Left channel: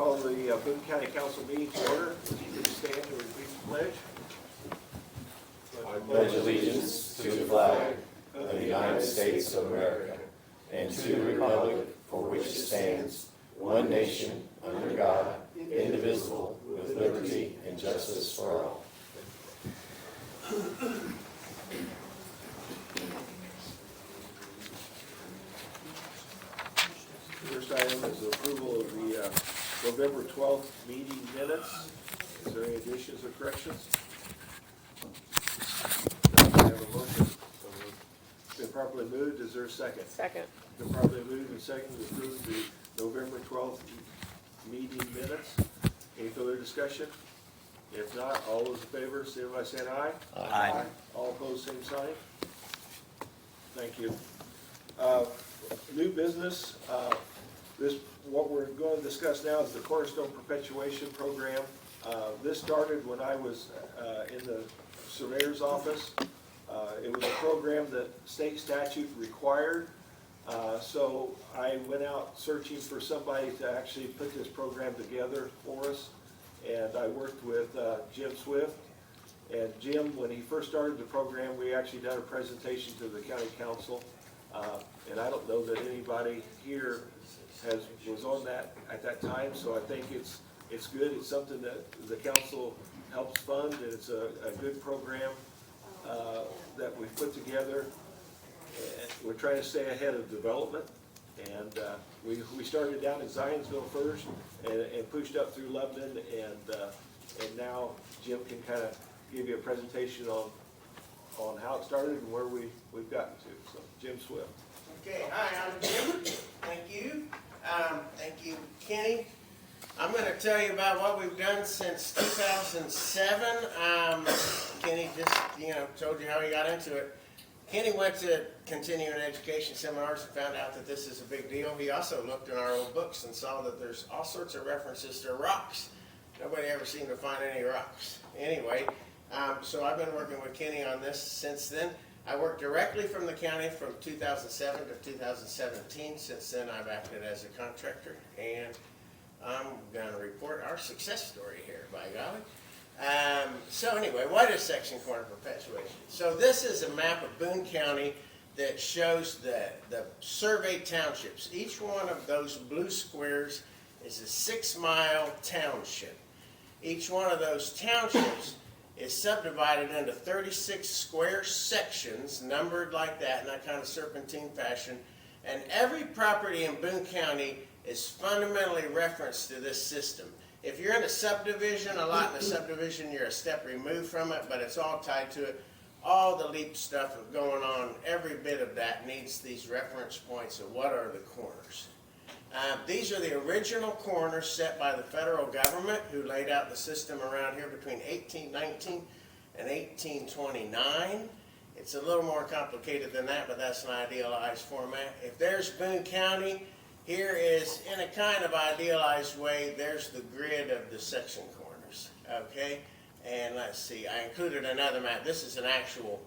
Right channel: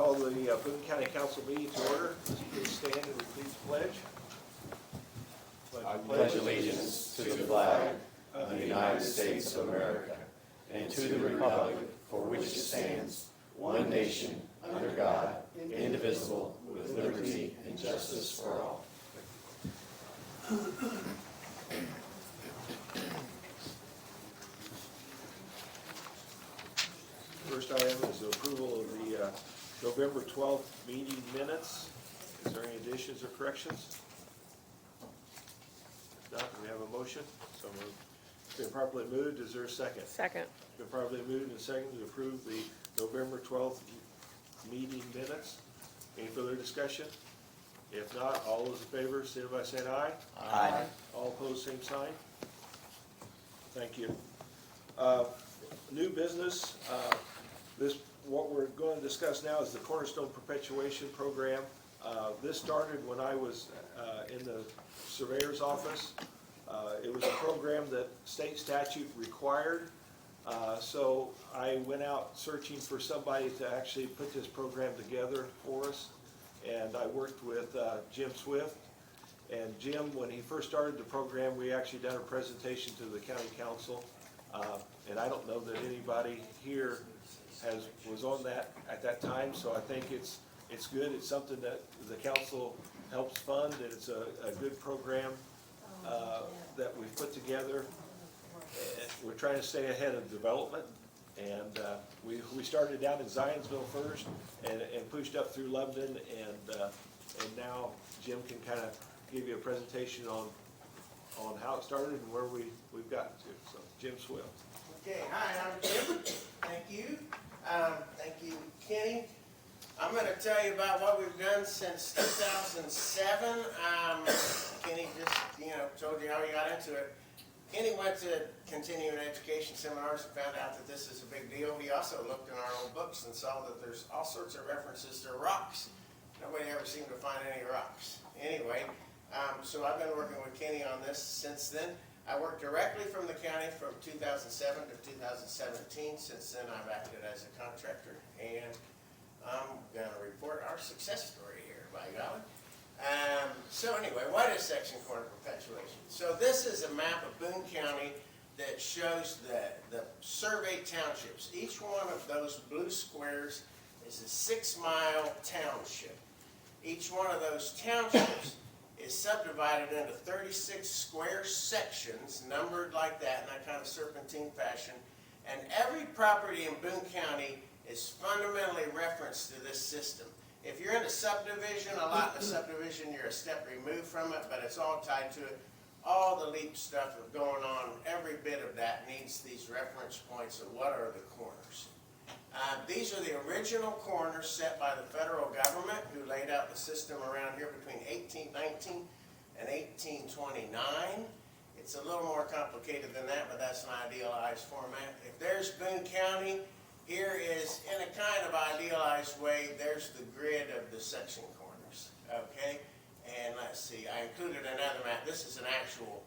call the Boone County Council meeting to order. Please stand and repeat the pledge. I pledge allegiance to the flag of the United States of America and to the republic for which it stands, one nation, under God, indivisible, with liberty and justice for all. First item is the approval of the November 12th meeting minutes. Is there any additions or corrections? Do I have a motion? So moved. Been properly moved. Is there a second? Second. Been properly moved and seconded to approve the November 12th meeting minutes. Any further discussion? If not, all those in favor, signify by saying aye. Aye. All opposed, same sign. Thank you. New business. What we're going to discuss now is the Cornerstone Perpetuation Program. This started when I was in the surveyor's office. It was a program that state statute required. So I went out searching for somebody to actually put this program together for us. And I worked with Jim Swift. And Jim, when he first started the program, we actually done a presentation to the county council. And I don't know that anybody here was on that at that time, so I think it's good. It's something that the council helps fund, and it's a good program that we've put together. And we're trying to stay ahead of development. And we started down in Zionsville first, and pushed up through Lebanon, and now Jim can kind of give you a presentation on how it started and where we've gotten to. So, Jim Swift. Okay, hi, I'm Jim. Thank you. Thank you, Kenny. I'm going to tell you about what we've done since 2007. Kenny just, told you how he got into it. Kenny went to continuing education seminars and found out that this is a big deal. He also looked in our old books and saw that there's all sorts of references to rocks. Nobody ever seemed to find any rocks. Anyway, so I've been working with Kenny on this since then. I worked directly from the county from 2007 to 2017. Since then, I've acted as a contractor, and I'm going to report our success story here, by golly. So anyway, what is section corner perpetuation? So this is a map of Boone County that shows the surveyed townships. Each one of those blue squares is a 6-mile township. Each one of those townships is subdivided into 36 square sections, numbered like that, in that kind of serpentine fashion. And every property in Boone County is fundamentally referenced to this system. If you're in a subdivision, a lot in a subdivision, you're a step removed from it, but it's all tied to it. All the LEAP stuff going on, every bit of that needs these reference points of what are the corners. These are the original corners set by the federal government, who laid out the system around here between 1819 and 1829. It's a little more complicated than that, but that's an idealized format. If there's Boone County, here is, in a kind of idealized way, there's the grid of the section corners, okay? And let's see, I included another map. This is an actual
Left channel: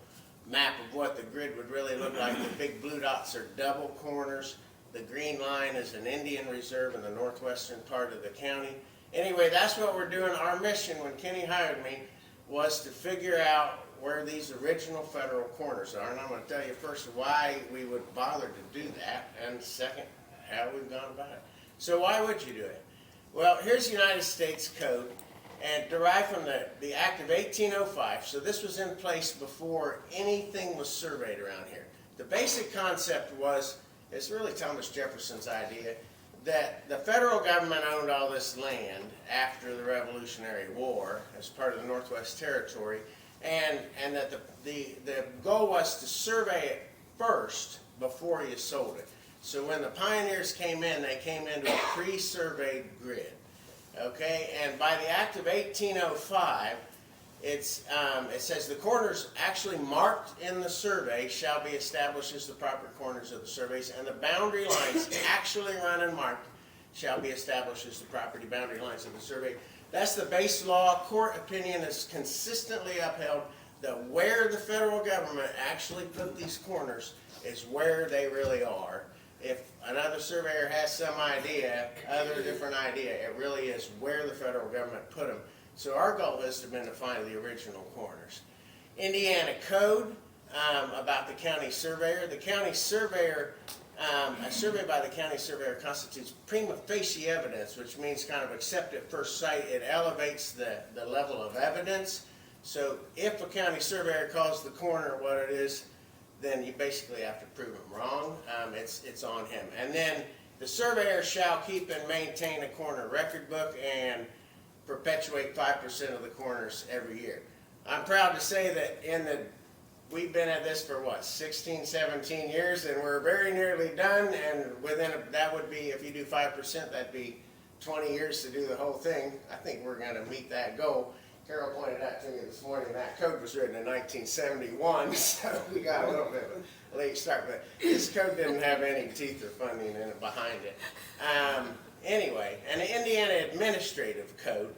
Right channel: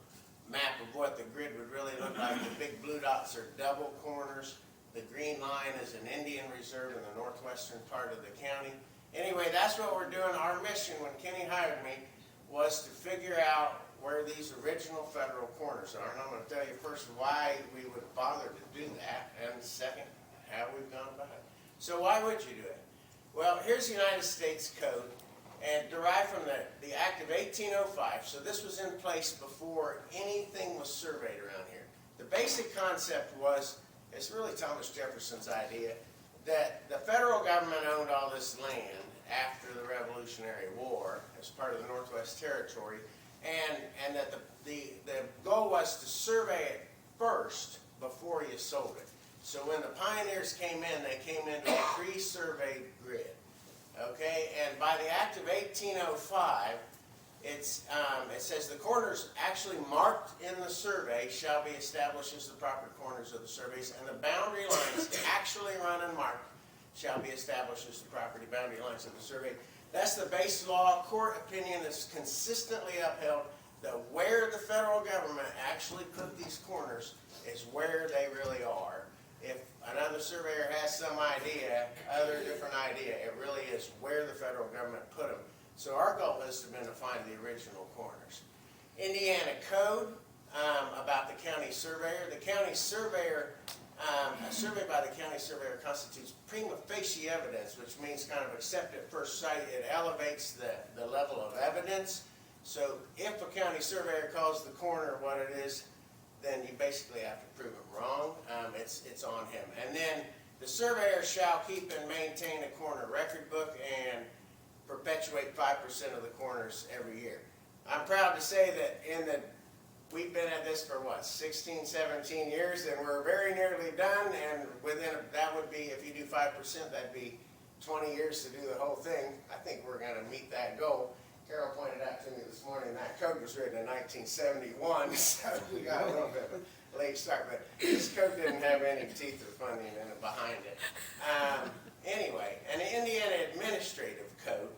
map of what the grid would really look like. The big blue dots are double corners. The green line is an Indian reserve in the northwestern part of the county. Anyway, that's what we're doing. Our mission when Kenny hired me was to figure out where these original federal corners are. And I'm going to tell you first why we would bother to do that, and second, how we've gone about it. So why would you do it? Well, here's the United States Code, and derived from the Act of 1805. So this was in place before anything was surveyed around here. The basic concept was, it's really Thomas Jefferson's idea, that the federal government owned all this land after the Revolutionary War as part of the Northwest Territory, and that the goal was to survey it first before you sold it. So when the pioneers came in, they came into a pre-surveyed grid. Okay, and by the Act of 1805, it says the corners actually marked in the survey shall be established as the proper corners of the surveys, and the boundary lines actually run and marked shall be established as the property boundary lines of the survey. That's the base law. Court opinion is consistently upheld that where the federal government actually put these corners is where they really are. If another surveyor has some idea, other different idea, it really is where the federal government put them. So our goal has been to find the original corners. Indiana code about the county surveyor. The county surveyor, a survey by the county surveyor constitutes prima facie evidence, which means kind of accept at first sight. It elevates the level of evidence. So if a county surveyor calls the corner what it is, then you basically have to prove him wrong. It's on him. And then the surveyor shall keep and maintain a corner record book and perpetuate 5% of the corners every year. I'm proud to say that we've been at this for what, 16, 17 years, and we're very nearly done, and that would be, if you do 5%, that'd be 20 years to do the whole thing. I think we're gonna meet that goal. Carol pointed out to me this morning that code was written in 1971, so we got a little bit of a late start, but this code didn't have any teeth or funding in it behind it. Anyway, an Indiana administrative code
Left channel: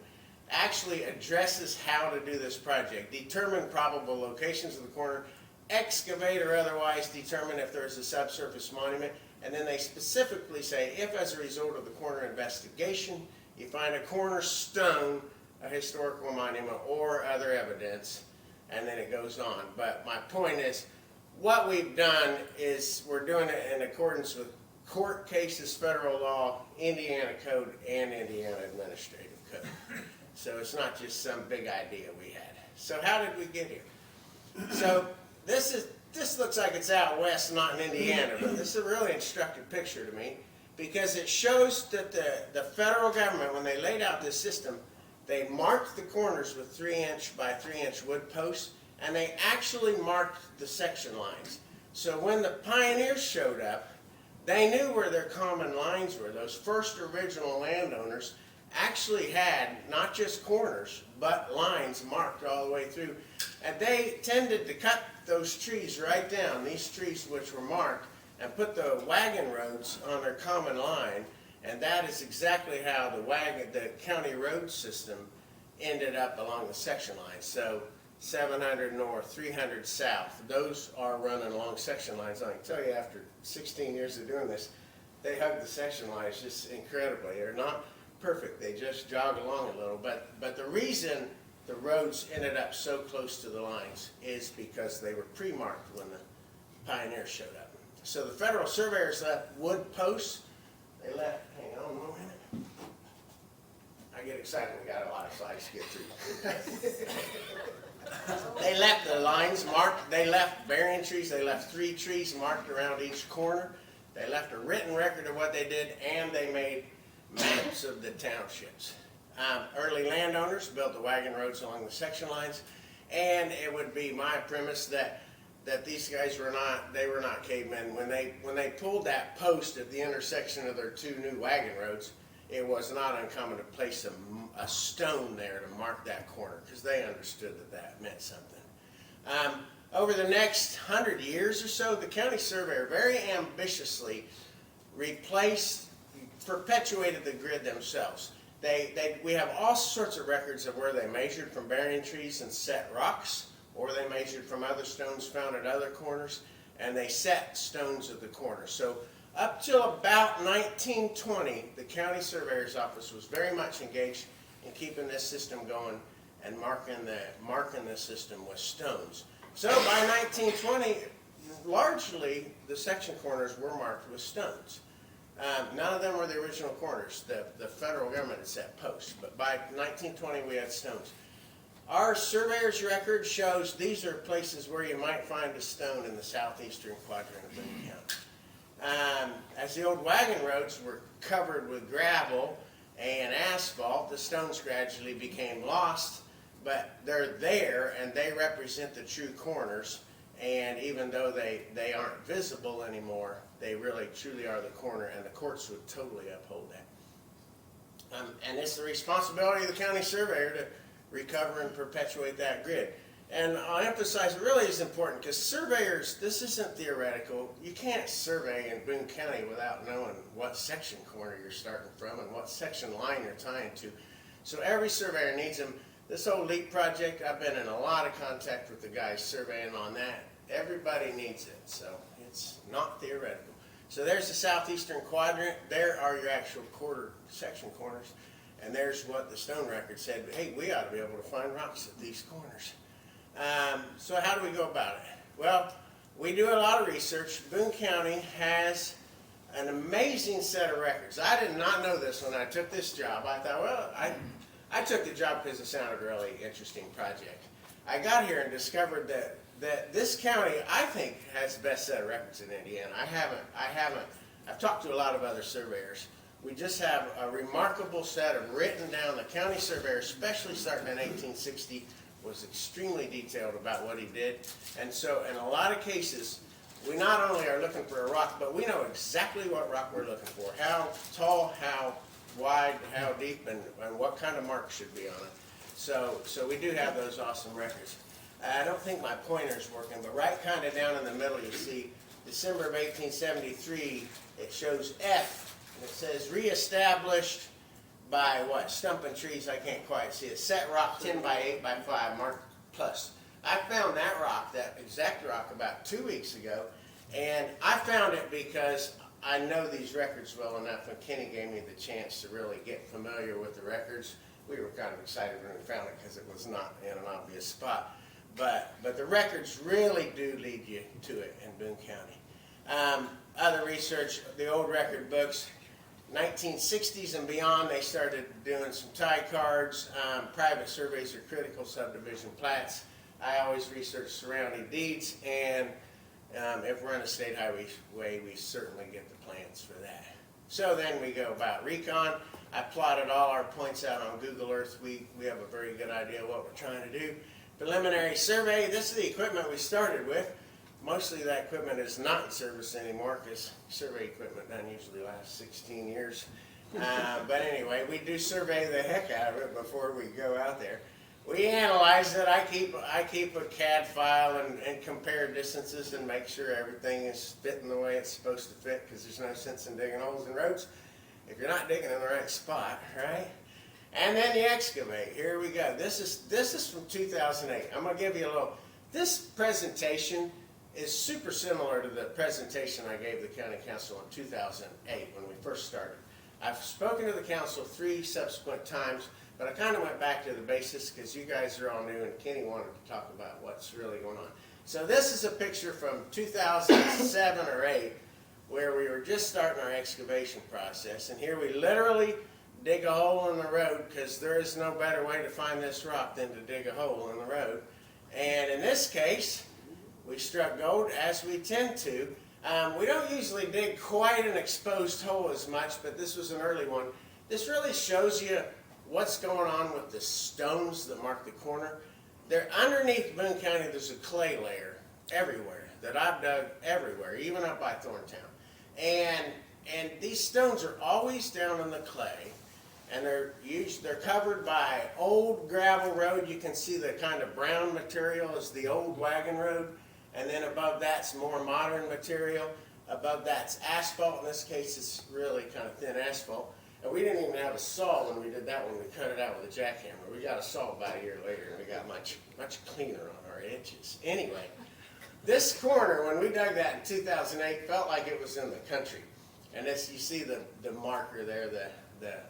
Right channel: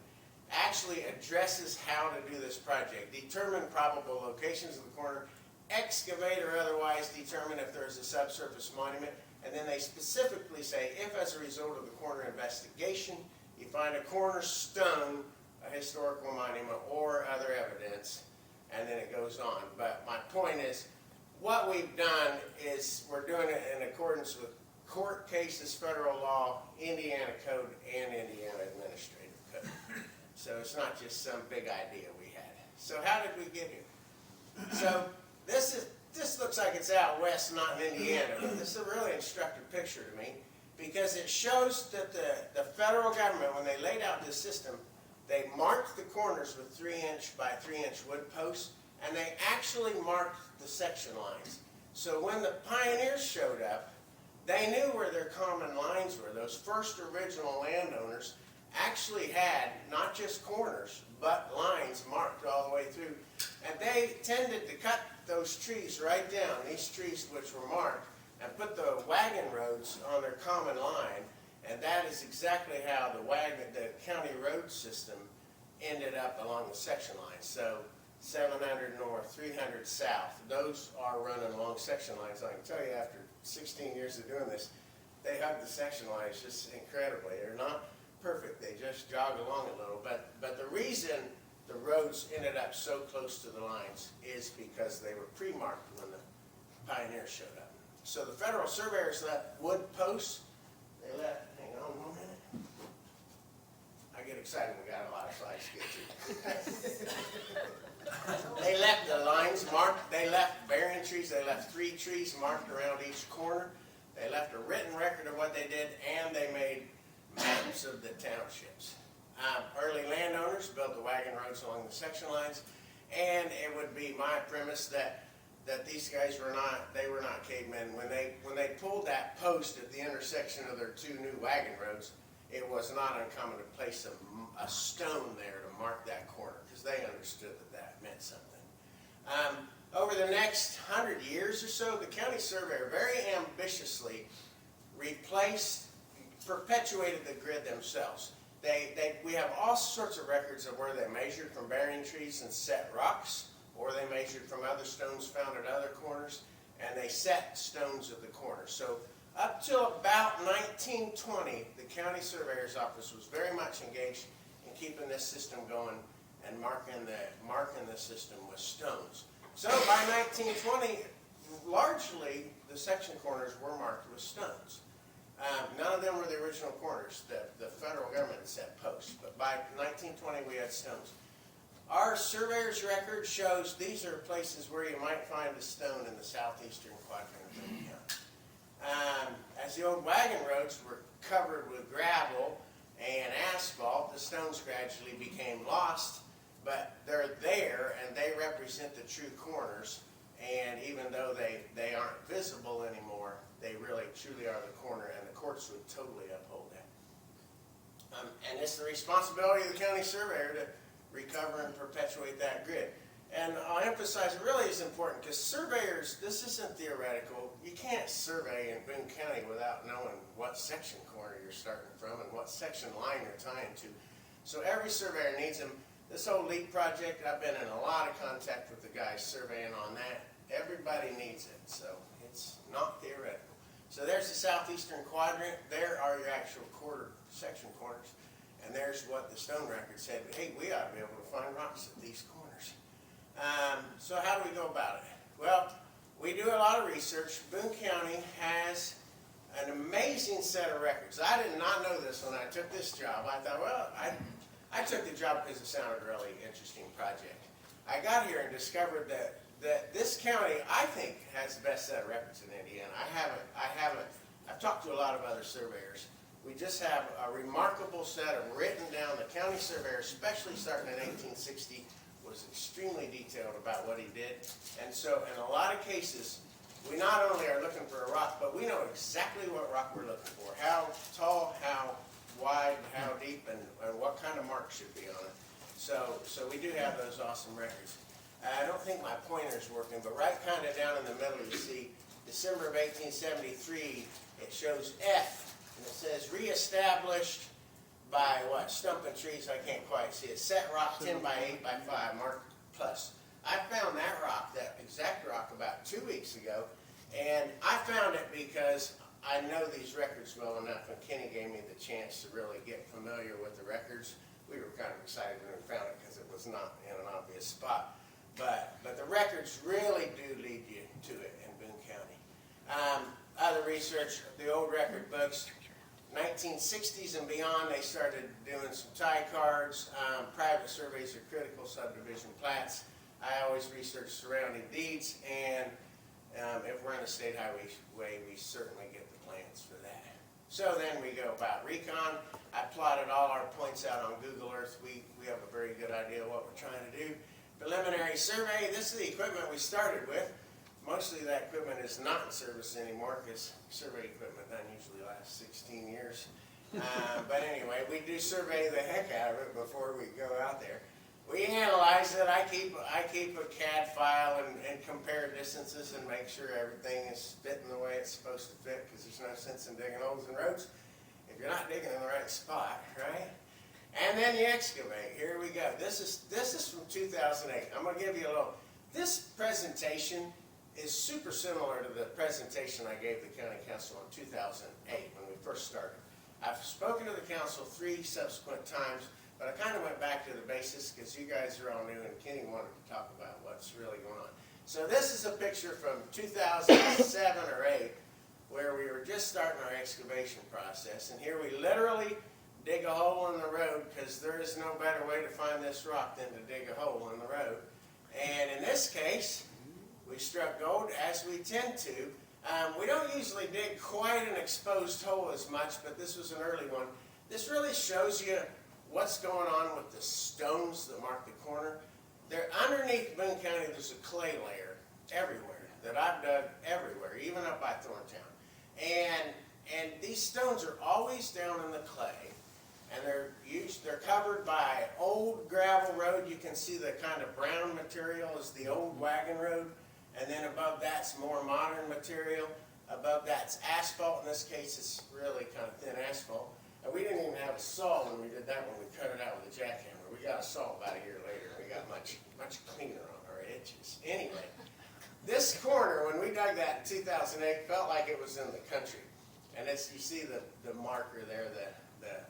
actually addresses how to do this project. Determine probable locations of the corner, excavate or otherwise determine if there's a subsurface monument, and then they specifically say if as a result of the corner investigation you find a cornerstone, a historical monument, or other evidence, and then it goes on. But my point is, what we've done is we're doing it in accordance with court cases, federal law, Indiana code, and Indiana administrative code. So it's not just some big idea we had. So how did we get here? So this looks like it's out west, not in Indiana, but this is a really instructive picture to me because it shows that the federal government, when they laid out this system, they marked the corners with 3-inch by 3-inch wood posts, and they actually marked the section lines. So when the pioneers showed up, they knew where their common lines were. Those first original landowners actually had not just corners, but lines marked all the way through. And they tended to cut those trees right down, these trees which were marked, and put the wagon roads on their common line. And that is exactly how the county road system ended up along the section line. So 700 north, 300 south, those are running along section lines. I can tell you after 16 years of doing this, they hug the section lines just incredibly. They're not perfect, they just jog along a little. But the reason the roads ended up so close to the lines is because they were pre-marked when the pioneers showed up. So the federal surveyors left wood posts. They left, hang on a minute. I get excited, we got a lot of slides to get through. They left the lines marked, they left bearing trees, they left 3 trees marked around each corner. They left a written record of what they did, and they made maps of the townships. Early landowners built the wagon roads along the section lines, and it would be my premise that these guys were not cavemen. When they pulled that post at the intersection of their 2 new wagon roads, it was not uncommon to place a stone there to mark that corner because they understood that meant something. Over the next 100 years or so, the county surveyor very ambitiously perpetuated the grid themselves. We have all sorts of records of where they measured from bearing trees and set rocks, or they measured from other stones found at other corners, and they set stones at the corner. So up till about 1920, the county surveyor's office was very much engaged in keeping this system going and marking the system with stones. So by 1920, largely the section corners were marked with stones. None of them were the original corners. The federal government had set posts, but by 1920 we had stones. Our surveyor's record shows these are places where you might find a stone in the southeastern quadrant of Boone County. As the old wagon roads were covered with gravel and asphalt, the stones gradually became lost, but they're there and they represent the true corners, and even though they aren't visible anymore, they really truly are the corner, and the courts would totally uphold that. And it's the responsibility of the county surveyor to recover and perpetuate that grid. And I'll emphasize it really is important because surveyors, this isn't theoretical. You can't survey in Boone County without knowing what section corner you're starting from and what section line you're tying to. So every surveyor needs them. This whole LEAP project, I've been in a lot of contact with the guys surveying on that. Everybody needs it, so it's not theoretical. So there's the southeastern quadrant. There are your actual section corners. And there's what the stone record said. Hey, we ought to be able to find rocks at these corners. So how do we go about it? Well, we do a lot of research. Boone County has an amazing set of records. I did not know this when I took this job. I thought, well, I took the job because it sounded a really interesting project. I got here and discovered that this county, I think, has the best set of records in Indiana. I've talked to a lot of other surveyors. We just have a remarkable set of written down. The county surveyor, especially starting in 1860, was extremely detailed about what he did. And so in a lot of cases, we not only are looking for a rock, but we know exactly what rock we're looking for. How tall, how wide, how deep, and what kind of mark should be on it. So we do have those awesome records. I don't think my pointer's working, but right kind of down in the middle you see December of 1873, it shows F, and it says reestablished by what? Stumping trees, I can't quite see it. Set rock 10 by 8 by 5, marked plus. I found that rock, that exact rock, about 2 weeks ago, and I found it because I know these records well enough, and Kenny gave me the chance to really get familiar with the records. We were kind of excited when we found it because it was not in an obvious spot. But the records really do lead you to it in Boone County. Other research, the old record books, 1960s and beyond, they started doing some tie cards, private surveys or critical subdivision plats. I always research surrounding deeds, and if we're on a state highway, we certainly get the plans for that. So then we go about recon. I plotted all our points out on Google Earth. We have a very good idea of what we're trying to do. Preliminary survey, this is the equipment we started with. Mostly that equipment is not in service anymore because survey equipment doesn't usually last 16 years. But anyway, we do survey the heck out of it before we go out there. We analyze it. I keep a CAD file and compare distances and make sure everything is fitting the way it's supposed to fit, because there's no sense in digging holes in roads if you're not digging in the right spot, right? And then you excavate. Here we go. This is from 2008. I'm going to give you a little. This presentation is super similar to the presentation I gave the county council in 2008 when we first started. I've spoken to the council 3 subsequent times, but I kind of went back to the basics because you guys are all new and Kenny wanted to talk about what's really going on. So this is a picture from 2007 or 8 where we were just starting our excavation process, and here we literally dig a hole in the road because there is no better way to find this rock than to dig a hole in the road. And in this case, we struck gold, as we tend to. We don't usually dig quite an exposed hole as much, but this was an early one. This really shows you what's going on with the stones that mark the corner. They're underneath Boone County. There's a clay layer everywhere that I've dug everywhere, even up by Thorntown. And these stones are always down in the clay, and they're covered by old gravel road. You can see the kind of brown material is the old wagon road, and then above that's more modern material. Above that's asphalt. In this case, it's really kind of thin asphalt. And we didn't even have a saw when we did that one. We cut it out with a jackhammer. We got a saw about a year later, and we got much cleaner on our edges. Anyway, this corner, when we dug that in 2008, felt like it was in the country. And you see the marker there, the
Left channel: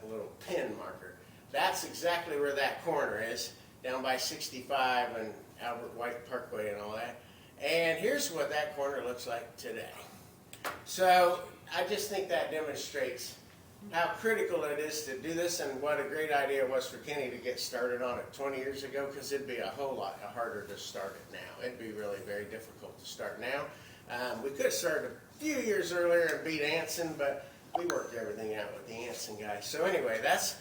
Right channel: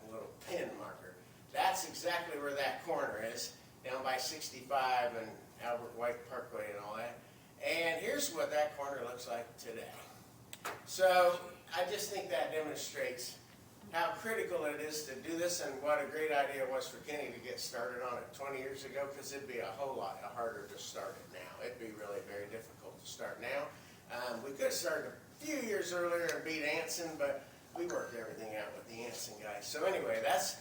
little pin marker. That's exactly where that corner is, down by 65 and Albert White Parkway and all that. And here's what that corner looks like today. So I just think that demonstrates how critical it is to do this, and what a great idea it was for Kenny to get started on it 20 years ago, because it'd be a whole lot harder to start it now. It'd be really very difficult to start now. We could have started a few years earlier and beat Anson, but we worked everything out with the Anson guys. So anyway, that's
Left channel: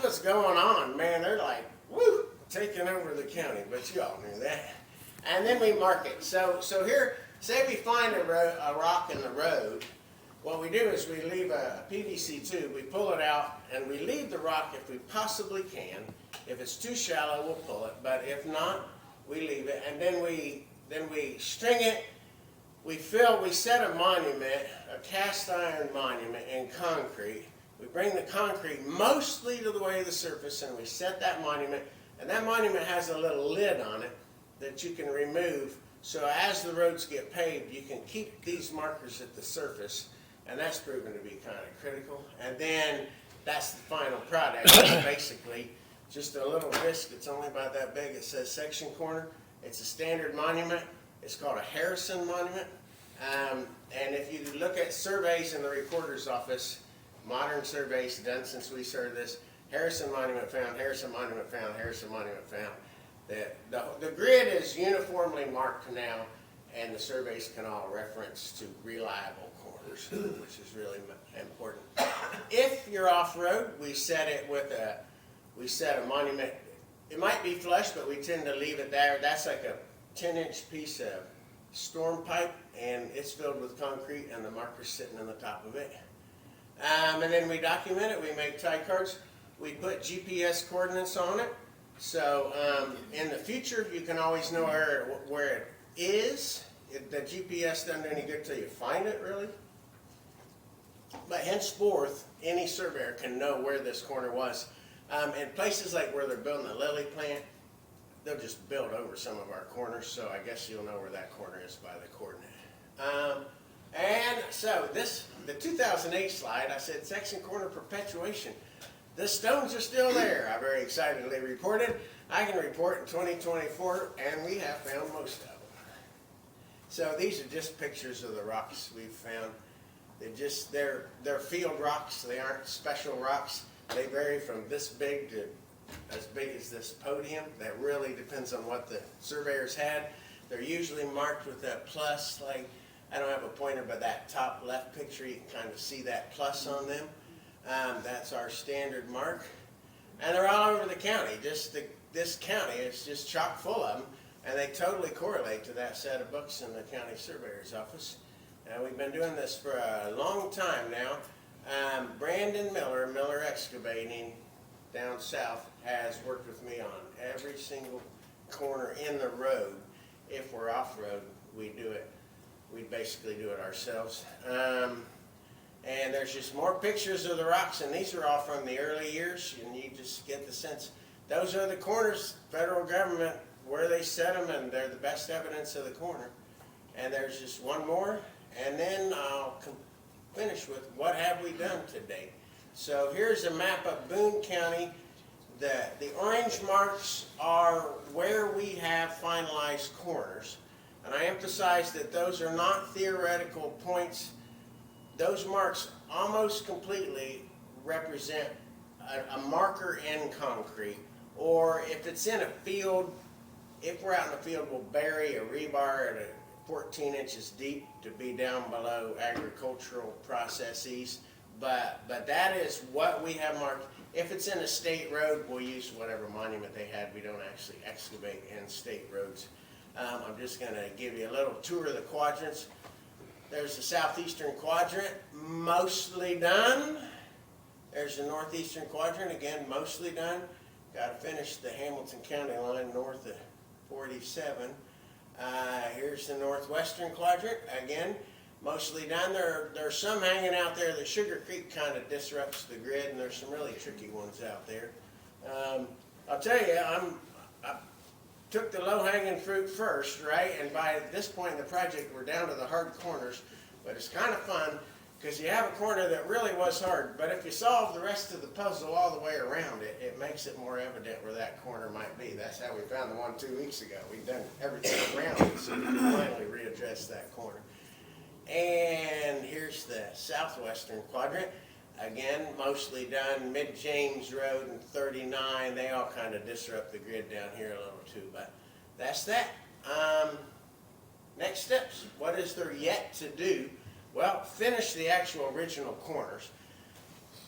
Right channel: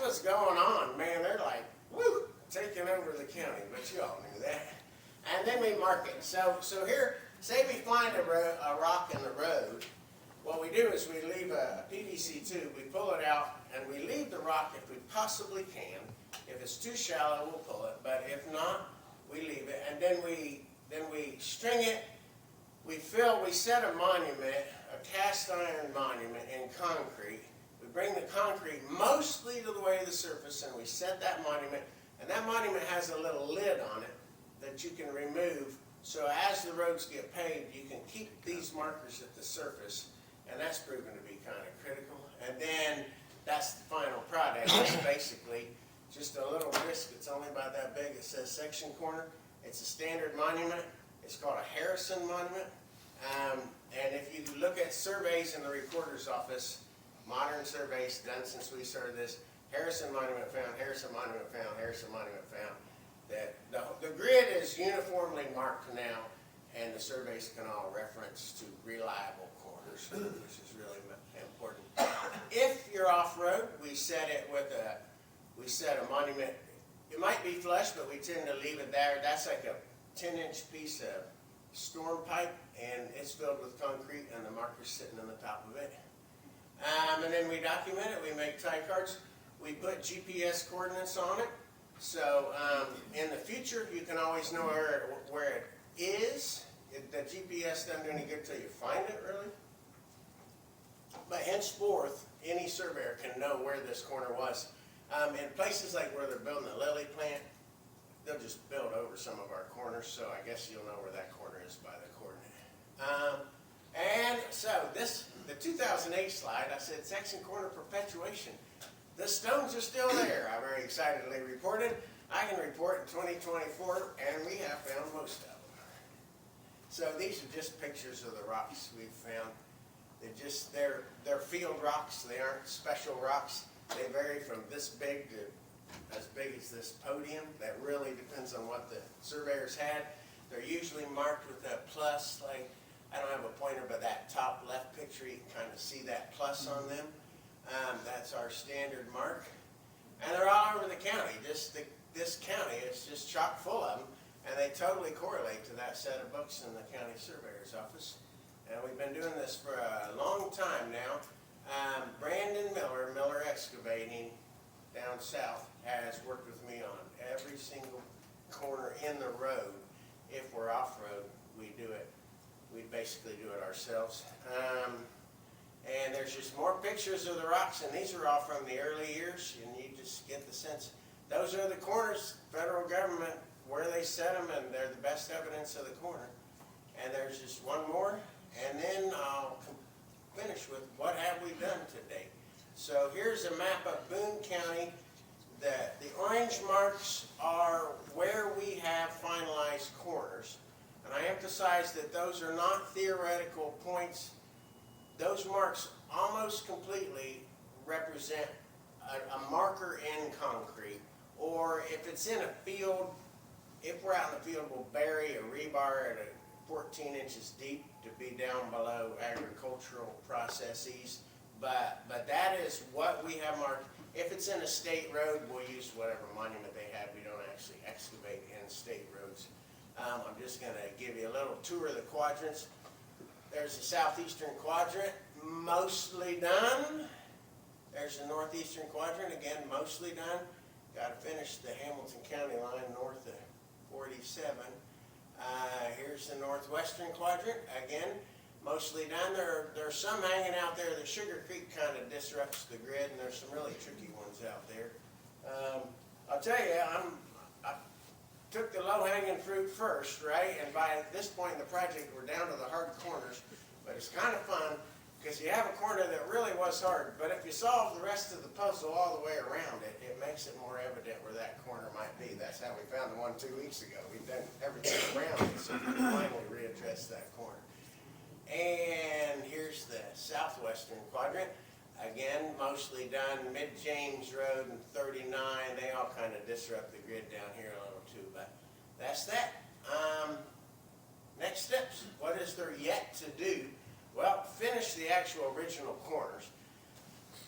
what's going on. Man, they're like, woo, taking over the county, but you all knew that. And then we mark it. So here, say we find a rock in the road. What we do is we leave a PVC tube, we pull it out, and we leave the rock if we possibly can. If it's too shallow, we'll pull it, but if not, we leave it. And then we string it, we set a monument, a cast iron monument in concrete. We bring the concrete mostly to the way of the surface, and we set that monument, and that monument has a little lid on it that you can remove. So as the roads get paved, you can keep these markers at the surface and that's proven to be kind of critical. And then that's the final product. It's basically just a little disc that's only about that big. It says section corner. It's a standard monument. It's called a Harrison monument. And if you look at surveys in the recorder's office, modern surveys done since we started this, Harrison monument found, Harrison monument found, Harrison monument found. The grid is uniformly marked now, and the surveys can all reference to reliable corners, which is really important. If you're off-road, we set a monument. It might be flush, but we tend to leave it there. That's like a 10-inch piece of storm pipe, and it's filled with concrete, and the marker's sitting on the top of it. And then we document it. We make tie cards. We put GPS coordinates on it. So in the future, you can always know where it is. The GPS doesn't do any good till you find it, really. But henceforth, any surveyor can know where this corner was. In places like where they're building the lily plant, they'll just build over some of our corners, so I guess you'll know where that corner is by the coordinate. And so the 2008 slide, I said section corner perpetuation. The stones are still there, I very excitedly reported. I can report in 2024, and we have found most of them. So these are just pictures of the rocks we've found. They're field rocks. They aren't special rocks. They vary from this big to as big as this podium. That really depends on what the surveyors had. They're usually marked with that plus, like, I don't have a pointer, but that top left picture, you can kind of see that plus on them. That's our standard mark. And they're all over the county. This county is just chock full of them, and they totally correlate to that set of books in the county surveyor's office. And we've been doing this for a long time now. Brandon Miller, Miller Excavating down south, has worked with me on every single corner in the road. If we're off-road, we do it. We basically do it ourselves. And there's just more pictures of the rocks, and these are all from the early years, and you just get the sense. Those are the corners, federal government, where they set them, and they're the best evidence of the corner. And there's just one more, and then I'll finish with what have we done today. So here's a map of Boone County. The orange marks are where we have finalized corners. And I emphasize that those are not theoretical points. Those marks almost completely represent a marker in concrete. Or if it's in a field, if we're out in the field, we'll bury a rebar at 14 inches deep to be down below agricultural processes. But that is what we have marked. If it's in a state road, we'll use whatever monument they had. We don't actually excavate in state roads. I'm just going to give you a little tour of the quadrants. There's the southeastern quadrant, mostly done. There's the northeastern quadrant, again, mostly done. Got to finish the Hamilton County line north of 47. Here's the northwestern quadrant, again, mostly done. There's some hanging out there. The Sugar Creek kind of disrupts the grid, and there's some really tricky ones out there. I'll tell you, I took the low-hanging fruit first, right? And by this point in the project, we're down to the hard corners. But it's kind of fun because you have a corner that really was hard. But if you solve the rest of the puzzle all the way around it, it makes it more evident where that corner might be. That's how we found the one 2 weeks ago. We've done everything around it, so we can finally readdress that corner. And here's the southwestern quadrant. Again, mostly done. Mid-James Road and 39, they all kind of disrupt the grid down here a little too, but that's that. Next steps. What is there yet to do? Well, finish the actual original corners.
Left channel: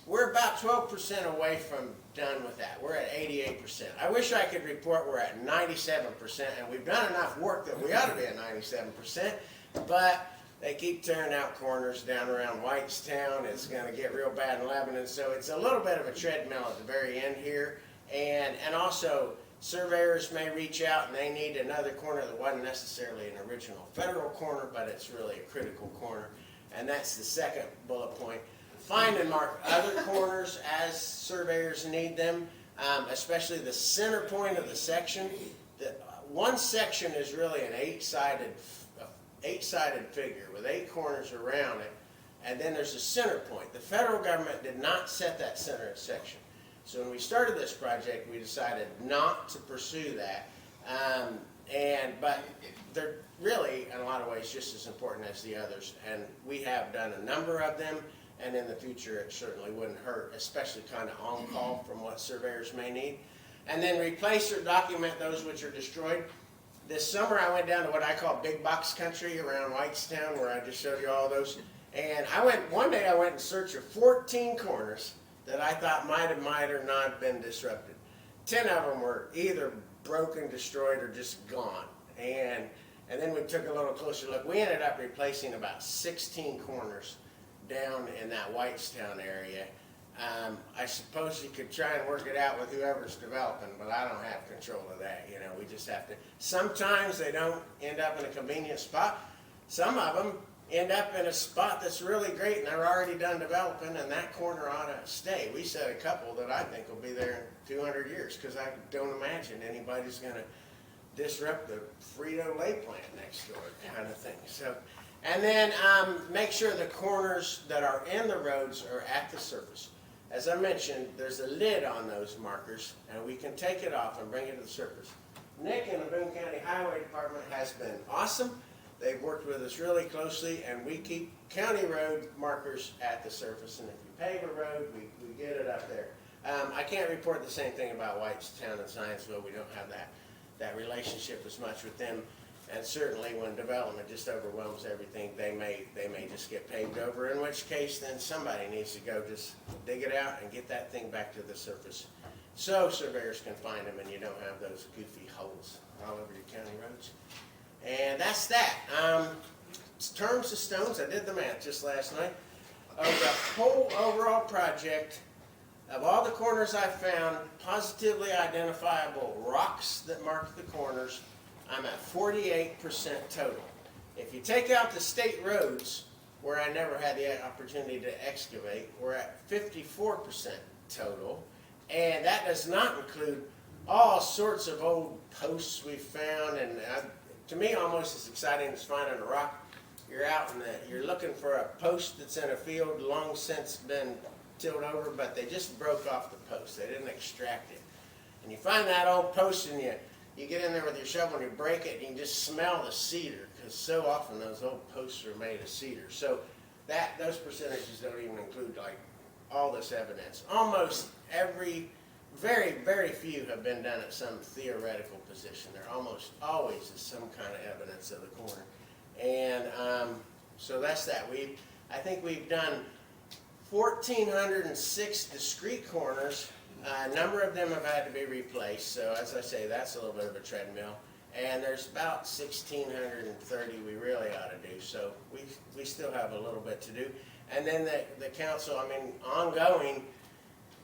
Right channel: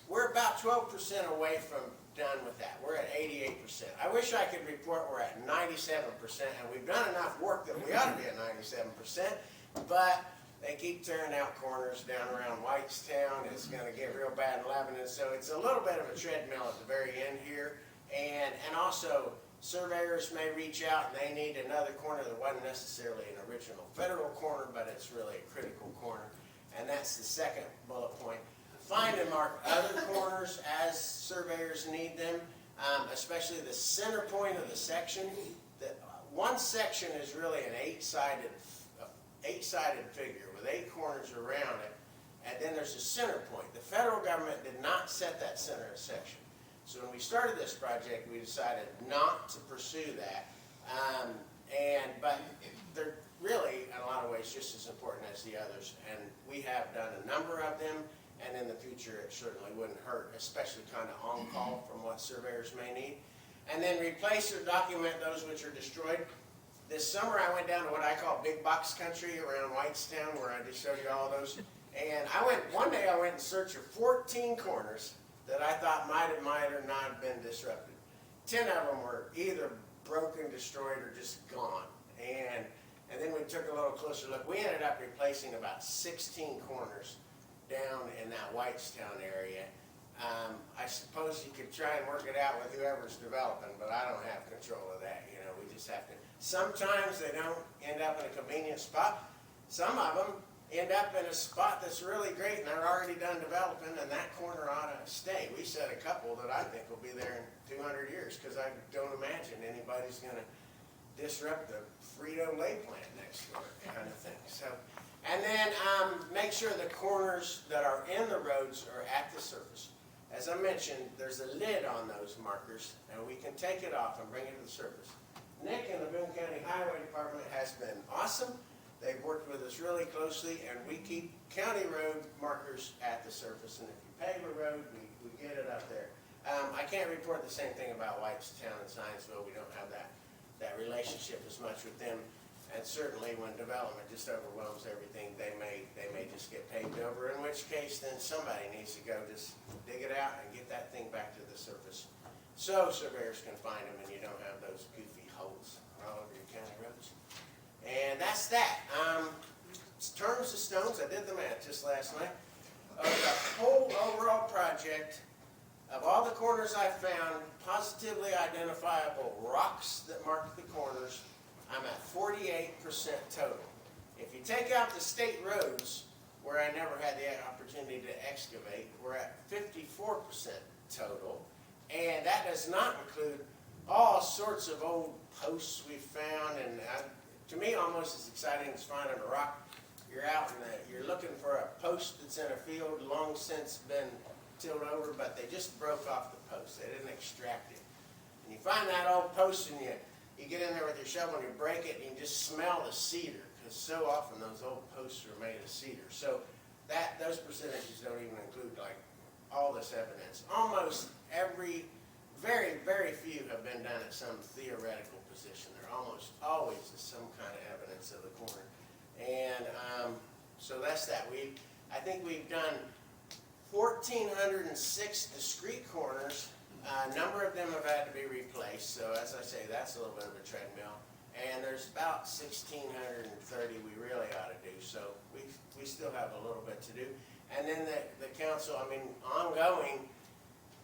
We're about 12% away from done with that. We're at 88%. I wish I could report we're at 97%, and we've done enough work that we ought to be at 97%, but they keep tearing out corners down around Whitestown. It's going to get real bad in Lebanon, so it's a little bit of a treadmill at the very end here. And also, surveyors may reach out and they need another corner that wasn't necessarily an original federal corner, but it's really a critical corner. And that's the second bullet point. Find and mark other corners as surveyors need them, especially the center point of the section. One section is really an eight-sided figure with 8 corners around it. and then there's a center point. The federal government did not set that center section. So when we started this project, we decided not to pursue that. But they're really, in a lot of ways, just as important as the others. And we have done a number of them, and in the future, it certainly wouldn't hurt, especially kind of on call from what surveyors may need. And then replace or document those which are destroyed. This summer, I went down to what I call big box country around Whitestown, where I just showed you all those. And one day I went in search of 14 corners that I thought might or not have been disrupted. 10 of them were either broken, destroyed, or just gone. And then we took a little closer look. We ended up replacing about 16 corners down in that Whitestown area. I suppose you could try and work it out with whoever's developing, but I don't have control of that. You know, we just have to. Sometimes they don't end up in a convenient spot. Some of them end up in a spot that's really great and they're already done developing, and that corner ought to stay. We set a couple that I think will be there in 200 years, because I don't imagine anybody's going to disrupt the Frito-Lay plant next door kind of thing. So, and then make sure the corners that are in the roads are at the surface. As I mentioned, there's a lid on those markers, and we can take it off and bring it to the surface. Nick in the Boone County Highway Department has been awesome. They've worked with us really closely, and we keep county road markers at the surface. And if you pave a road, we get it up there. I can't report the same thing about Whitestown and Zionsville. We don't have that relationship as much with them. And certainly when development just overwhelms everything, they may just get paved over, in which case then somebody needs to go just dig it out and get that thing back to the surface, so surveyors can find them and you don't have those goofy holes all over your county roads. And that's that. Terms of stones, I did the math just last night. Of the whole overall project, of all the corners I found, positively identifiable rocks that mark the corners, I'm at 48% total. If you take out the state roads, where I never had the opportunity to excavate, we're at 54% total. And that does not include all sorts of old posts we found. And to me, almost as exciting as finding a rock. You're out and you're looking for a post that's in a field long since been tilled over, but they just broke off the post. They didn't extract it. And you find that old post and you get in there with your shovel and you break it and you can just smell the cedar, because so often those old posts are made of cedar. So those percentages don't even include like all this evidence. Almost every, very, very few have been done at some theoretical position. There almost always is some kind of evidence of the corner. And so that's that. I think we've done 1,406 discrete corners. A number of them have had to be replaced, so as I say, that's a little bit of a treadmill. And there's about 1,630 we really ought to do, so we still have a little bit to do. And then the council, I mean, ongoing,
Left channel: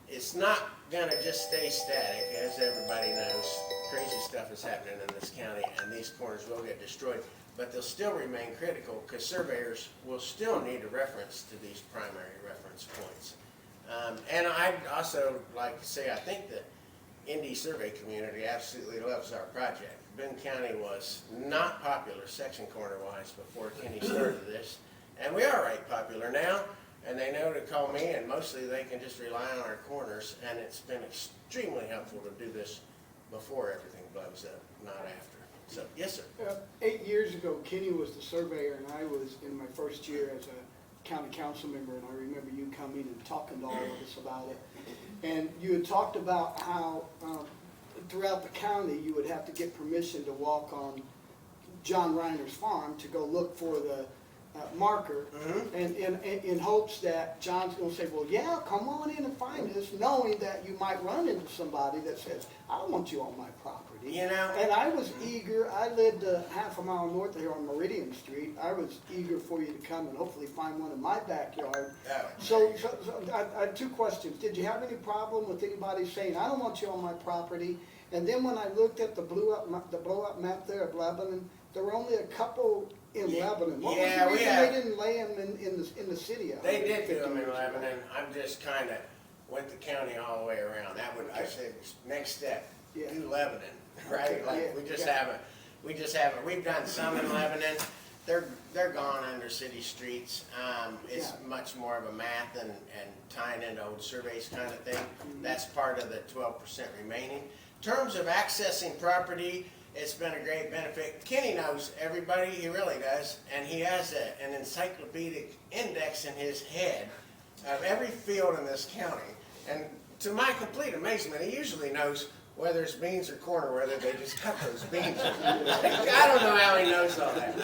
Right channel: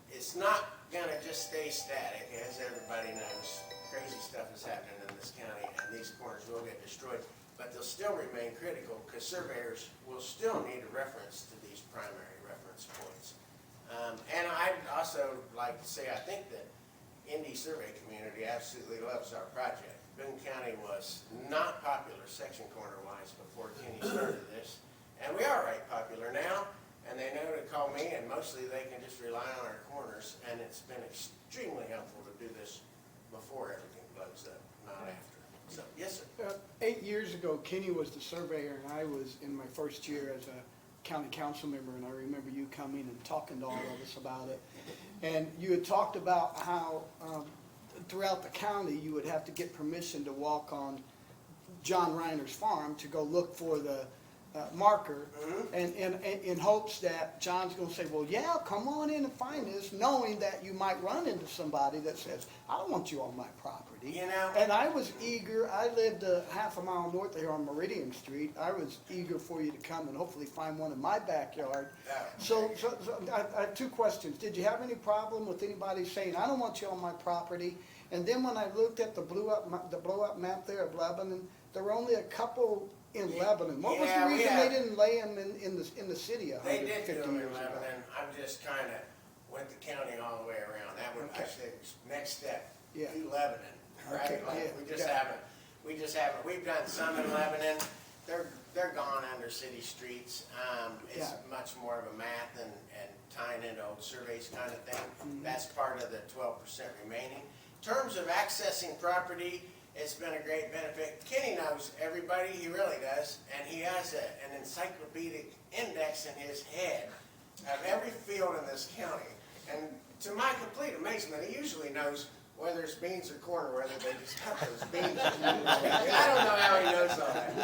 it's not going to just stay static, as everybody knows. Crazy stuff is happening in this county, and these corners will get destroyed, but they'll still remain critical, because surveyors will still need a reference to these primary reference points. And I'd also like to say, I think the Indy survey community absolutely loves our project. Boone County was not popular section corner-wise before Kenny started this, and we are right popular now, and they know to call me, and mostly they can just rely on our corners, and it's been extremely helpful to do this before everything blows up, not after. So, yes, sir. 8 years ago, Kenny was the surveyor, and I was in my first year as a county council member, and I remember you coming and talking to all of us about it. And you had talked about how throughout the county you would have to get permission to walk on John Reiner's farm to go look for the marker, and in hopes that John's going to say, well, yeah, come on in and find this, knowing that you might run into somebody that says, I don't want you on my property. You know, and I was eager. I lived half a mile north of here on Meridian Street. I was eager for you to come and hopefully find one in my backyard. So I had two questions. Did you have any problem with anybody saying, I don't want you on my property? And then when I looked at the blow up map there of Lebanon, there were only a couple in Lebanon. What was the reason they didn't lay them in the city? They did do them in Lebanon. I'm just kind of went the county all the way around. That would, I said, next step, do Lebanon, right? Okay. Like we just haven't. We've done some in Lebanon. They're they're gone under city streets. It's Yeah. much more of a math and tying into old surveys kind of thing. That's part of the 12% remaining. In terms of accessing property, it's been a great benefit. Kenny knows everybody, he really does, and he has an encyclopedic index in his head of every field in this county. And to my complete amazement, he usually knows whether it's beans or corn or whether they just cut those beans. I don't know how he knows all that.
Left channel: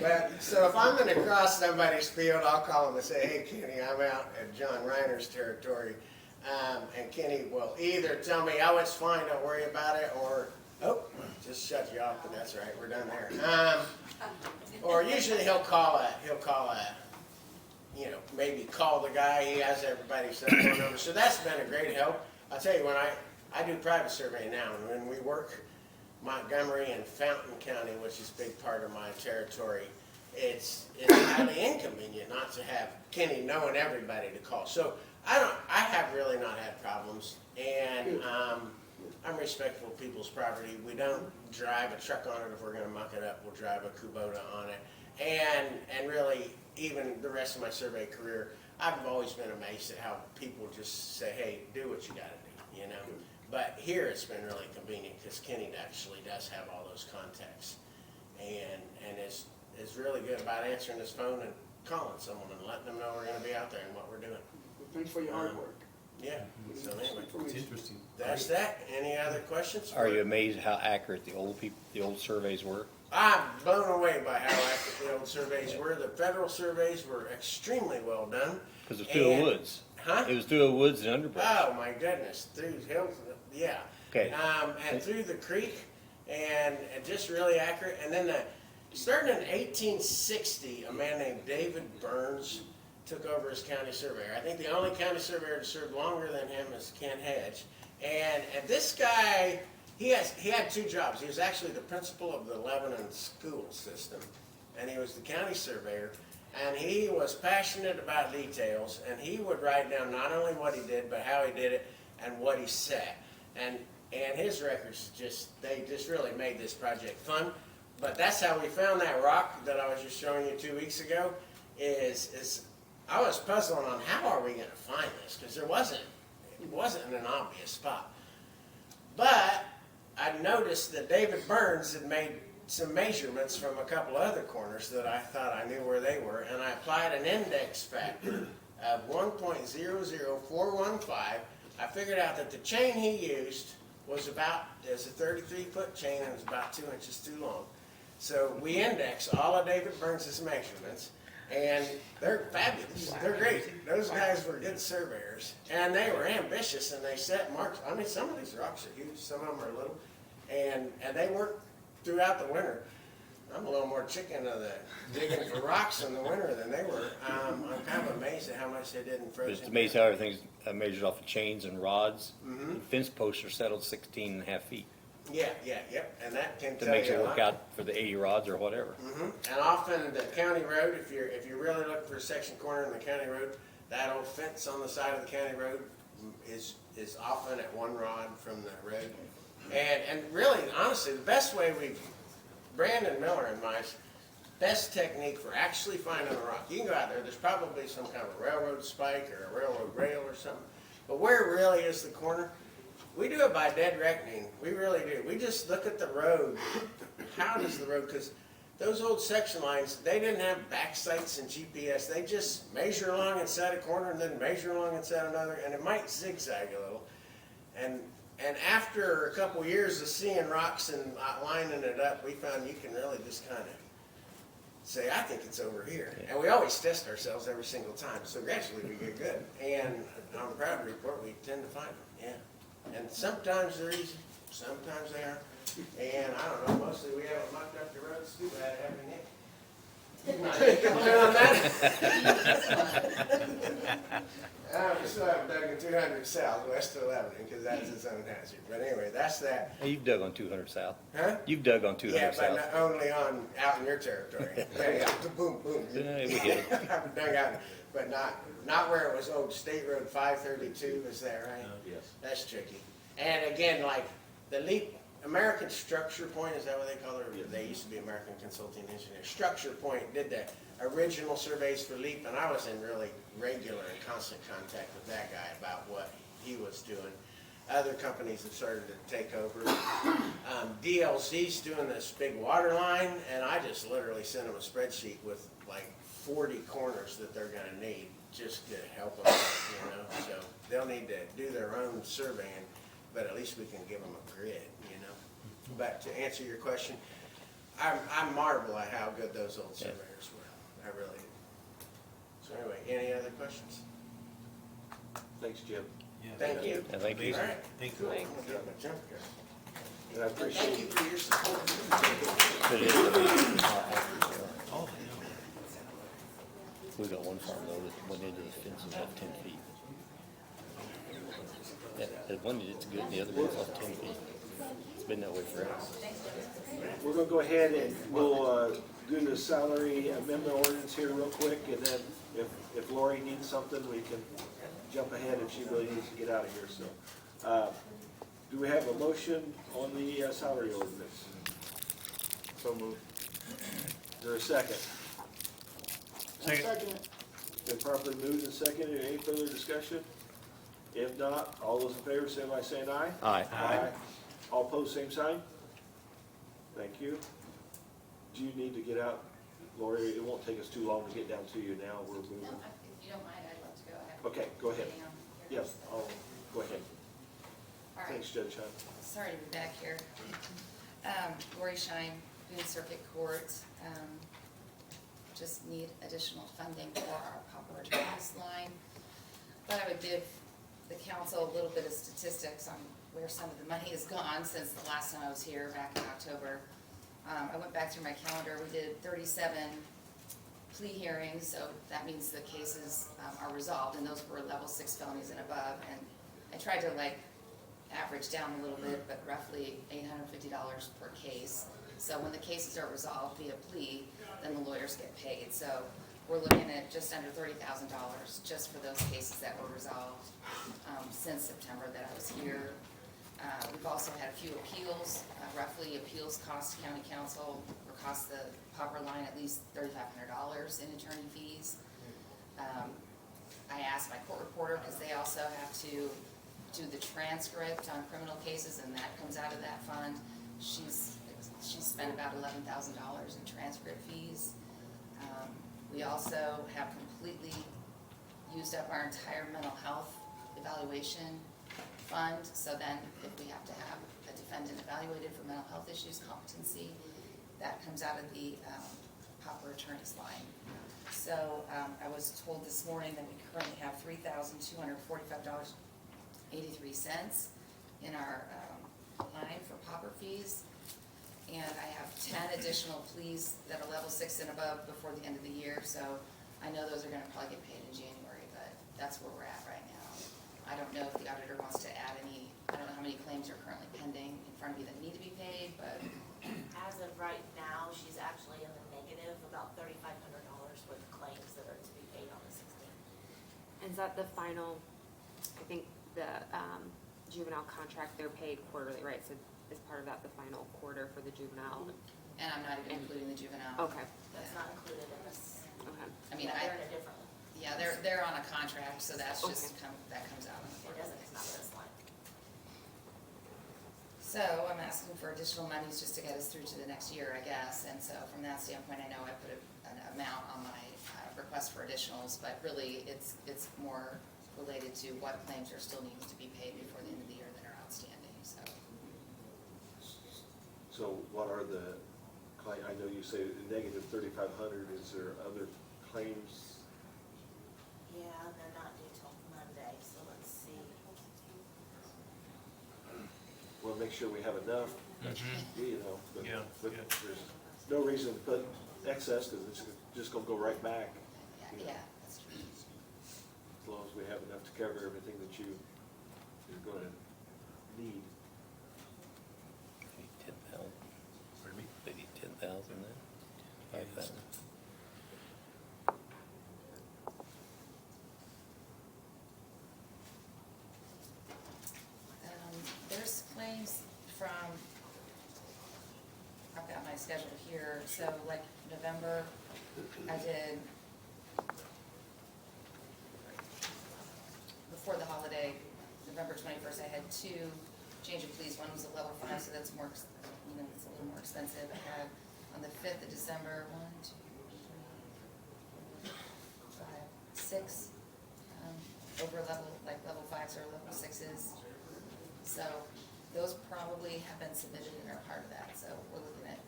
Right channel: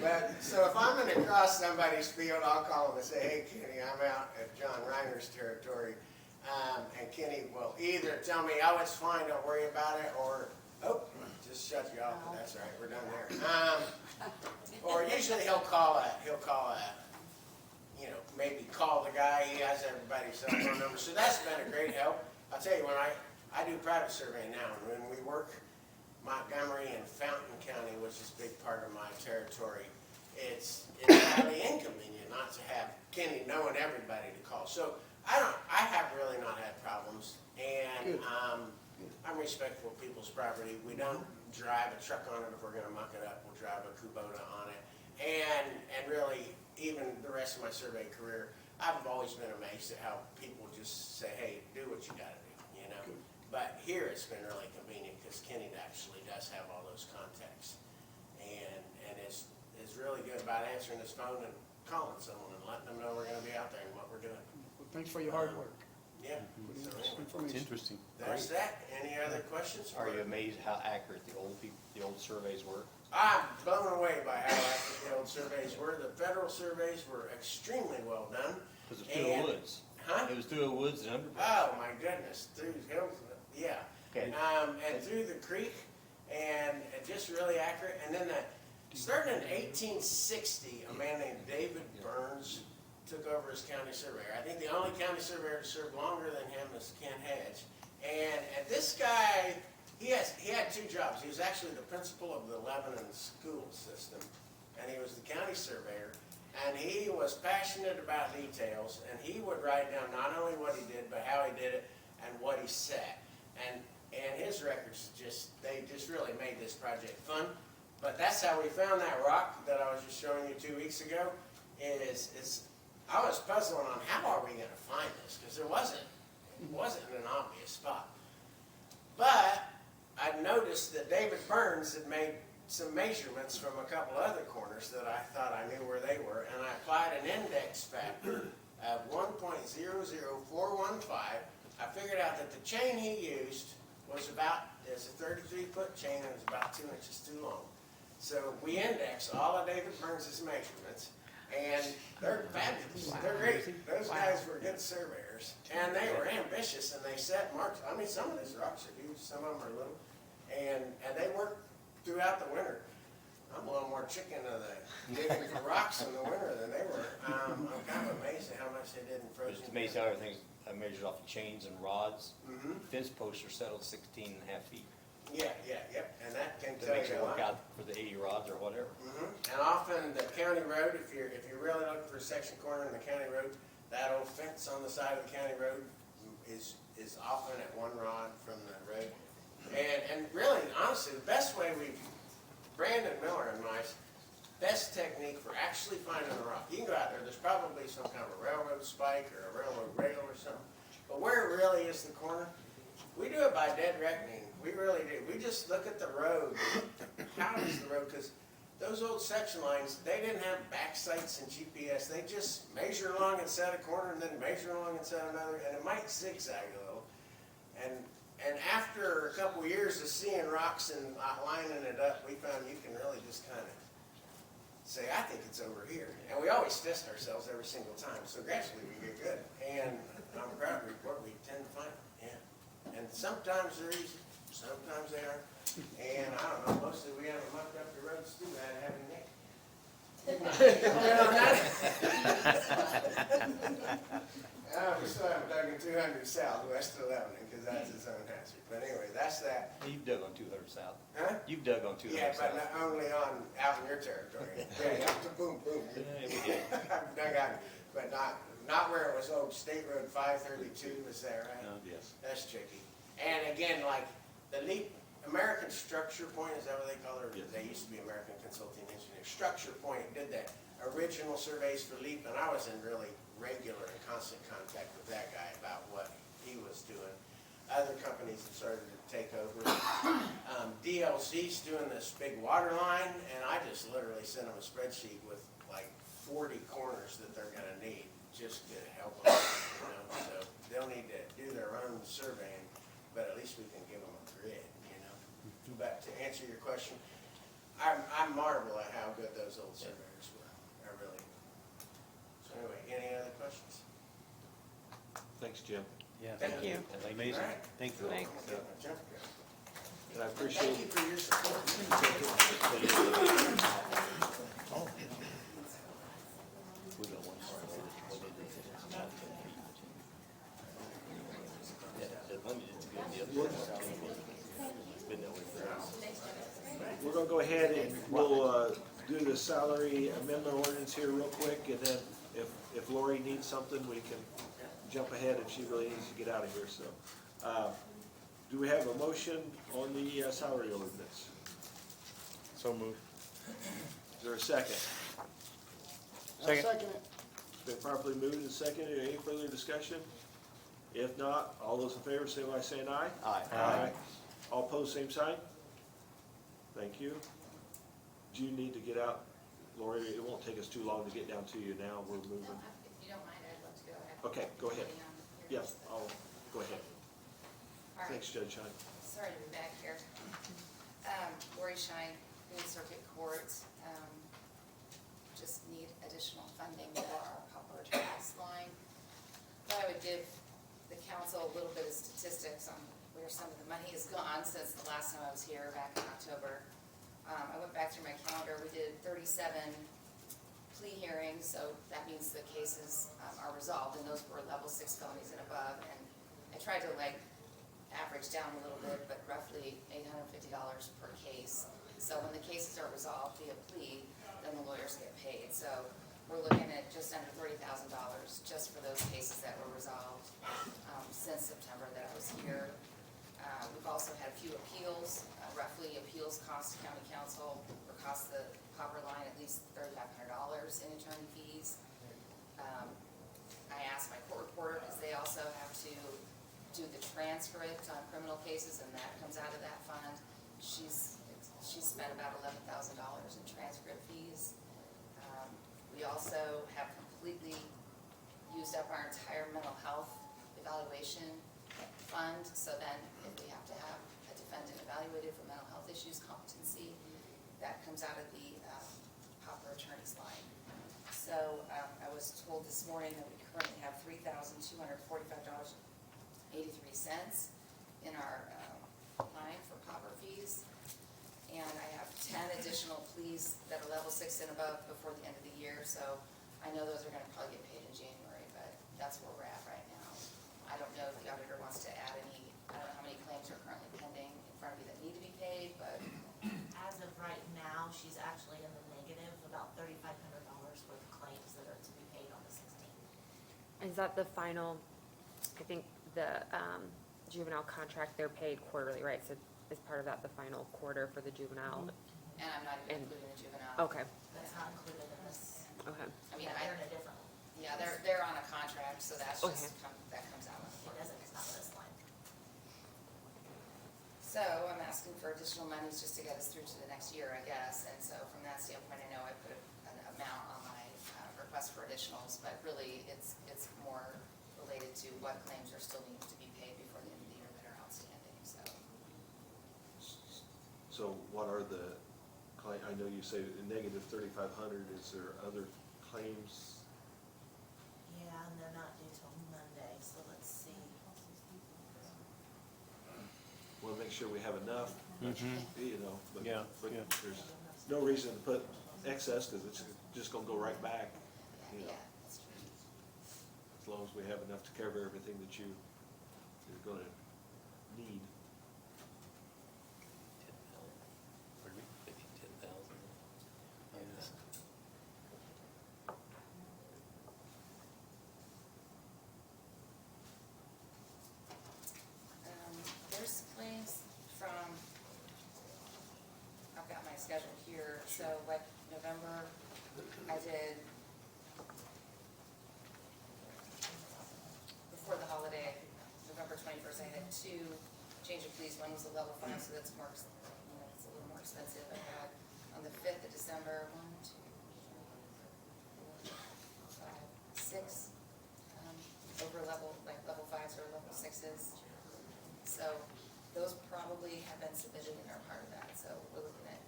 But, so if I'm gonna cross somebody's field, I'll call him and say, hey Kenny, I'm out at John Reiner's territory. And Kenny will either tell me, oh, it's fine, don't worry about it, or, oh, just shut you off, but that's right, we're done there. Or usually he'll call a, maybe call the guy, he has everybody's cell phone number, so that's been a great help. I'll tell you, when I do private surveying now, and when we work Montgomery and Fountain County, which is a big part of my territory, it's highly inconvenient not to have Kenny knowing everybody to call. So I have really not had problems, and I'm respectful of people's property. We don't drive a truck on it if we're gonna muck it up. We'll drive a Kubota on it. And really, even the rest of my survey career, I've always been amazed at how people just say, hey, do what you gotta do, you know? But here it's been really convenient because Kenny actually does have all those contacts. And is really good about answering his phone and calling someone and letting them know we're gonna be out there and what we're doing. Thanks for your hard work. Yeah, so anyway, It's interesting. that's that. Any other questions? Are you amazed how accurate the old surveys were? I'm blown away by how accurate the old surveys were. The federal surveys were extremely well done. Because it was through the And- woods. Huh? It was through the woods and underbrush. Oh my goodness, through hills, yeah. Okay. And through the creek, and just really accurate. And then starting in 1860, a man named David Burns took over as county surveyor. I think the only county surveyor to serve longer than him is Ken Hedge. And this guy, he had two jobs. He was actually the principal of the Lebanon school system, and he was the county surveyor. And he was passionate about details, and he would write down not only what he did, but how he did it and what he said. And his records they just really made this project fun. But that's how we found that rock that I was just showing you 2 weeks ago. I was puzzling on how are we going to find this, because it wasn't in an obvious spot. But I noticed that David Burns had made some measurements from a couple other corners that I thought I knew where they were, and I applied an index factor of 1.00415. I figured out that the chain he used was it's a 33-foot chain, and it was about 2 inches too long. So we indexed all of David Burns' measurements, and they're fabulous. They're great. Those guys were good surveyors, and they were ambitious, and they set marks. I mean, some of these rocks are huge, some of them are little, and they worked throughout the winter. I'm a little more chicken of the digging for rocks in the winter than they were. I'm kind of amazed at how much they did in frozen. It's amazing how everything's measured off of chains and rods. Mhm. The fence posts are settled 16.5 feet Yeah, and that can to tell make you it a work lot. out for the 80 rods or whatever. And often the county road, if you're really looking for a section corner in the county road, that old fence on the side of the county road is often at 1 rod from the road. And really, honestly, the best way Brandon Miller and my best technique for actually finding a rock. You can go out there, there's probably some kind of railroad spike or a railroad rail or something, but where it really is the corner, we do it by dead reckoning. We really do. We just look at the road. How does the road, because those old section lines, they didn't have back sights and GPS. They just measure along and set a corner and then measure along and set another, and it might zigzag a little. And after a couple years of seeing rocks and lining it up, we found you can really just kind of say, I think it's over here. And we always test ourselves every single time, so gradually we get good. And I'm proud to report we tend to find them, yeah. And sometimes they're easy, sometimes they aren't. And I don't know, mostly we haven't mucked up the roads too bad, have you, Nick? We still haven't dug in 200 south, west of Lebanon, because that's its own hazard. But anyway, that's that. Hey, you've dug on 200 south. Huh? You've dug on 200 Yeah, south. but not only out in your territory. Boom, boom. Yeah, we get it. I've dug out, but not where it was old State Road 532, is that right? Yes. That's tricky. And again, like the leap, American Structure Point, is that what they call it? Or they used to be American Consulting Engineer. Structure Point did the original surveys for LEAP, and I was in really regular and constant contact with that guy about what he was doing. Other companies have started to take over. DLC's doing this big water line, and I just literally sent them a spreadsheet with like 40 corners that they're gonna need just to help them, you know? So they'll need to do their own surveying, but at least we can give them a grid, you know? But to answer your question, I marvel at how good those old surveyors were. I really do. So anyway, any other questions? Thanks, Jim. Thank you. Thank you. All right. Thank you. Cool. I'm gonna get my jump here. And I And appreciate thank you for your support. We got one farm though that went into the fence about 10 feet. Yeah, the one that's good, the other one's about 10 feet. It's been that way forever. We're gonna go ahead and we'll, do the salary amendment ordinance here real quick, and then if Lori needs something, we can jump ahead if she really needs to get out of here, so. Do we have a motion on the salary ordinance? So moved. Is there a second? Second. It's been properly moved and seconded. Any further discussion? If not, all those in favor say by saying aye. Aye. Aye. All opposed, same sign? Thank you. Do you need to get out, Lori? It won't take us too long to get down to you now. We're No, moving. if you don't mind, I'd love to go ahead. Okay, go ahead. Yeah. Yes, I'll, go ahead. All right, Thanks, Judge Hunt. sorry to be back here. Lori Shine, Boone Circuit Court, just need additional funding for our pauper attorneys line. Thought I would give the council a little bit of statistics on where some of the money has gone since the last time I was here back in October. I went back through my calendar, we did 37 plea hearings, so that means the cases are resolved, and those were level 6 felonies and above, and I tried to like average down a little bit, but roughly $850 per case. So when the cases are resolved via plea, then the lawyers get paid. So we're looking at just under $30,000 just for those cases that were resolved since September that I was here. We've also had a few appeals. Roughly appeals cost county council or cost the pauper line at least $3,500 in attorney fees. I asked my court reporter, because they also have to do the transcript on criminal cases, and that comes out of that fund. She's spent about $11,000 in transcript fees. We also have completely used up our entire mental health evaluation fund, so then if we have to have a defendant evaluated for mental health issues, competency, that comes out of the pauper attorney's line. So I was told this morning that we currently have $3,245.83 in our line for pauper fees. And I have 10 additional pleas that are level 6 and above before the end of the year, so I know those are gonna probably get paid in January, but that's where we're at right now. I don't know if the auditor wants to add any, I don't know how many claims are currently pending in front of you that need to be paid, but As of right now, she's actually in the negative, about $3,500 worth of claims that are to be paid on the 16th. Is that the final, I think the juvenile contract, they're paid quarterly, right? So is part of that the final quarter for the juvenile? and I'm not even including the juvenile. Okay, That's not included in this. okay. I mean, They're in a different, yeah, they're on a contract, so that's just, that comes out on the it quarterly doesn't, it's not basis. this line. So I'm asking for additional monies just to get us through to the next year, I guess, and so from that standpoint, I know I put an amount on my request for additionals, but really, it's more related to what claims are still needing to be paid before the end of the year that are outstanding, so. So what are the I know you say negative 3,500, is there other claims? Yeah, and they're not due till Monday, so let's see. We'll make sure we have enough, you know, but, Yeah, but yeah. there's no reason to put excess, because it's just gonna go right back, Yeah, that's true. as long as we have enough to cover everything that you're gonna need. 10,000. They need 10,000 then? 5,000. There's claims from schedule here, so like November, I did before the holiday, November 21st, I had 2 change of police. One was a level 5, so that's more, it's a little more expensive. I had on the 5th of December, 1, 2, 3, 4, 5, 6 over level 5s or level 6s. So those probably have been submitted and are part of that. So we're looking at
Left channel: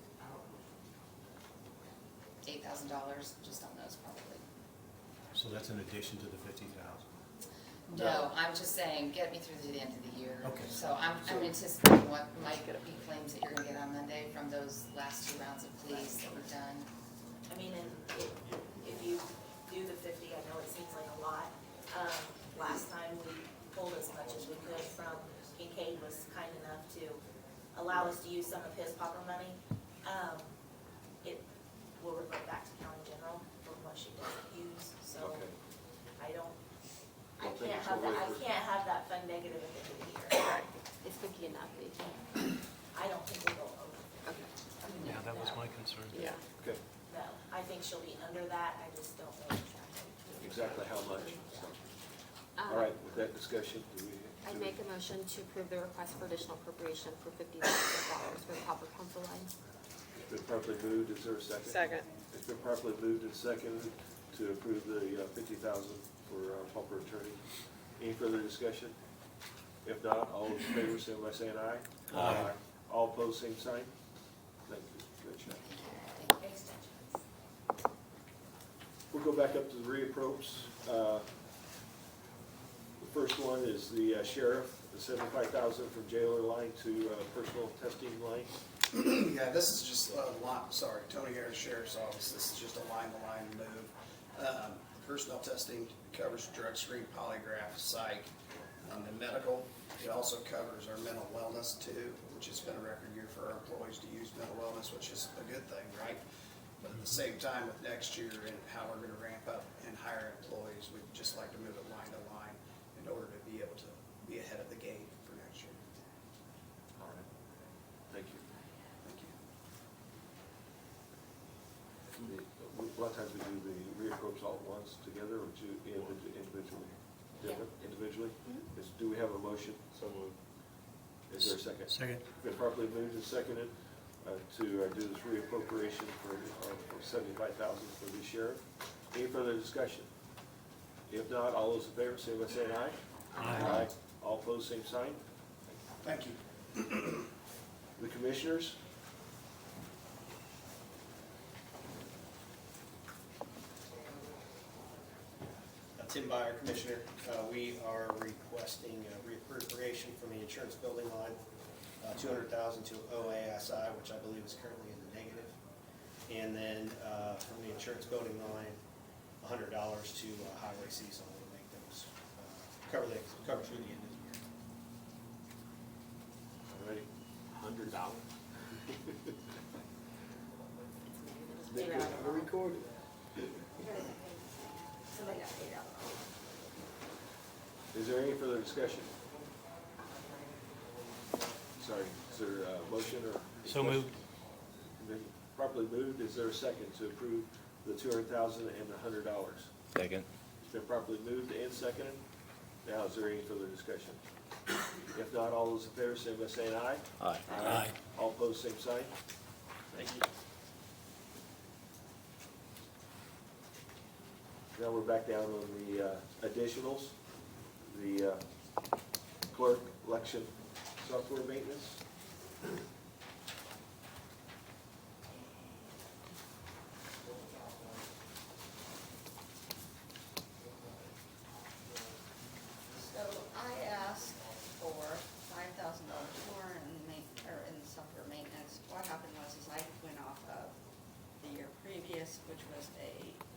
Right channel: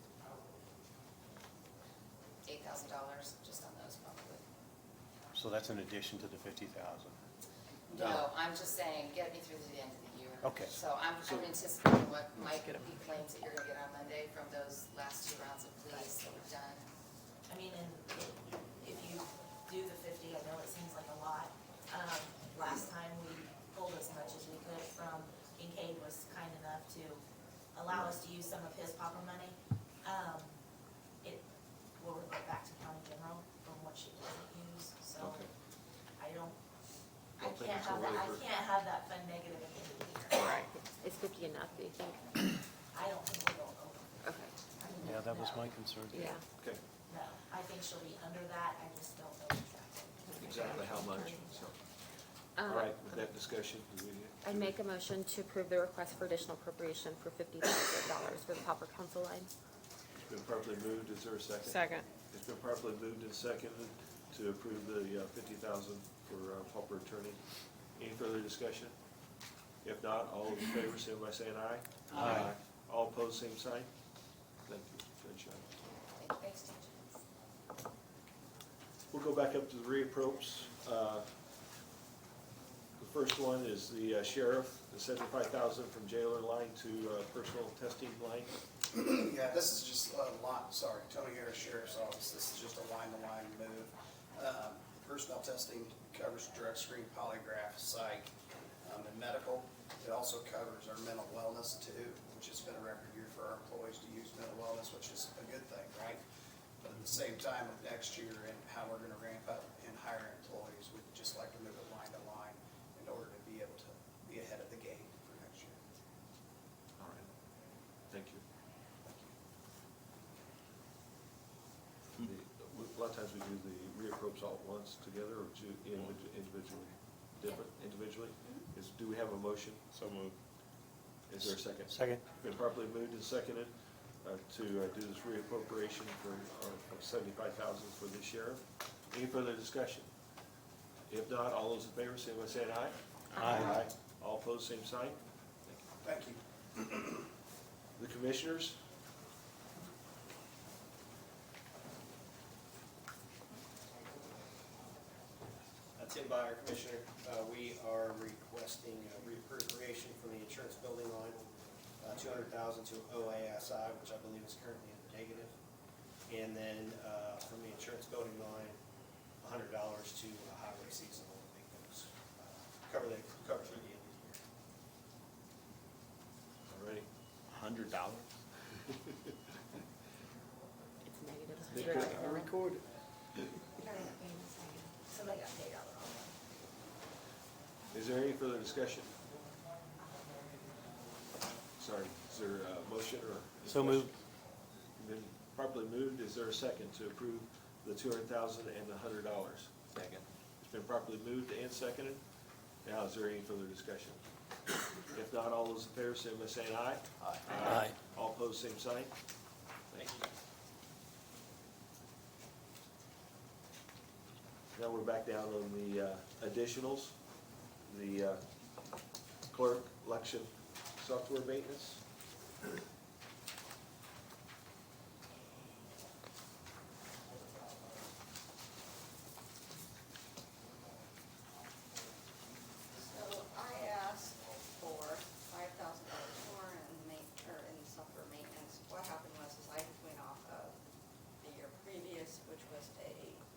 $8,000 just on those probably. So that's in addition to the 50,000. No, I'm just saying, get me through to the end of the year. Okay. So I'm anticipating what might be claims that you're gonna get on Monday from those last 2 rounds of police that we've done. I mean, and if you do the 50, I know it seems like a lot. Last time we pulled as much as we could from Kincaid was kind enough to allow us to use some of his popper money. It will revert back to county general from what she doesn't use, so Okay. I Don't think can't it's have a that, way I for- can't have that fund negative at the end of the year. Right. It's 50 and nothing. I don't think we'll go over. Okay. Yeah, that was my concern. Yeah. Okay, No, I think she'll be under that, I just don't know exactly. exactly how much, so. Um, All right, with that discussion, do we? I make a motion to approve the request for additional appropriation for $50,000 for the Pauper Council line. It's been properly moved, is there a second? Second. It's been properly moved and seconded to approve the 50,000 for pauper attorney. Any further discussion? If not, all in favor, say by saying aye. Aye. All opposed, same sign. Thank you, good job. Thanks, Judge. We'll go back up to the reapprops. The first one is the sheriff, the 75,000 from jailer line to personal testing line. Yeah, this is just a line, sorry, Tony Harris Sheriff's Office, this is just a line-to-line move. Personnel testing covers drug screen, polygraph, psych, and medical. It also covers our mental wellness too, which has been a record year for our employees to use mental wellness, which is a good thing, right? But at the same time, with next year and how we're gonna ramp up and hire employees, we'd just like to move it line to line in order to be able to be ahead of the game for next year. All right, thank you. Thank you. A lot of times we do the reapprops all at once together or individually? Different, individually? Do we have a motion? So moved. Is there a second? Second. Been properly moved and seconded to do this reappropriation for 75,000 for the sheriff. Any further discussion? If not, all those in favor, say by saying aye. Aye. All opposed, same sign. Thank you. The commissioners? Tim Byer, Commissioner. We are requesting reappropriation from the insurance building line, $200,000 to OASI, which I believe is currently in the negative. And then from the insurance building line, $100 to highway seasonal to make those cover through the end of the year. All right. $100. I recorded. Somebody got paid out. Is there any further discussion? Sorry, is there a motion or? So moved. Been properly moved, is there a second to approve the 200,000 and the $100? Second. It's been properly moved and seconded. Now, is there any further discussion? If not, all those in favor, say by saying aye. Aye. Aye. All opposed, same sign. Thank you. Now we're back down on the additionals, the clerk election software maintenance. So I asked for $5,000 more in software maintenance. What happened was I went off of the year previous, which was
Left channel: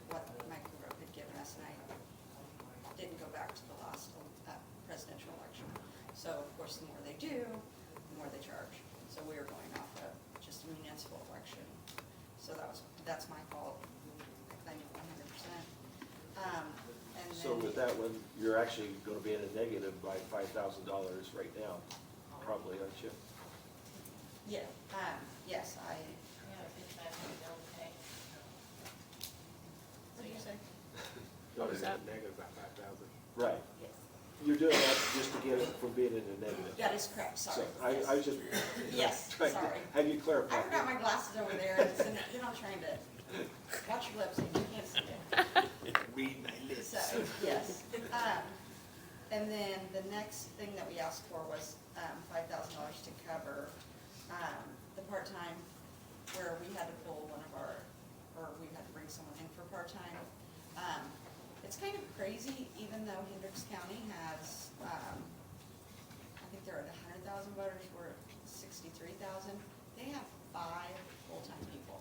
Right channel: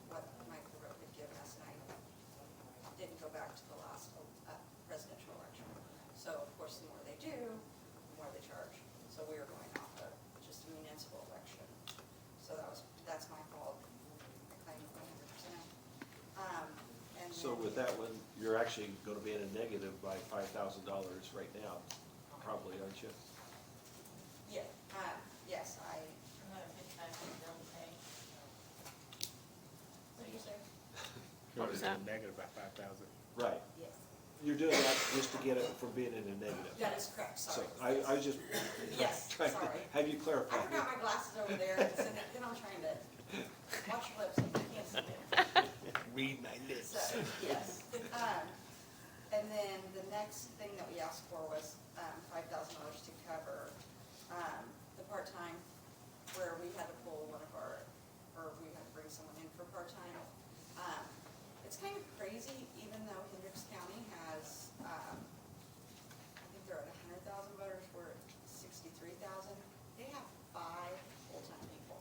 what Michael Rowe had given us, and I didn't go back to the last presidential election. So of course, the more they do, the more they charge. So we were going off of just a municipal election. So that's my fault. I claim 100%. And So then- with that one, you're actually gonna be in a negative by $5,000 right now, probably, aren't you? Yeah, yes, I It's negative by 5,000. Right. Yes, You're doing that just to get it from being in a negative. that is correct, So sorry. I was just Yes, trying to sorry. have you clarify. I forgot my glasses over there, and then I'm trying to watch your lips, and you can't see it. Read my lips. So, yes. And then the next thing that we asked for was, $5,000 to cover, the part-time, where we had to pull one of our, or we had to bring someone in for part-time. It's kind of crazy, even though Hendricks County has, I think they're at 100,000 voters, we're at 63,000. They have 5 full-time people.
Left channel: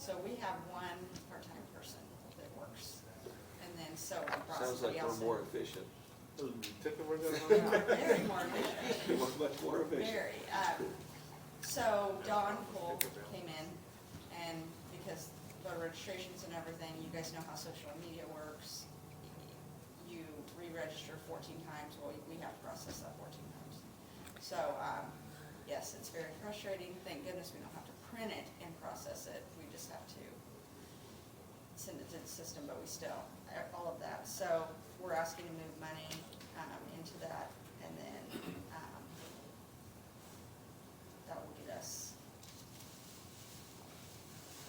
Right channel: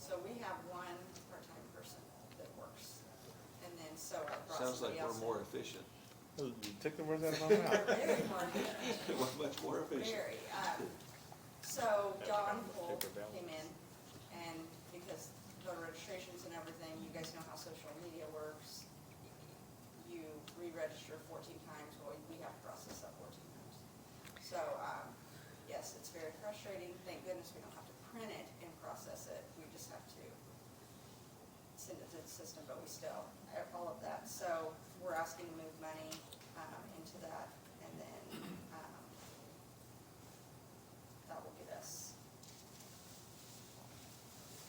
So we have 1 part-time person that works. And then so we brought Sounds like somebody else we're more in. efficient. Took the words out of my mouth. Very more efficient. We're much more efficient. Very. So Don Cole came in, and because voter registrations and everything, you guys know how social media works. You re-register 14 times, well, we have to process that 14 times. So, yes, it's very frustrating. Thank goodness we don't have to print it and process it. We just have to send it to the system, but we still, all of that. So we're asking to move money into that, and then that will get us.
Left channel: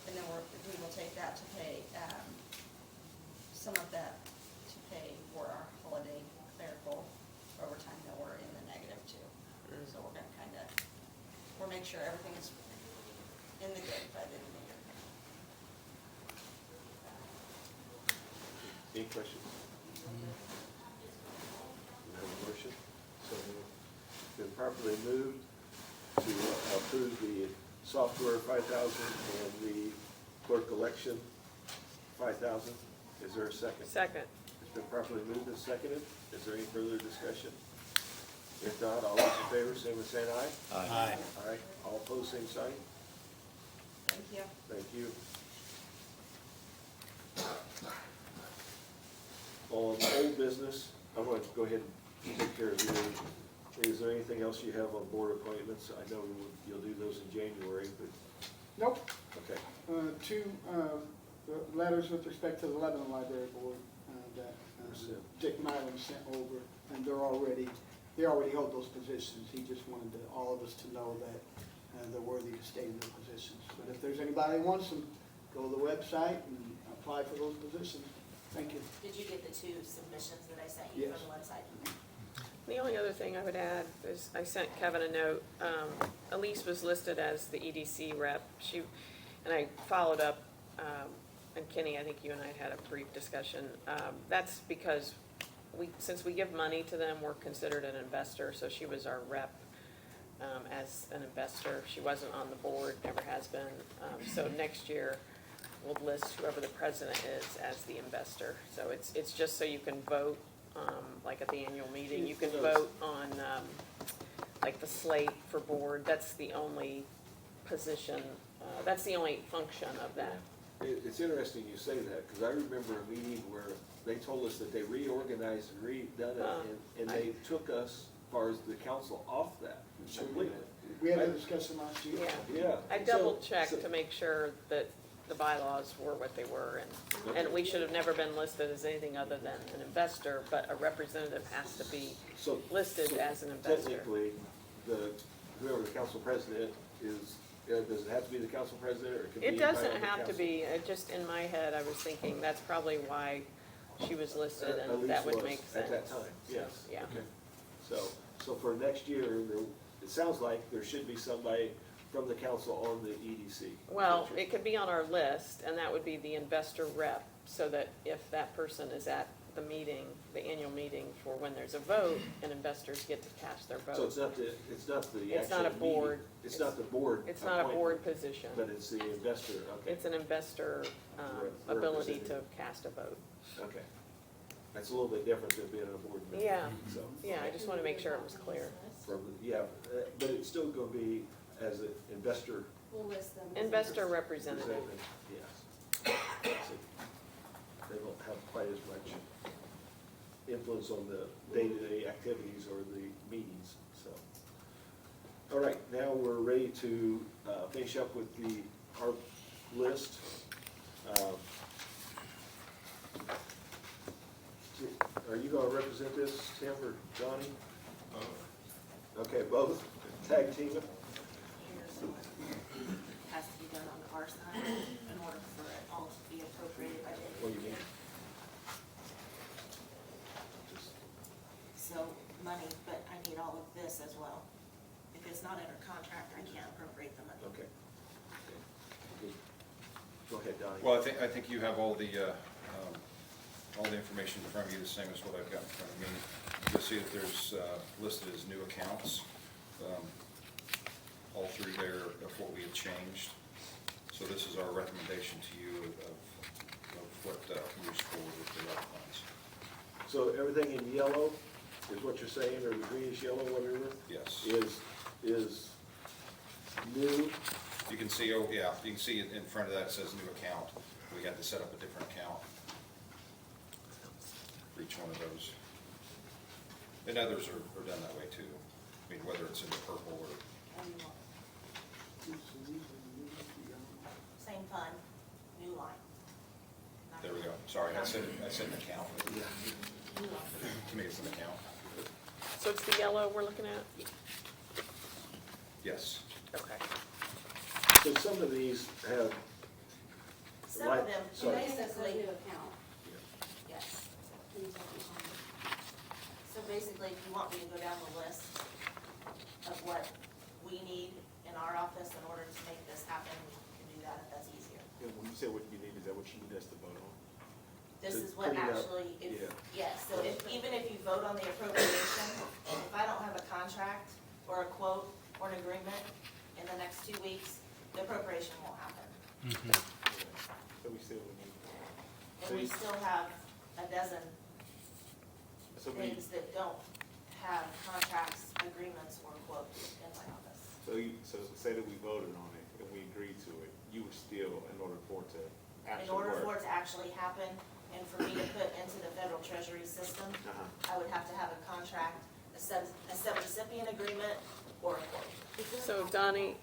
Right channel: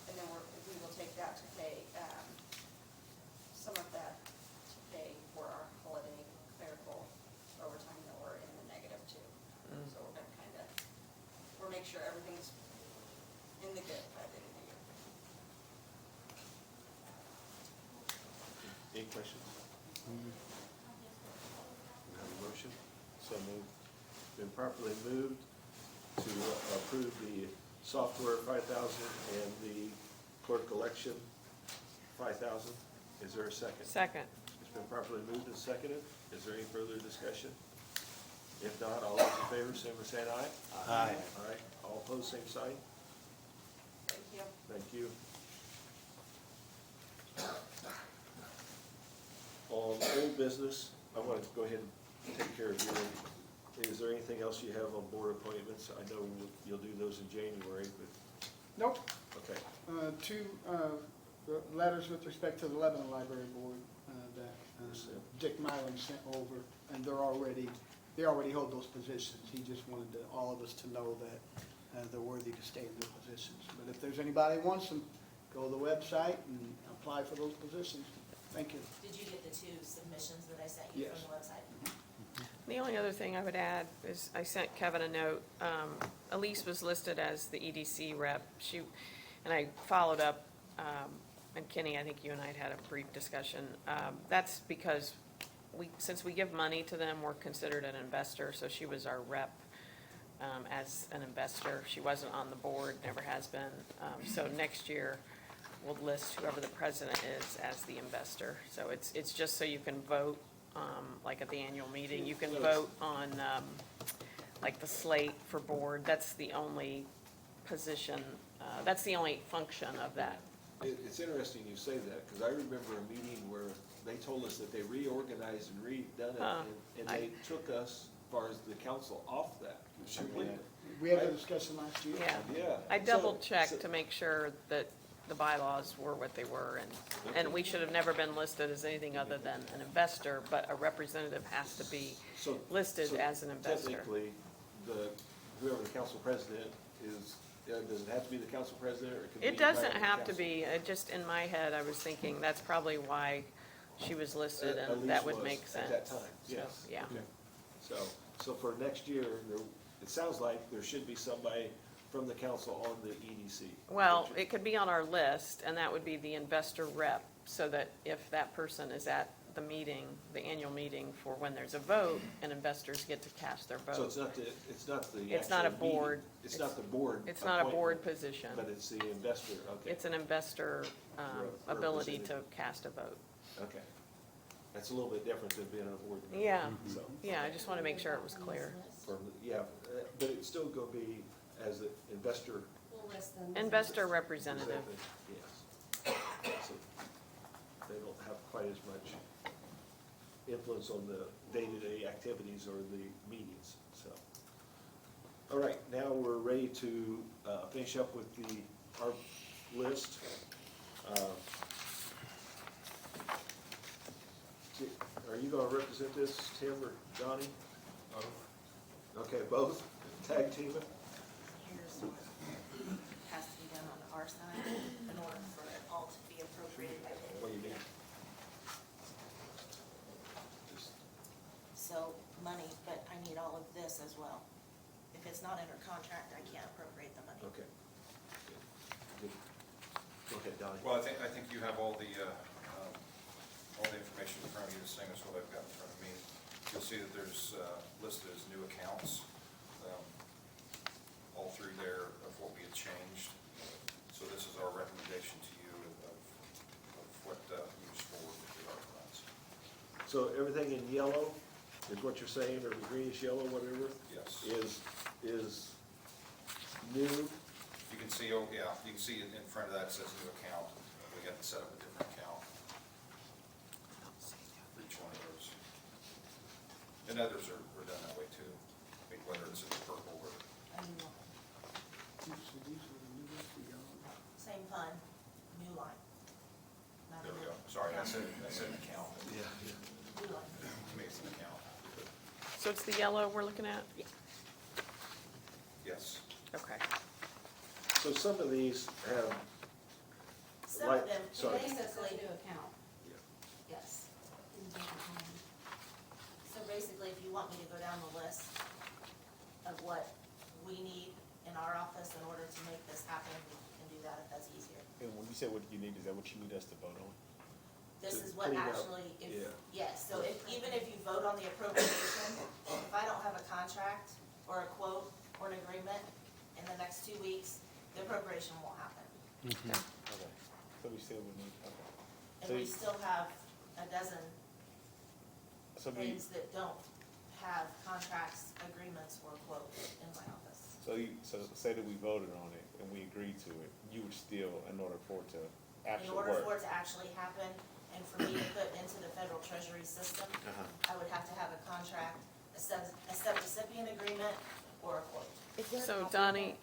And then we will take that to pay, some of that to pay for our holiday clerical overtime that we're in the negative too. So we're gonna kinda, we'll make sure everything's in the good by the end of the year. Any questions? We have a motion. So moved. Been properly moved to approve the software 5,000 and the clerk election 5,000. Is there a second? Second. It's been properly moved and seconded. Is there any further discussion? If not, all those in favor, say by saying aye. Aye. Aye. All opposed, same sign. Thank you. Thank you. On old business, I want to go ahead and take care of you. Is there anything else you have on board appointments? I know you'll do those in January, but, Nope. okay. 2 letters with respect to the Lebanon Library Board that Dick Mylan sent over, and they already hold those positions. He just wanted all of us to know that they're worthy to stay in their positions. But if there's anybody that wants them, go to the website and apply for those positions. Thank you. Did you get the 2 submissions that I sent you Yes. from the website? The only other thing I would add is I sent Kevin a note. Elise was listed as the EDC rep. And I followed up, and Kenny, I think you and I had a brief discussion. That's because since we give money to them, we're considered an investor, so she was our rep as an investor. She wasn't on the board, never has been. So next year, we'll list whoever the president is as the investor. So it's just so you can vote, like at the annual meeting, you can vote on, like the slate for board. That's the only position, that's the only function of that. It's interesting you say that, because I remember a meeting where they told us that they reorganized and redone it, and they took us, as far as the council, off that completely. We had a discussion last year. Yeah. Yeah. I double checked to make sure that the bylaws were what they were, and we should have never been listed as anything other than an investor, but a representative has to be So listed as an investor. technically, whoever the council president is, does it have to be the council president, or it can be? It doesn't anybody on the have to council? be, it just, in my head, I was thinking that's probably why she was listed, At and least that would was make sense. At that time, yes. Yeah. Okay. So for next year, it sounds like there should be somebody from the council on the EDC. Well, it could be on our list, and that would be the investor rep, so that if that person is at the meeting, the annual meeting for when there's a vote, and investors get to cast their So vote. it's not the It's not actual a board. meeting. It's not the board. It's not a appointment, board position. But it's the investor, okay. It's an investor, ability to cast a vote. Okay. That's a little bit different than being on a board. member. Yeah. So, Yeah, I just wanna make sure it was clear. but it's still gonna be as an investor. We'll list them. Investor representative. Yes. So they don't have quite as much influence on the day-to-day activities or the meetings, so. All right, now we're ready to finish up with our list. gonna represent this, Tim or Donnie? Okay, both, tag team it. Has to be done on our side in order for it all to be appropriated by What David. do you mean? So, money, but I need all of this as well. If it's not under contract, I can't appropriate the money. Okay. Good. Go ahead, Donnie. Well, I think you have all the information in front of you, the same as what I've got in front of me. You'll see that there's listed as new accounts, all through there of what we have changed. So this is our recommendation to you of what moves forward with the road plans. So everything in yellow is what you're saying, or greenish yellow, whatever, Yes. is new? You can see, oh, yeah, you can see in front of that it says new account. We had to set up a different account for each one of those. And others are done that way too. I mean, whether it's in the purple or, I do want same fund, new line. there we go. Sorry, I said an account. To me, it's an account. So it's the yellow we're looking at? Yes. Okay. So some of these have, Some Like- of them, sorry. basically. New account. Yes. So basically, if you want me to go down the list of what we need in our office in order to make this happen, we can do that if that's easier. And when you say what you need, is that what you need us to vote on? This To is what put it up, actually, yeah. yes, so even if you vote on the appropriation, if I don't have a contract or a quote or an agreement in the next 2 weeks, the appropriation won't happen. Okay. So we still would need, And we still have a dozen so we, things that don't have contracts, agreements, or quotes in my office. so say that we voted on it and we agreed to it, you would still, in order for it to In actually order for work. it to actually happen, and for me to put into the federal treasury system, I would have to have a contract, a subrecipient agreement, or a quote. So Donnie,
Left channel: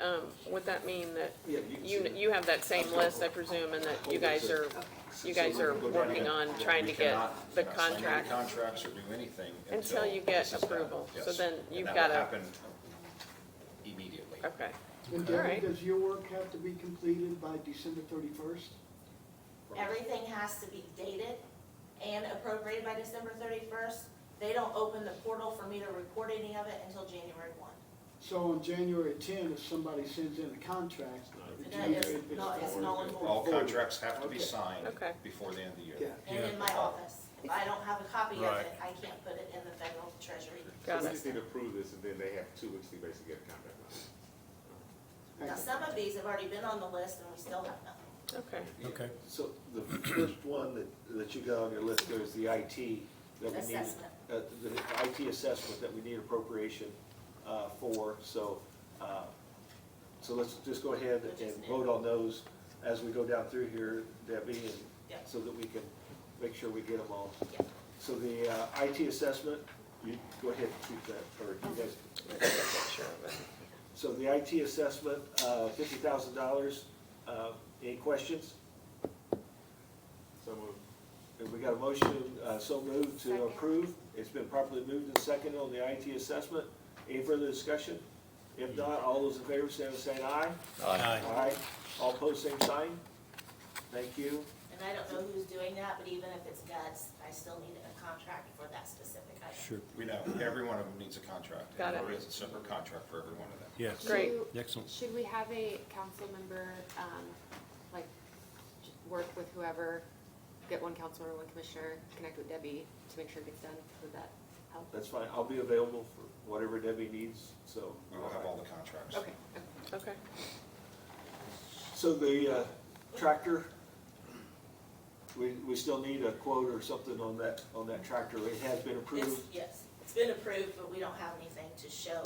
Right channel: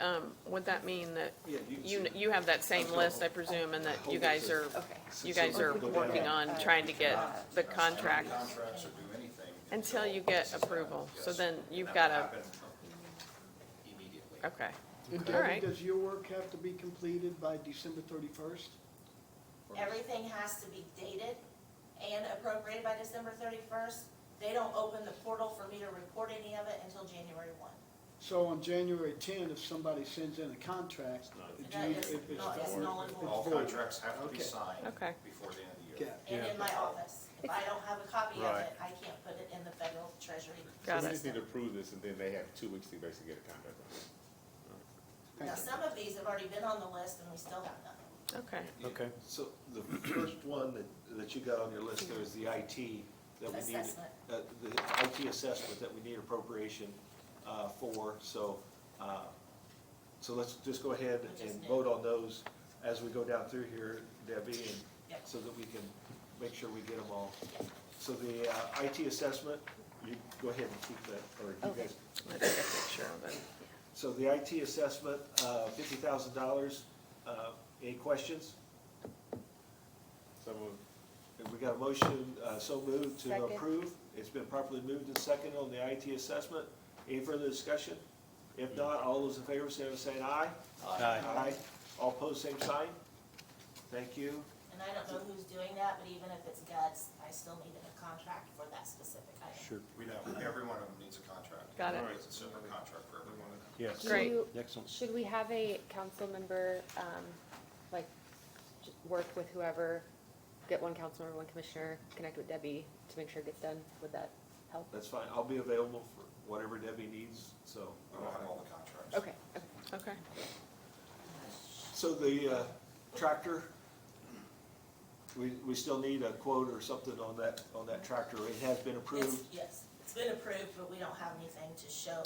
would that mean that yeah, you have that same list, I presume, and that you guys are working on trying to get the Sign any contract contracts or do anything until you get this is approval? done. So Yes. then And you've that will gotta, happen immediately. okay. And All right. Debbie, does your work have to be completed by December 31st? Everything has to be dated and appropriated by December 31st. They don't open the portal for me to report any of it until January 1. So on January 10, if somebody sends in a contract, That is, it's null and void. All contracts have to be Okay. signed Okay. before the end of the year. okay, And in my office. If I don't have a copy of Right. it, I can't put it in the federal treasury Got So it. we just need system. to approve this and then they have 2 weeks to basically get a contract. Now, some of these have already been on the list and we still have nothing. Okay. Okay. So the first one that you got on your list there is the IT that we need. Assessment. The IT assessment that we need appropriation for, so let's just go ahead Which is and new. vote on those as we go down through here, Debbie, and Yep. so that we can make sure we get them all. Yes. So the IT assessment, you go ahead and keep that, or you guys. Let's get a picture of it. So the IT assessment, $50,000, any questions? So moved. And we got a motion, so moved to Second. approve. It's been properly moved and seconded on the IT assessment. Any further discussion? If not, all those in favor, say aye. Aye. Aye. All opposed, same sign. Thank you. And I don't know who's doing that, but even if it's guts, I still need a contract for that specific item. Sure. We know, every one of them needs a contract. Got it. It's a separate contract for every one of them. Yes. Great. Excellent. Should we have a council member, like, work with whoever, get one council member, one commissioner, connect with Debbie to make sure it gets done? Would that help? That's fine. I'll be available for whatever Debbie needs, so. We will have all the contracts. Okay. Okay. So the tractor, we still need a quote or something on that tractor. It has been approved. Yes, it's been approved, but we don't have anything to show.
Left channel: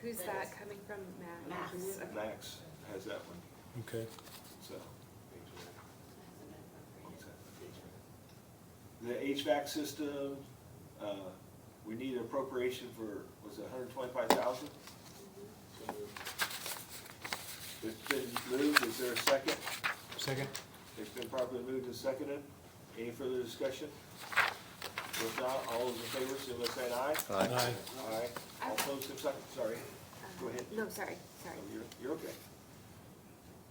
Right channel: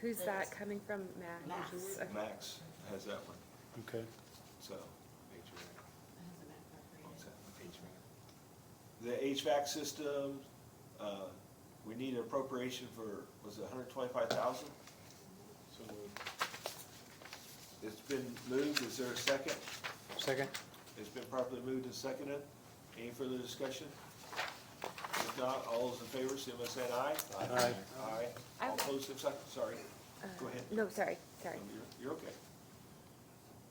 Who's that coming from, Matt? Max. Okay. Max has that one, Okay. so. The HVAC system, we need an appropriation for, was it $125,000? So moved. It's been moved, is there a second? Second? It's been properly moved and seconded. Any further discussion? If not, all those in favor, say by saying aye. Aye. Aye. All opposed, same sign. Sorry. Go ahead. No, sorry. You're okay.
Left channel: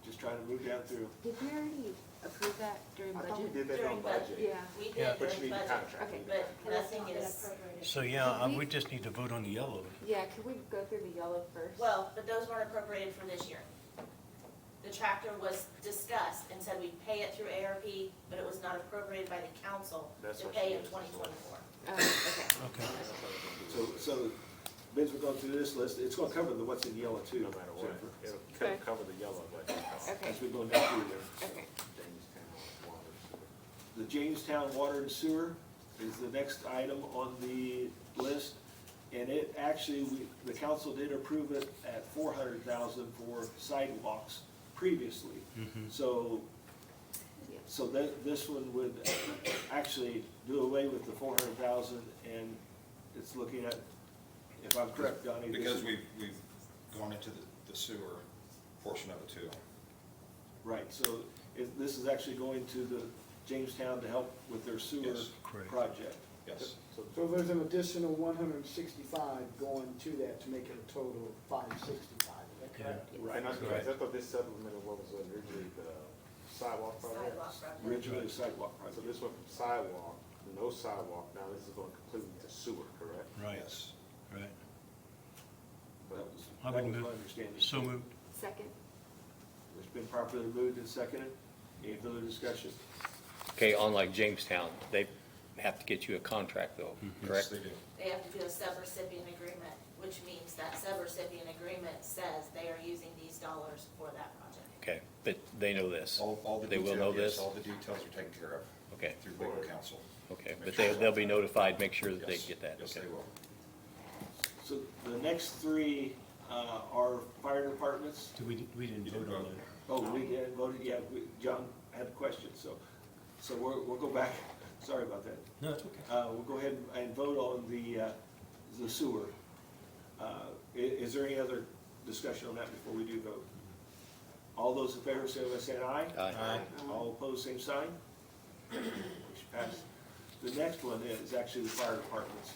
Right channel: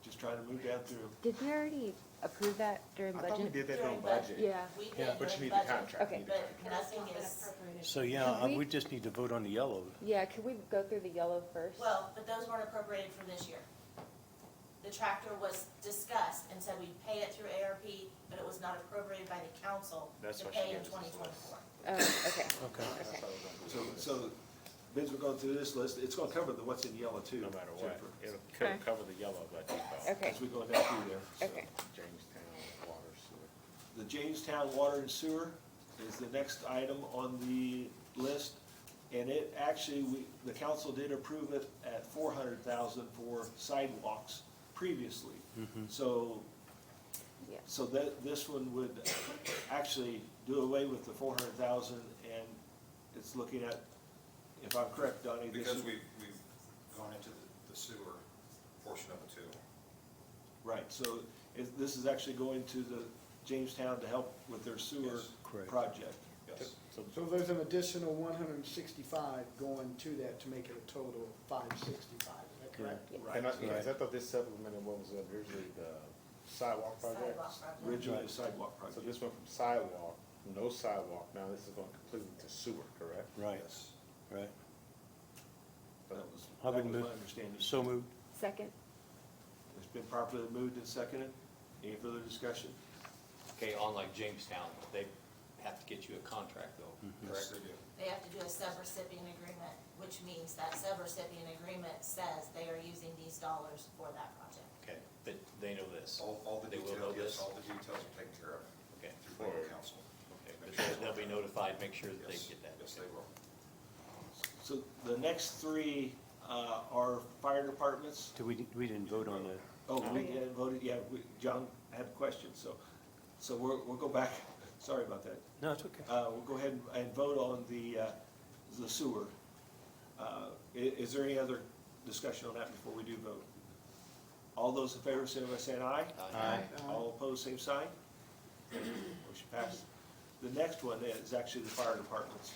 Just trying to move down through. Did we already approve that during I thought we budget? did that on During budget. Yeah. We did Yeah. But you during need the budget, contract. Okay. but nothing is, So, yeah, Could we- we just need to vote on the yellow. Yeah, could we go through the yellow first? well, but those weren't appropriated for this year. The tractor was discussed and said we'd pay it through ARP, but it was not appropriated by the council That's to what pay she in did. 2024. Okay. Okay. So bids are going through this list. It's going to cover the what's in yellow too. No matter what, Jennifer, it'll cover the yellow budget cost. Okay. as we go down through there. Okay. Jamestown, water, sewer. The Jamestown Water and Sewer is the next item on the list. And it actually, the council did approve it at $400,000 for sidewalks previously. So, Yeah. so that, this one would actually do away with the 400,000 and it's looking at, if I'm correct, Donnie. this Because is- we've gone into the sewer portion of it too. Right, so this is actually going to the Jamestown to help with their sewer Yes, correct. project. Yes. So there's an additional 165 going to that to make it a total of 565, is that correct? And I thought this supplemented what was originally the sidewalk project. Sidewalk project. Originally the sidewalk So project. this went from sidewalk, no sidewalk, now this is going completely to sewer, correct? Right, Yes. right. That was I would my move, understanding. so moved. Second? It's been properly moved and seconded. Any further discussion? Okay, on like Jamestown, they have to get you a contract though, Yes, correct? they do. They have to do a subrecipient agreement, which means that subrecipient agreement says they are using these dollars for that project. Okay, but they know this, All the They will details, know yes, this? all the details are taken care of okay, through legal counsel. okay, but they'll be notified, make sure that they Yes, get that, Yes, okay? they will. So the next three are fire departments. We didn't vote on the, Oh, we didn't vote, yeah, John had a question, so we'll go back. Sorry about that. no, it's okay. We'll go ahead and vote on the sewer. Is there any other discussion on that before we do vote? All those in favor say by saying aye. Aye. All opposed, same sign. Motion passed. The next one is actually the fire departments.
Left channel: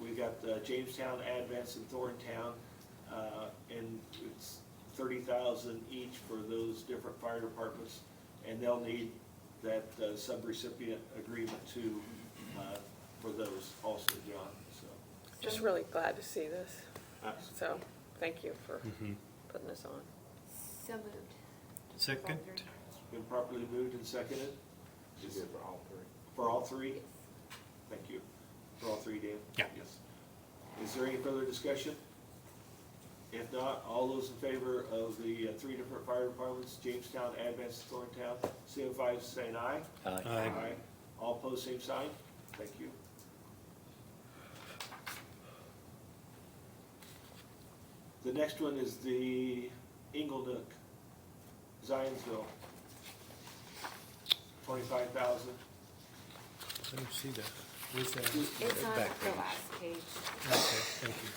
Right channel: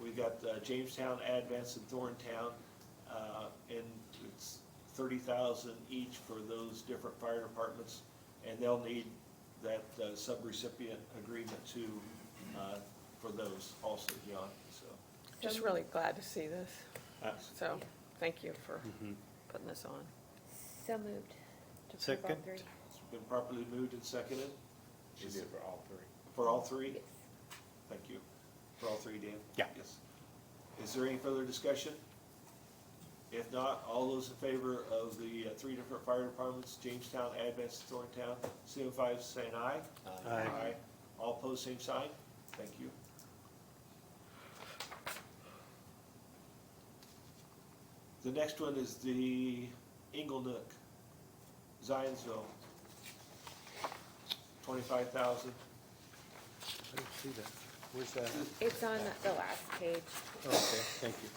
We got Jamestown, Advance, and Thorntown, and it's 30,000 each for those different fire departments, and they'll need that subrecipient agreement to, for those also, John, so. Just really glad to see this. So, thank you for putting this on. So moved. To Second. approve all three. It's been properly moved and seconded. She did for all three. For all three? Yes. Thank you. For all three, Dan? Yeah. Yes. Is there any further discussion? If not, all those in favor of the three different fire departments, Jamestown, Advance, and Thorntown, signify by saying aye. Aye. All opposed, same sign. Thank you. The next one is the Inglenook, Zionsville. 25,000. I didn't see that. Where's that? It's on Back the page. last page. Okay, thank you.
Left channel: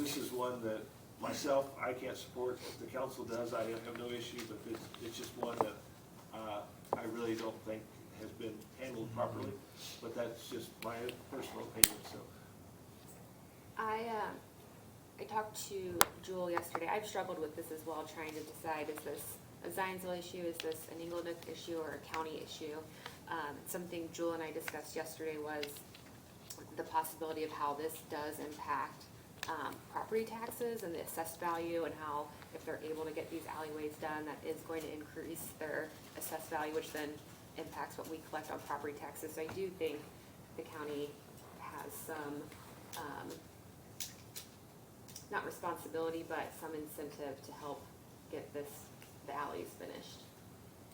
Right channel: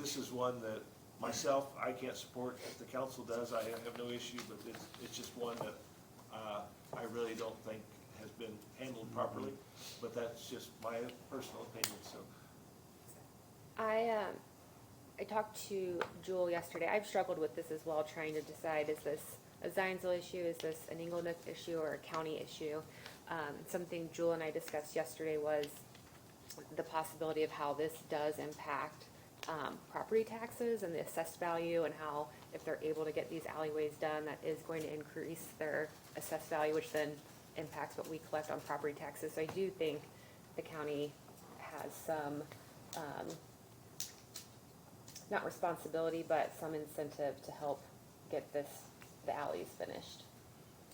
This is one that myself, I can't support, if the council does, I have no issue, but it's just one that, I really don't think has been handled properly, but that's just my personal opinion, so. I talked to Jewel yesterday. I've struggled with this as well, trying to decide, is this a Zionsville issue, is this an Inglenook issue, or a county issue? Something Jewel and I discussed yesterday was the possibility of how this does impact property taxes and the assessed value, and how if they're able to get these alleyways done, that is going to increase their assessed value, which then impacts what we collect on property taxes. So I do think the county has some, not responsibility, but some incentive to help get the alleys finished.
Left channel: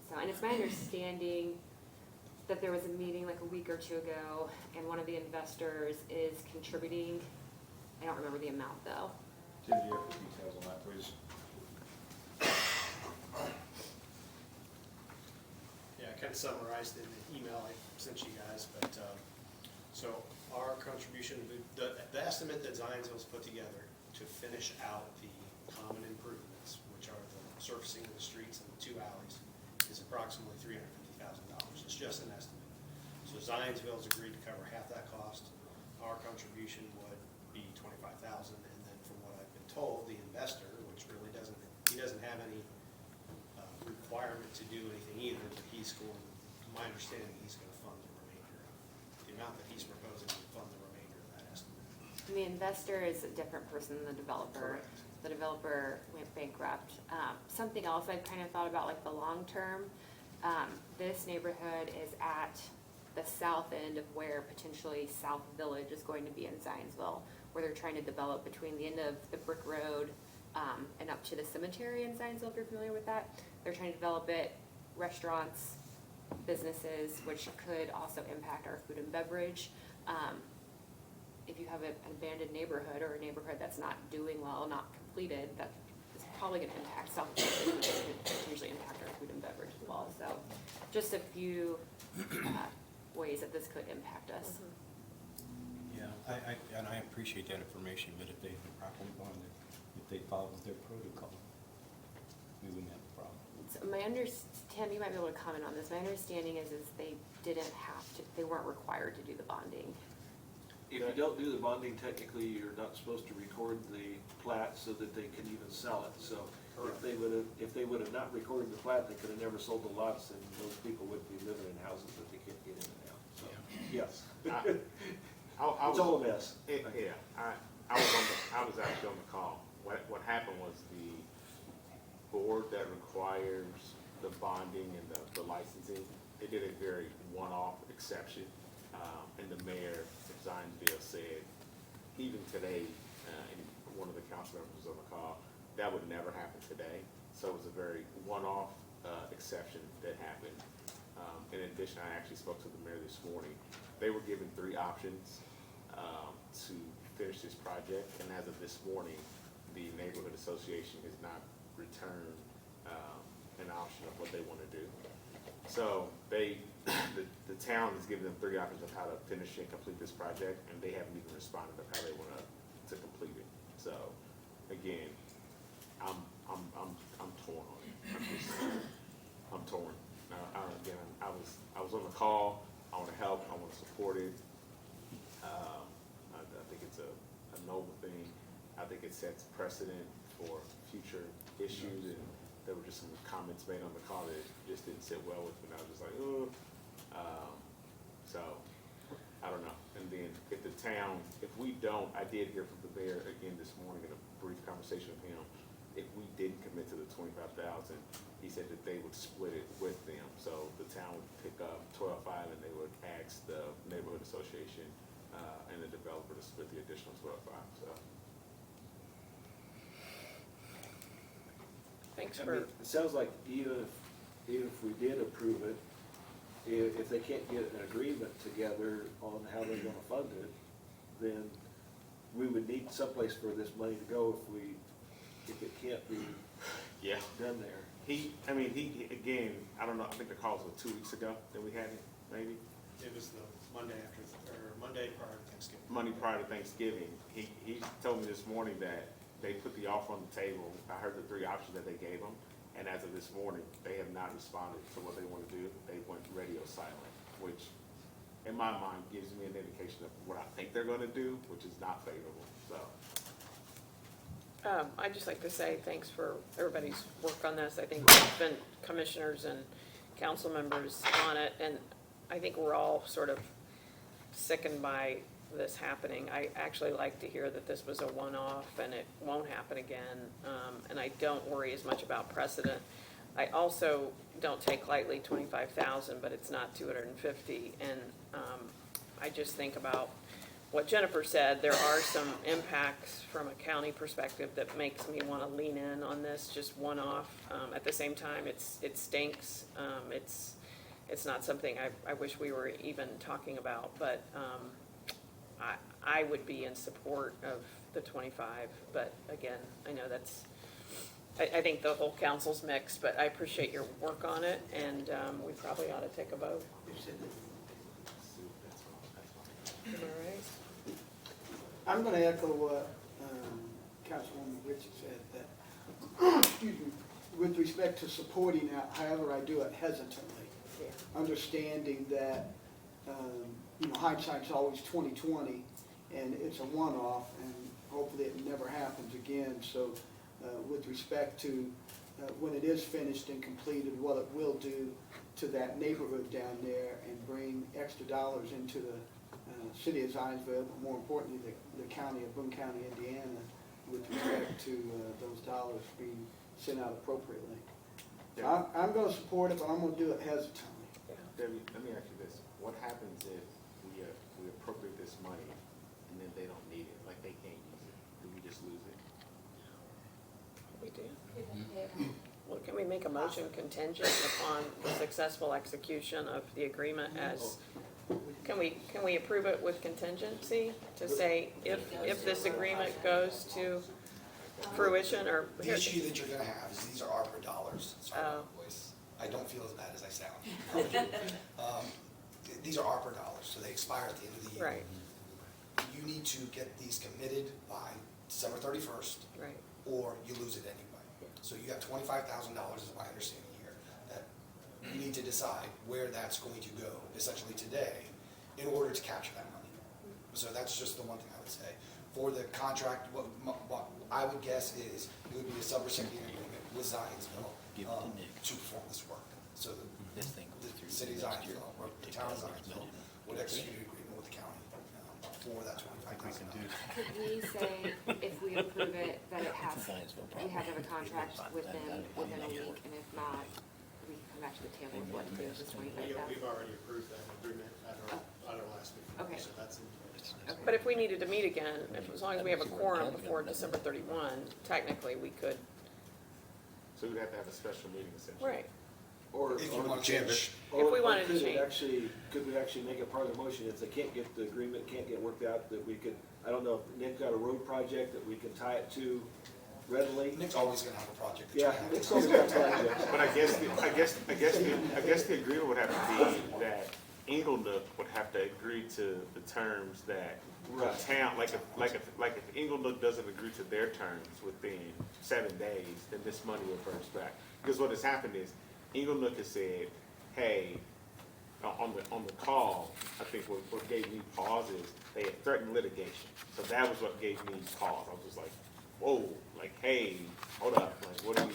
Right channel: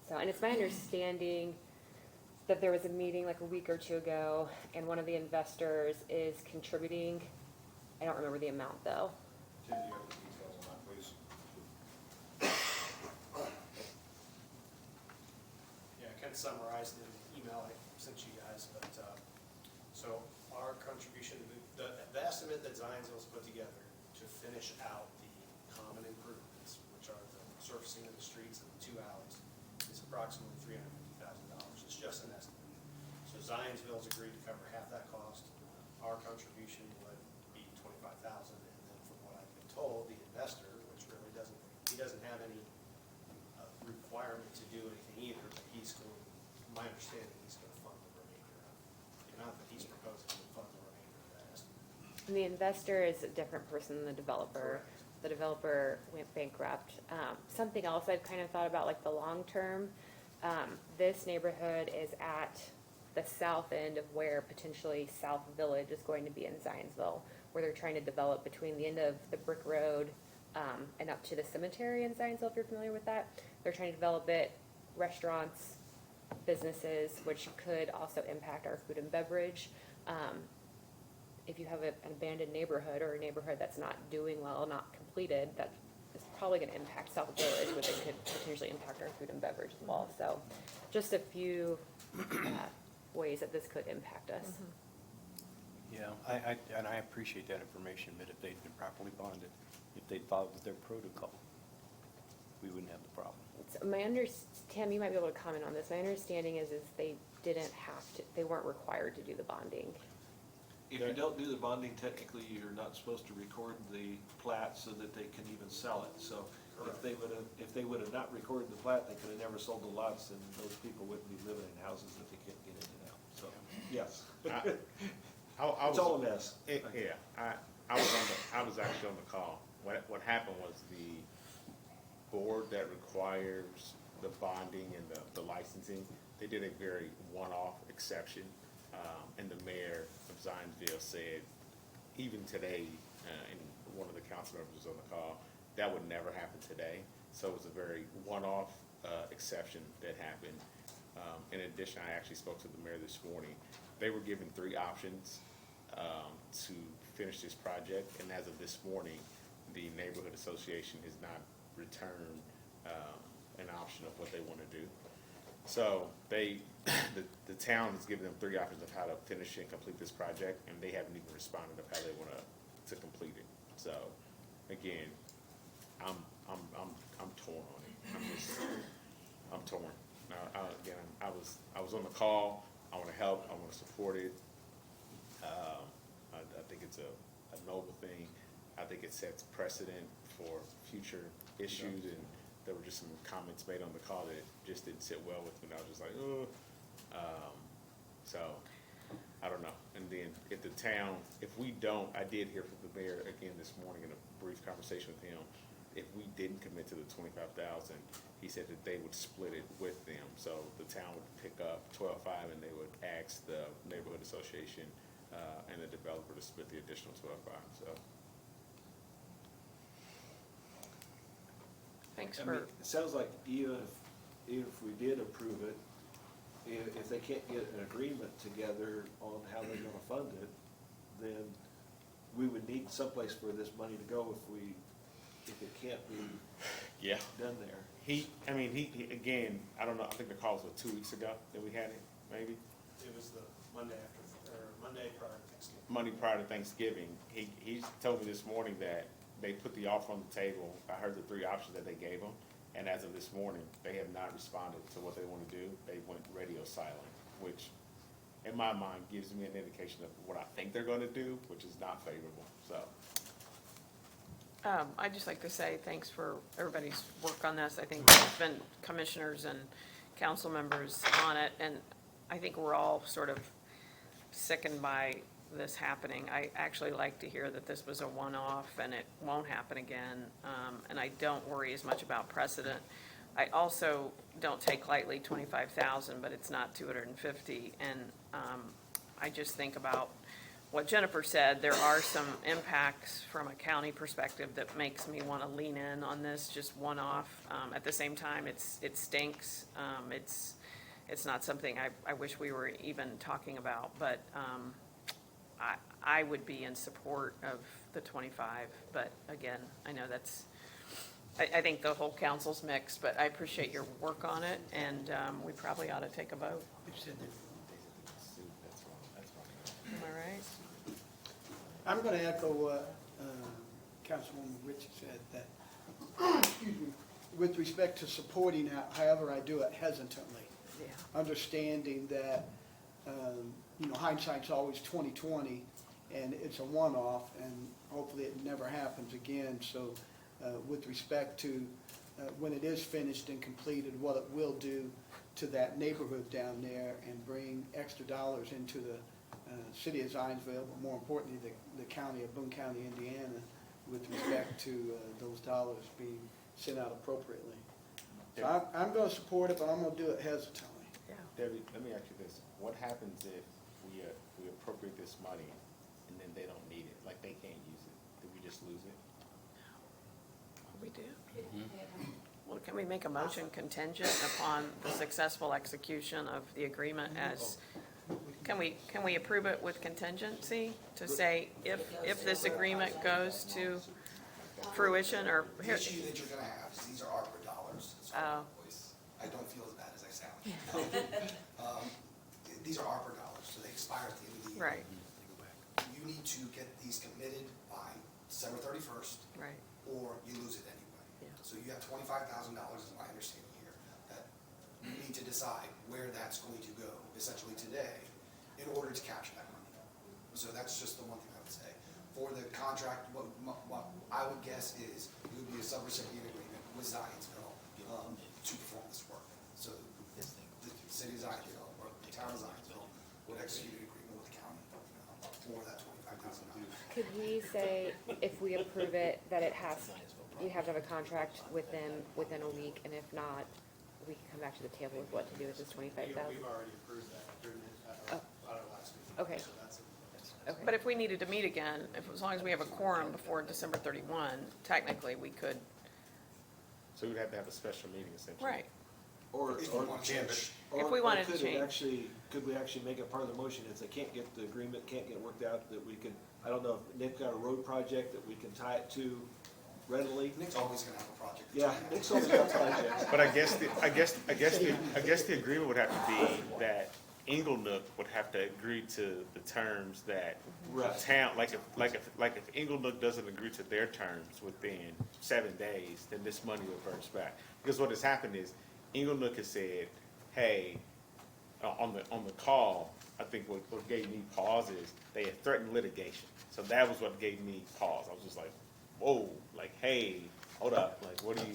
So, and it's my understanding that there was a meeting like a week or two ago, and one of the investors is contributing. I don't remember the amount though. Did you have the details on that, please? Yeah, I kind of summarized in the email I sent you guys, but, so our contribution, the estimate that Zionsville's put together to finish out the common improvements, which are the surfacing of the streets and the two alleys, is approximately $350,000. It's just an estimate. So Zionsville's agreed to cover half that cost. Our contribution would be $25,000, and then from what I've been told, the investor, which really he doesn't have any requirement to do anything either, but he's going, my understanding, he's going to fund the remainder of the amount that he's proposing to fund the remainder of that estimate. And the investor is a different person than the developer. Correct. The developer went bankrupt. Something else I've kind of thought about, like the long term, this neighborhood is at the south end of where potentially South Village is going to be in Zionsville, where they're trying to develop between the end of the brick road and up to the cemetery in Zionsville, if you're familiar with that. They're trying to develop it, restaurants, businesses, which could also impact our food and beverage. If you have an abandoned neighborhood or a neighborhood that's not doing well, not completed, that is probably gonna impact South Village, but it could potentially impact our food and beverage as well. So just a few ways that this could impact us. Yeah, and I appreciate that information, but if they've been properly bonded, if they followed their protocol, we wouldn't have the problem. So Tim, you might be able to comment on this. My understanding is they didn't have to, they weren't required to do the bonding. If you don't do the bonding, technically, you're not supposed to record the plat so that they can even sell it. So if they would have not recorded the plat, they could have never sold the lots, and those people wouldn't be living in houses that they couldn't get in and out. So, yes. It's all a mess. Yeah, I was actually on the call. What happened was the board that requires the bonding and the licensing, they did a very one-off exception, and the mayor of Zionsville said, even today, and one of the council members was on the call, that would never happen today. So it was a very one-off exception that happened. In addition, I actually spoke to the mayor this morning. They were given 3 options to finish this project, and as of this morning, the neighborhood association has not returned an option of what they want to do. So the town has given them 3 options of how to finish and complete this project, and they haven't even responded of how they want to complete it. So again, I'm torn on it. I'm torn. Again, I was on the call. I want to help. I want to support it. I think it's a noble thing. I think it sets precedent for future issues, and there were just some comments made on the call that just didn't sit well with me. And I was just like, oh. So I don't know. And then if the town, if we don't, I did hear from the mayor again this morning in a brief conversation with him. If we didn't commit to the 25,000, he said that they would split it with them. So the town would pick up 12.5, and they would ask the neighborhood association and the developer to split the additional 12.5. So. Thanks I for, mean, it sounds like even if we did approve it, if they can't get an agreement together on how they're gonna fund it, then we would need someplace for this money to go if it can't be done there. He again, I don't know, I think the call was 2 weeks ago that we had it, maybe? It was the Monday prior to Thanksgiving. Monday prior to Thanksgiving. He told me this morning that they put the offer on the table. I heard the 3 options that they gave them, and as of this morning, they have not responded to what they want to do. They went radio silent, which in my mind gives me an indication of what I think they're going to do, which is not favorable, so. I'd just like to say thanks for everybody's work on this. I think there's been commissioners and council members on it, and I think we're all sort of sickened by this happening. I actually like to hear that this was a one-off and it won't happen again, and I don't worry as much about precedent. I also don't take lightly 25,000, but it's not 250, and I just think about what Jennifer said. There are some impacts from a county perspective that makes me want to lean in on this, just one-off. At the same time, it stinks. It's not something I wish we were even talking about, but I would be in support of the 25, but again, I know that's, I think the whole council's mixed, but I appreciate your work on it, and we probably ought to take a vote. Am I right? I'm gonna echo what Councilwoman Richard said, that, excuse me, with respect to supporting it, however I do it hesitantly. understanding that, hindsight's always 20/20, and it's a one-off, and hopefully it never happens again. So, with respect to, when it is finished and completed, what it will do to that neighborhood down there and bring extra dollars into the, city of Zionsville, but more importantly, the county of Boone County, Indiana, with respect to, those dollars being sent out appropriately. So I'm gonna support it, but I'm gonna do it hesitantly. Debbie, let me ask you this, what happens if we appropriate this money and then they don't need it, like they can't use it, do we just lose it? We do. Yeah. Well, can we make a motion contingent upon the successful execution of the agreement as, can we approve it with contingency to say if this agreement goes to fruition or? The issue that you're gonna have is these are ARPA dollars. Sorry, Oh. my voice. I don't feel as bad as I sound. These are ARPA dollars, so they expire at the end of the year. Right, You need to get these committed by December 31st, right. or you lose it anyway. Yeah. So you have $25,000 is my understanding here, that you need to decide where that's going to go, essentially today, in order to capture that money. So that's just the one thing I would say. For the contract, what I would guess is, it would be a subrecipient agreement with Zionsville to perform this work. So the city of Zionsville, or the town of Zionsville, would execute an agreement with the county for that $25,000. Could we say, if we approve it, that it has, we have to have a contract within a week, and if not, we come back to the table with what to do with this $25,000? We've already approved that agreement at our last meeting. Okay. So that's in place. Okay. But if we needed to meet again, as long as we have a quorum before December 31, technically we could, So we'd have to have a special meeting essentially. right. Or, If you want to change. If we wanted to change. Could we actually make it part of the motion, if they can't get the agreement, can't get worked out, that we could, I don't know, if Nick got a road project that we can tie it to readily? Nick's always gonna have a project. that Yeah, you have. Nick's always got projects. But I guess the agreement would have to be that Inglenook would have to agree to the terms that the Right. town, like if Inglenook doesn't agree to their terms within 7 days, then this money will reverse back. Because what has happened is, Inglenook has said, hey, on the call, I think what gave me pause is, they had threatened litigation. So that was what gave me pause. I was just like, whoa, like, hey, hold up, like, what do you,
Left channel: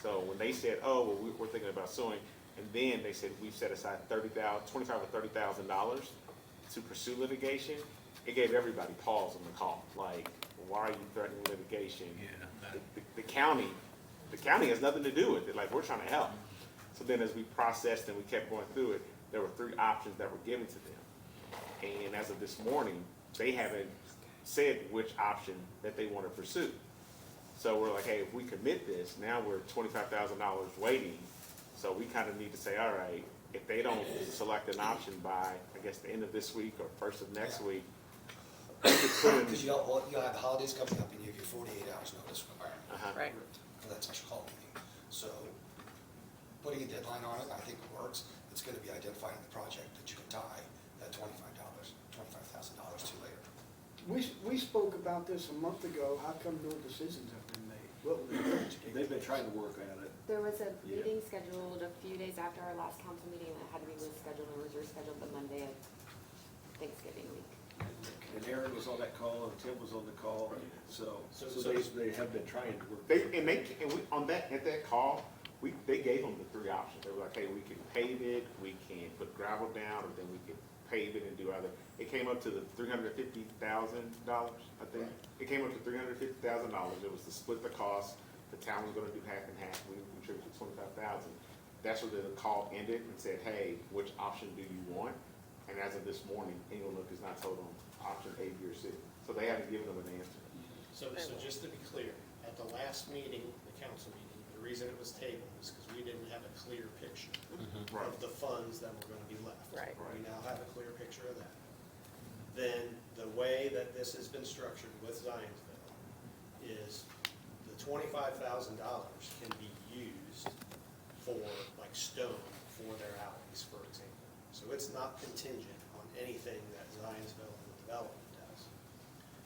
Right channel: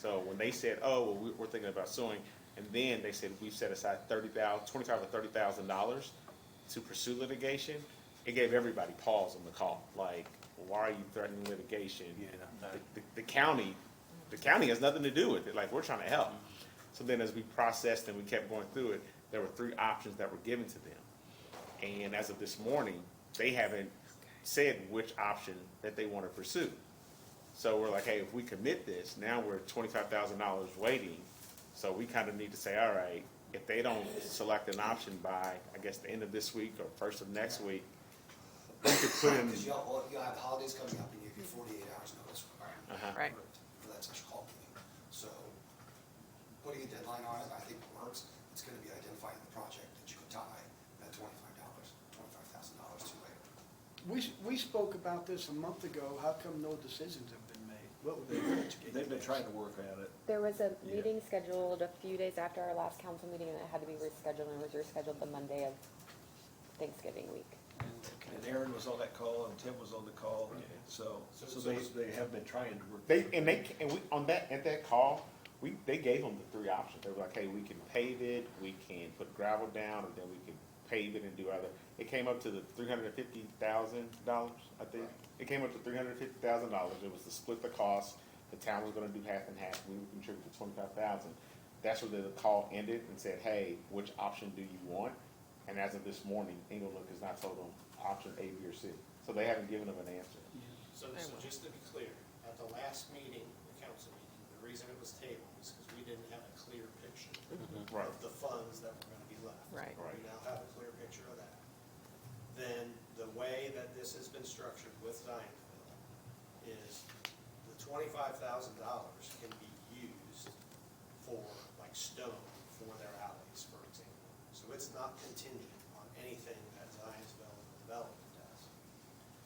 so when they said, oh, well, we're thinking about suing, and then they said, we've set aside $25,000 or $30,000 to pursue litigation, it gave everybody pause on the call, like, why are you threatening litigation? The county has nothing to do with it, like, we're trying to help. So then as we processed and we kept going through it, there were 3 options that were given to them. And as of this morning, they haven't said which option that they want to pursue. So we're like, hey, if we commit this, now we're $25,000 waiting. So we kind of need to say, all right, if they don't select an option by, I guess, the end of this week or first of next week, Because you'll have the holidays coming up and you have your 48 hours notice Right. for that special call meeting. So putting a deadline on it, I think works. It's gonna be identifying the project that you can tie that $25,000 to later. We spoke about this a month ago. How come no decisions have been made? What were they? They've been trying to work at it. There was a meeting scheduled a few days after our last council meeting, and it had to be rescheduled, and it was rescheduled the Monday of Thanksgiving week. And Aaron was on that call, and Tim was on the call, so they have been trying to work. at that call, they gave them the 3 options. They were like, hey, we can pave it, we can put gravel down, or then we can pave it and do other. It came up to the $350,000, I think. It came up to $350,000. It was to split the cost. The town was gonna do half and half, we contributed $25,000. That's when the call ended and said, hey, which option do you want? And as of this morning, Inglenook has not told them option A, B, or C. So they haven't given them an answer. So just to be clear, at the last meeting, the council meeting, the reason it was tabled is because we didn't have a clear picture Right. of the funds that were gonna be left. Right. We now have a clear picture of that. Then the way that this has been structured with Zionsville is the $25,000 can be used for, like, stone for their alleys, for example. So it's not contingent on anything that Zionsville and the development does.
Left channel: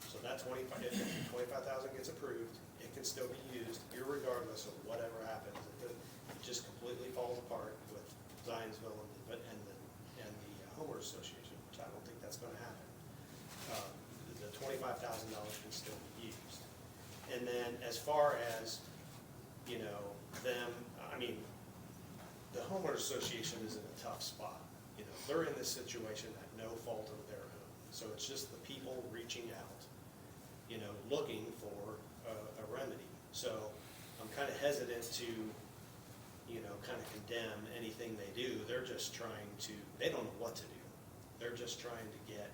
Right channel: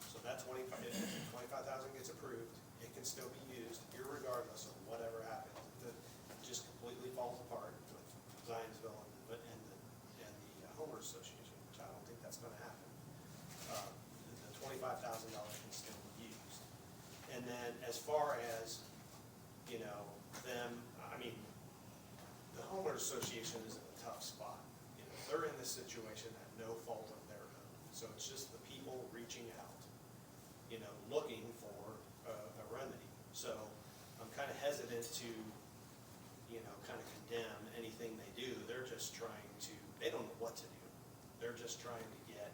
So that if the 25,000 gets approved, it can still be used irregardless of whatever happens. It just completely falls apart with Zionsville and the homeowners association, which I don't think that's gonna happen, the $25,000 can still be used. And then as far as, you know, them, I mean, the homeowners association is in a tough spot. You know, they're in this situation at no fault of their own. So it's just the people reaching out, you know, looking for a remedy. So I'm kind of hesitant to, you know, kind of condemn anything they do. They're just trying to, they don't know what to do. They're just trying to get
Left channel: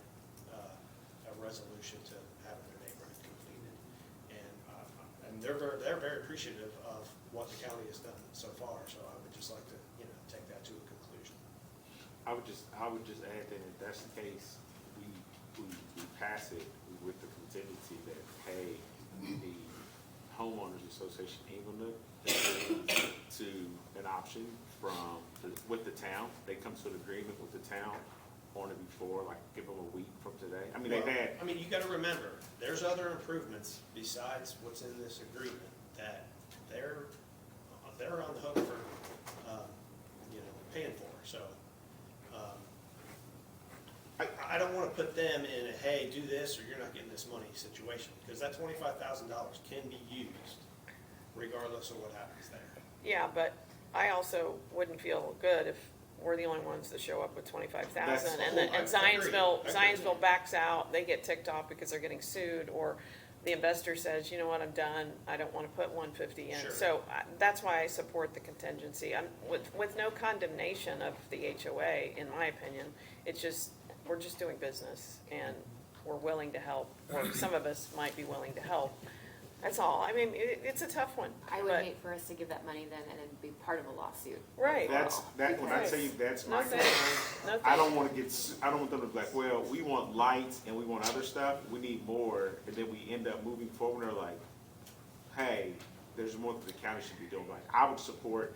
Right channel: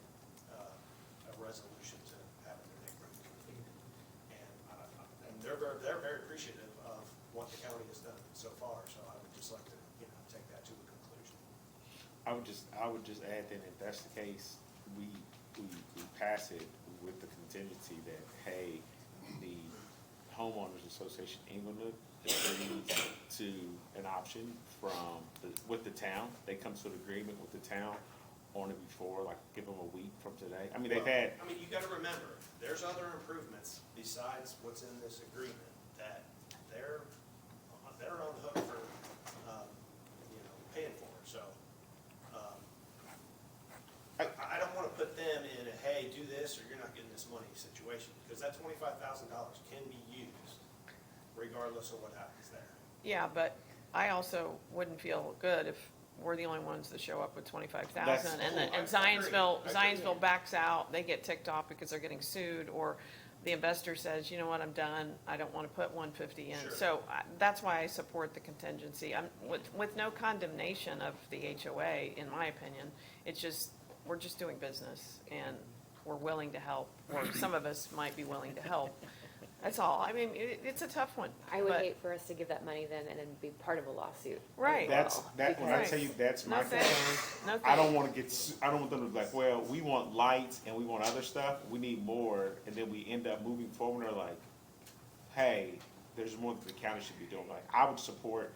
a resolution to have their neighborhood completed. And they're very appreciative of what the county has done so far. So I would just like to, you know, take that to a conclusion. I would just add that if that's the case, we pass it with the contingency that, hey, the homeowners association Inglewood agrees to an option with the town. They come to an agreement with the town on it before, like give them a week from today. I mean, they've had. I mean, you gotta remember, there's other improvements besides what's in this agreement that they're on the hook for, you know, paying for, so. I don't wanna put them in a, hey, do this or you're not getting this money situation, because that $25,000 can be used regardless of what happens there. Yeah, but I also wouldn't feel good if we're the only ones that show up with 25,000 and I Zionsville backs out, they get ticked off because they're getting sued, or the investor says, you know what, I'm done, I don't wanna put 150 in. Sure. So that's why I support the contingency. I'm, with no condemnation of the HOA, in my opinion, it's just, we're just doing business and we're willing to help, or some of us might be willing to help. That's all. I mean, it's a tough one, I would but, hate for us to give that money then and then be part of a lawsuit. right. When I tell you that's my No concern, thanks. No I thanks. don't wanna I don't want them to be like, well, we want lights and we want other stuff, we need more, and then we end up moving forward, or like, hey, there's more that the county should be doing. Like, I would support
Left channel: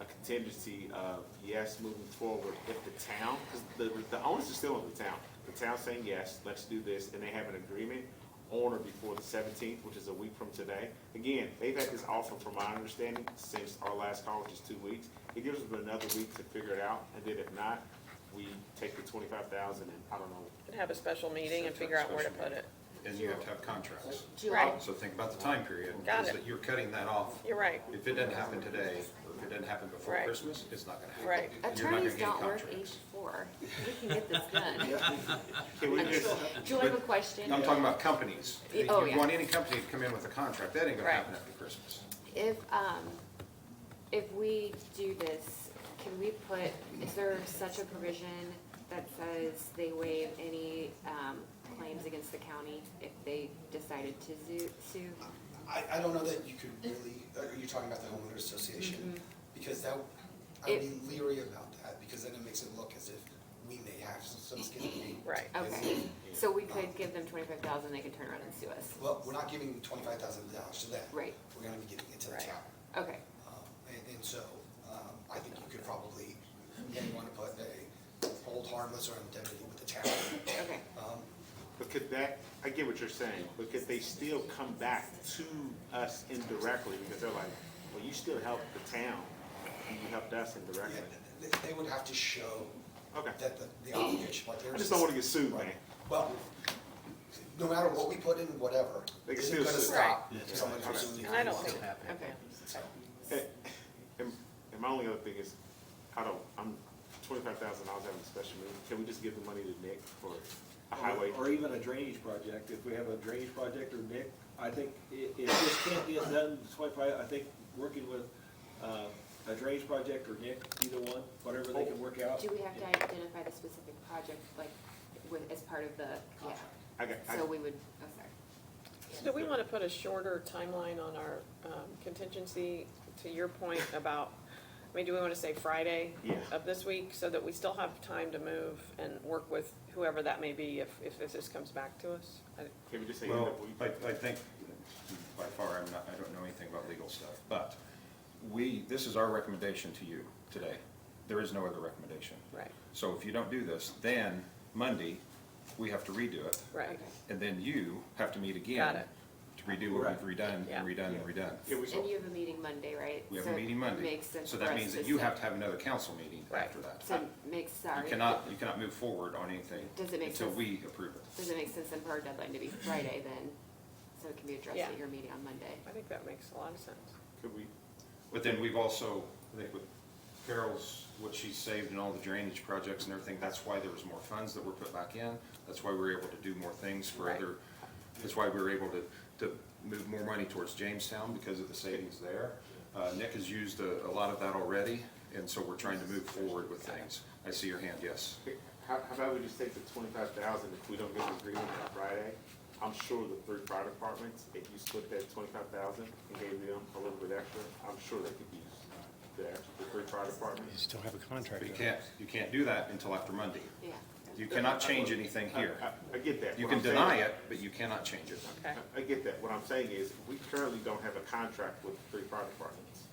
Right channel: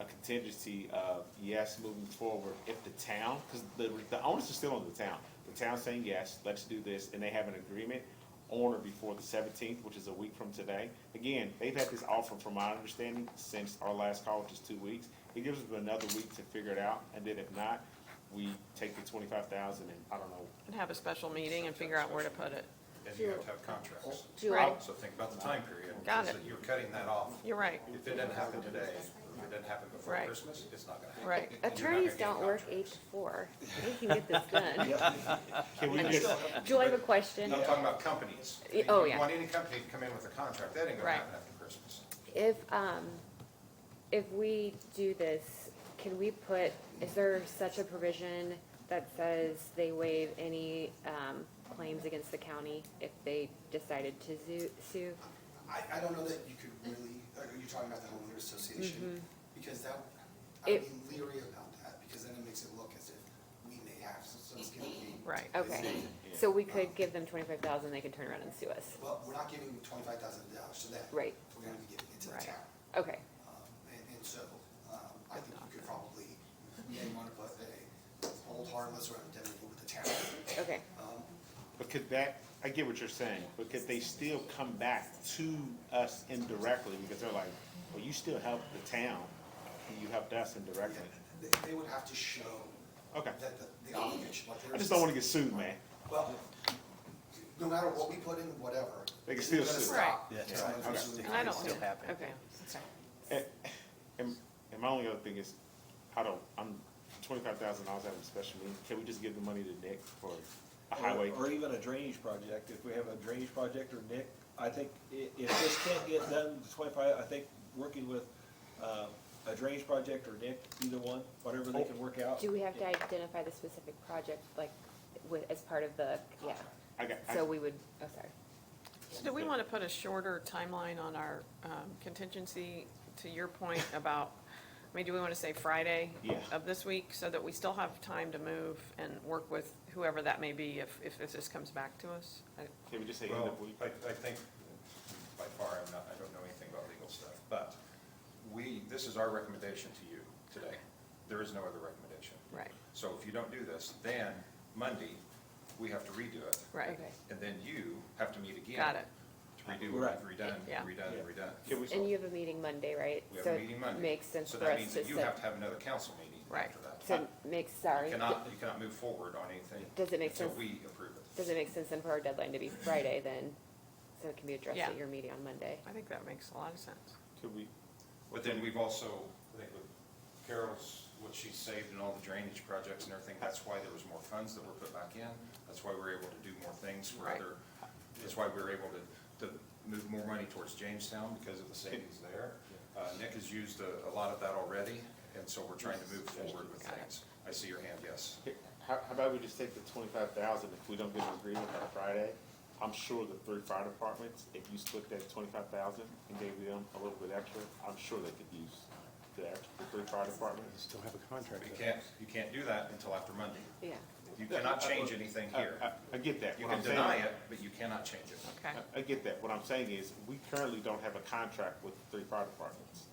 a contingency of, yes, moving forward, if the town, because the onus is still on the town. The town saying, yes, let's do this, and they have an agreement on or before the 17th, which is a week from today. Again, they've had this offer, from my understanding, since our last call, which is 2 weeks. It gives them another week to figure it out, and then if not, we take the 25,000 and, I don't know. And have a special meeting and figure out where to put it. And you have to have contracts. Right. So think about the time period. Got is it. that you're cutting that off. You're right. If it doesn't happen today, or if it doesn't happen before Right. Christmas, it's not gonna happen. Right. And you're not Attorneys gonna get don't work contracts. 8 to 4. We can get this done. Can we just, Julie, have a question. I'm talking about companies. Oh, You yeah. want any company to come in with a contract, that ain't gonna Right. happen after Christmas. If we do this, can we put, is there such a provision that says they waive any, claims against the county if they decided to sue? I don't know that you could really, are you talking about the homeowners association? Because that, I would be leery about that, because then it makes it look as if we may have some skin in the game. Right. Okay, so we could give them 25,000, they could turn around and sue us. Well, we're not giving $25,000 to them. Right. We're gonna be giving it to the Right. town. Okay, And so, I think you could probably, maybe wanna put a hold harmless or indemnity with the town. okay. but could that, I get what you're saying, but could they still come back to us indirectly, because they're like, well, you still helped the town, and you helped us indirectly. They would have to show Okay. that the obligation, like I there's. just don't wanna get sued, man. Well, no matter what we put in, whatever, They can isn't still gonna sue. stop Right. someone from Okay. suing. And I don't Still think, happening. okay. And my only other thing is, I'm $25,000 out of a special meeting, can we just give the money to Nick for a highway? Or even a drainage project, if we have a drainage project, or Nick, I think if this can't get done, 25, I think working with, a drainage project or Nick, either one, whatever they can work out. Do we have to identify the specific project, like, as part of the, yeah, so we would, oh, sorry. So do we want to put a shorter timeline on our contingency, to your point about, I mean, do we want to say Friday Yeah. of this week, so that we still have time to move and work with whoever that may be if this comes back to us? Can we just say end Well, of week? I think, by far, I don't know anything about legal stuff, but this is our recommendation to you today. There is no other recommendation. Right, So if you don't do this, then Monday, we have to redo it, right. Okay. and then you have to meet again Got it. to redo what we've redone, Yeah. and redone, and redone. Can we, And you have a meeting Monday, right? We have so a meeting it Monday, Makes sense so for that us means to that you set- have to have another council meeting Right. after that. So it makes, sorry, You cannot move forward on anything does it make until sense, we approve it. does it make sense then for our deadline to be Friday then? So it can be addressed Yeah. at your meeting on Monday? I think that makes a lot of sense. Could we, But then we've also, I think with Carol's, what she's saved in all the drainage projects and everything, that's why there was more funds that were put back in. That's why we were able to do more things for Right. other, that's why we were able to move more money towards Jamestown because of the savings there. Nick has used a lot of that already, and so we're trying to move forward with things. I see your hand, yes. how about we just take the 25,000, if we don't get an agreement by Friday, I'm sure the 3 fire departments, if you split that 25,000 and gave them a little bit extra, I'm sure they could use the 3 fire departments. You still have a contract. But you can't do that until after Monday. Yeah. You cannot change anything here. I get that. You What can I'm saying- deny it, but you cannot change it. Okay. I get that. What I'm saying is, we currently don't have a contract with the 3 fire departments.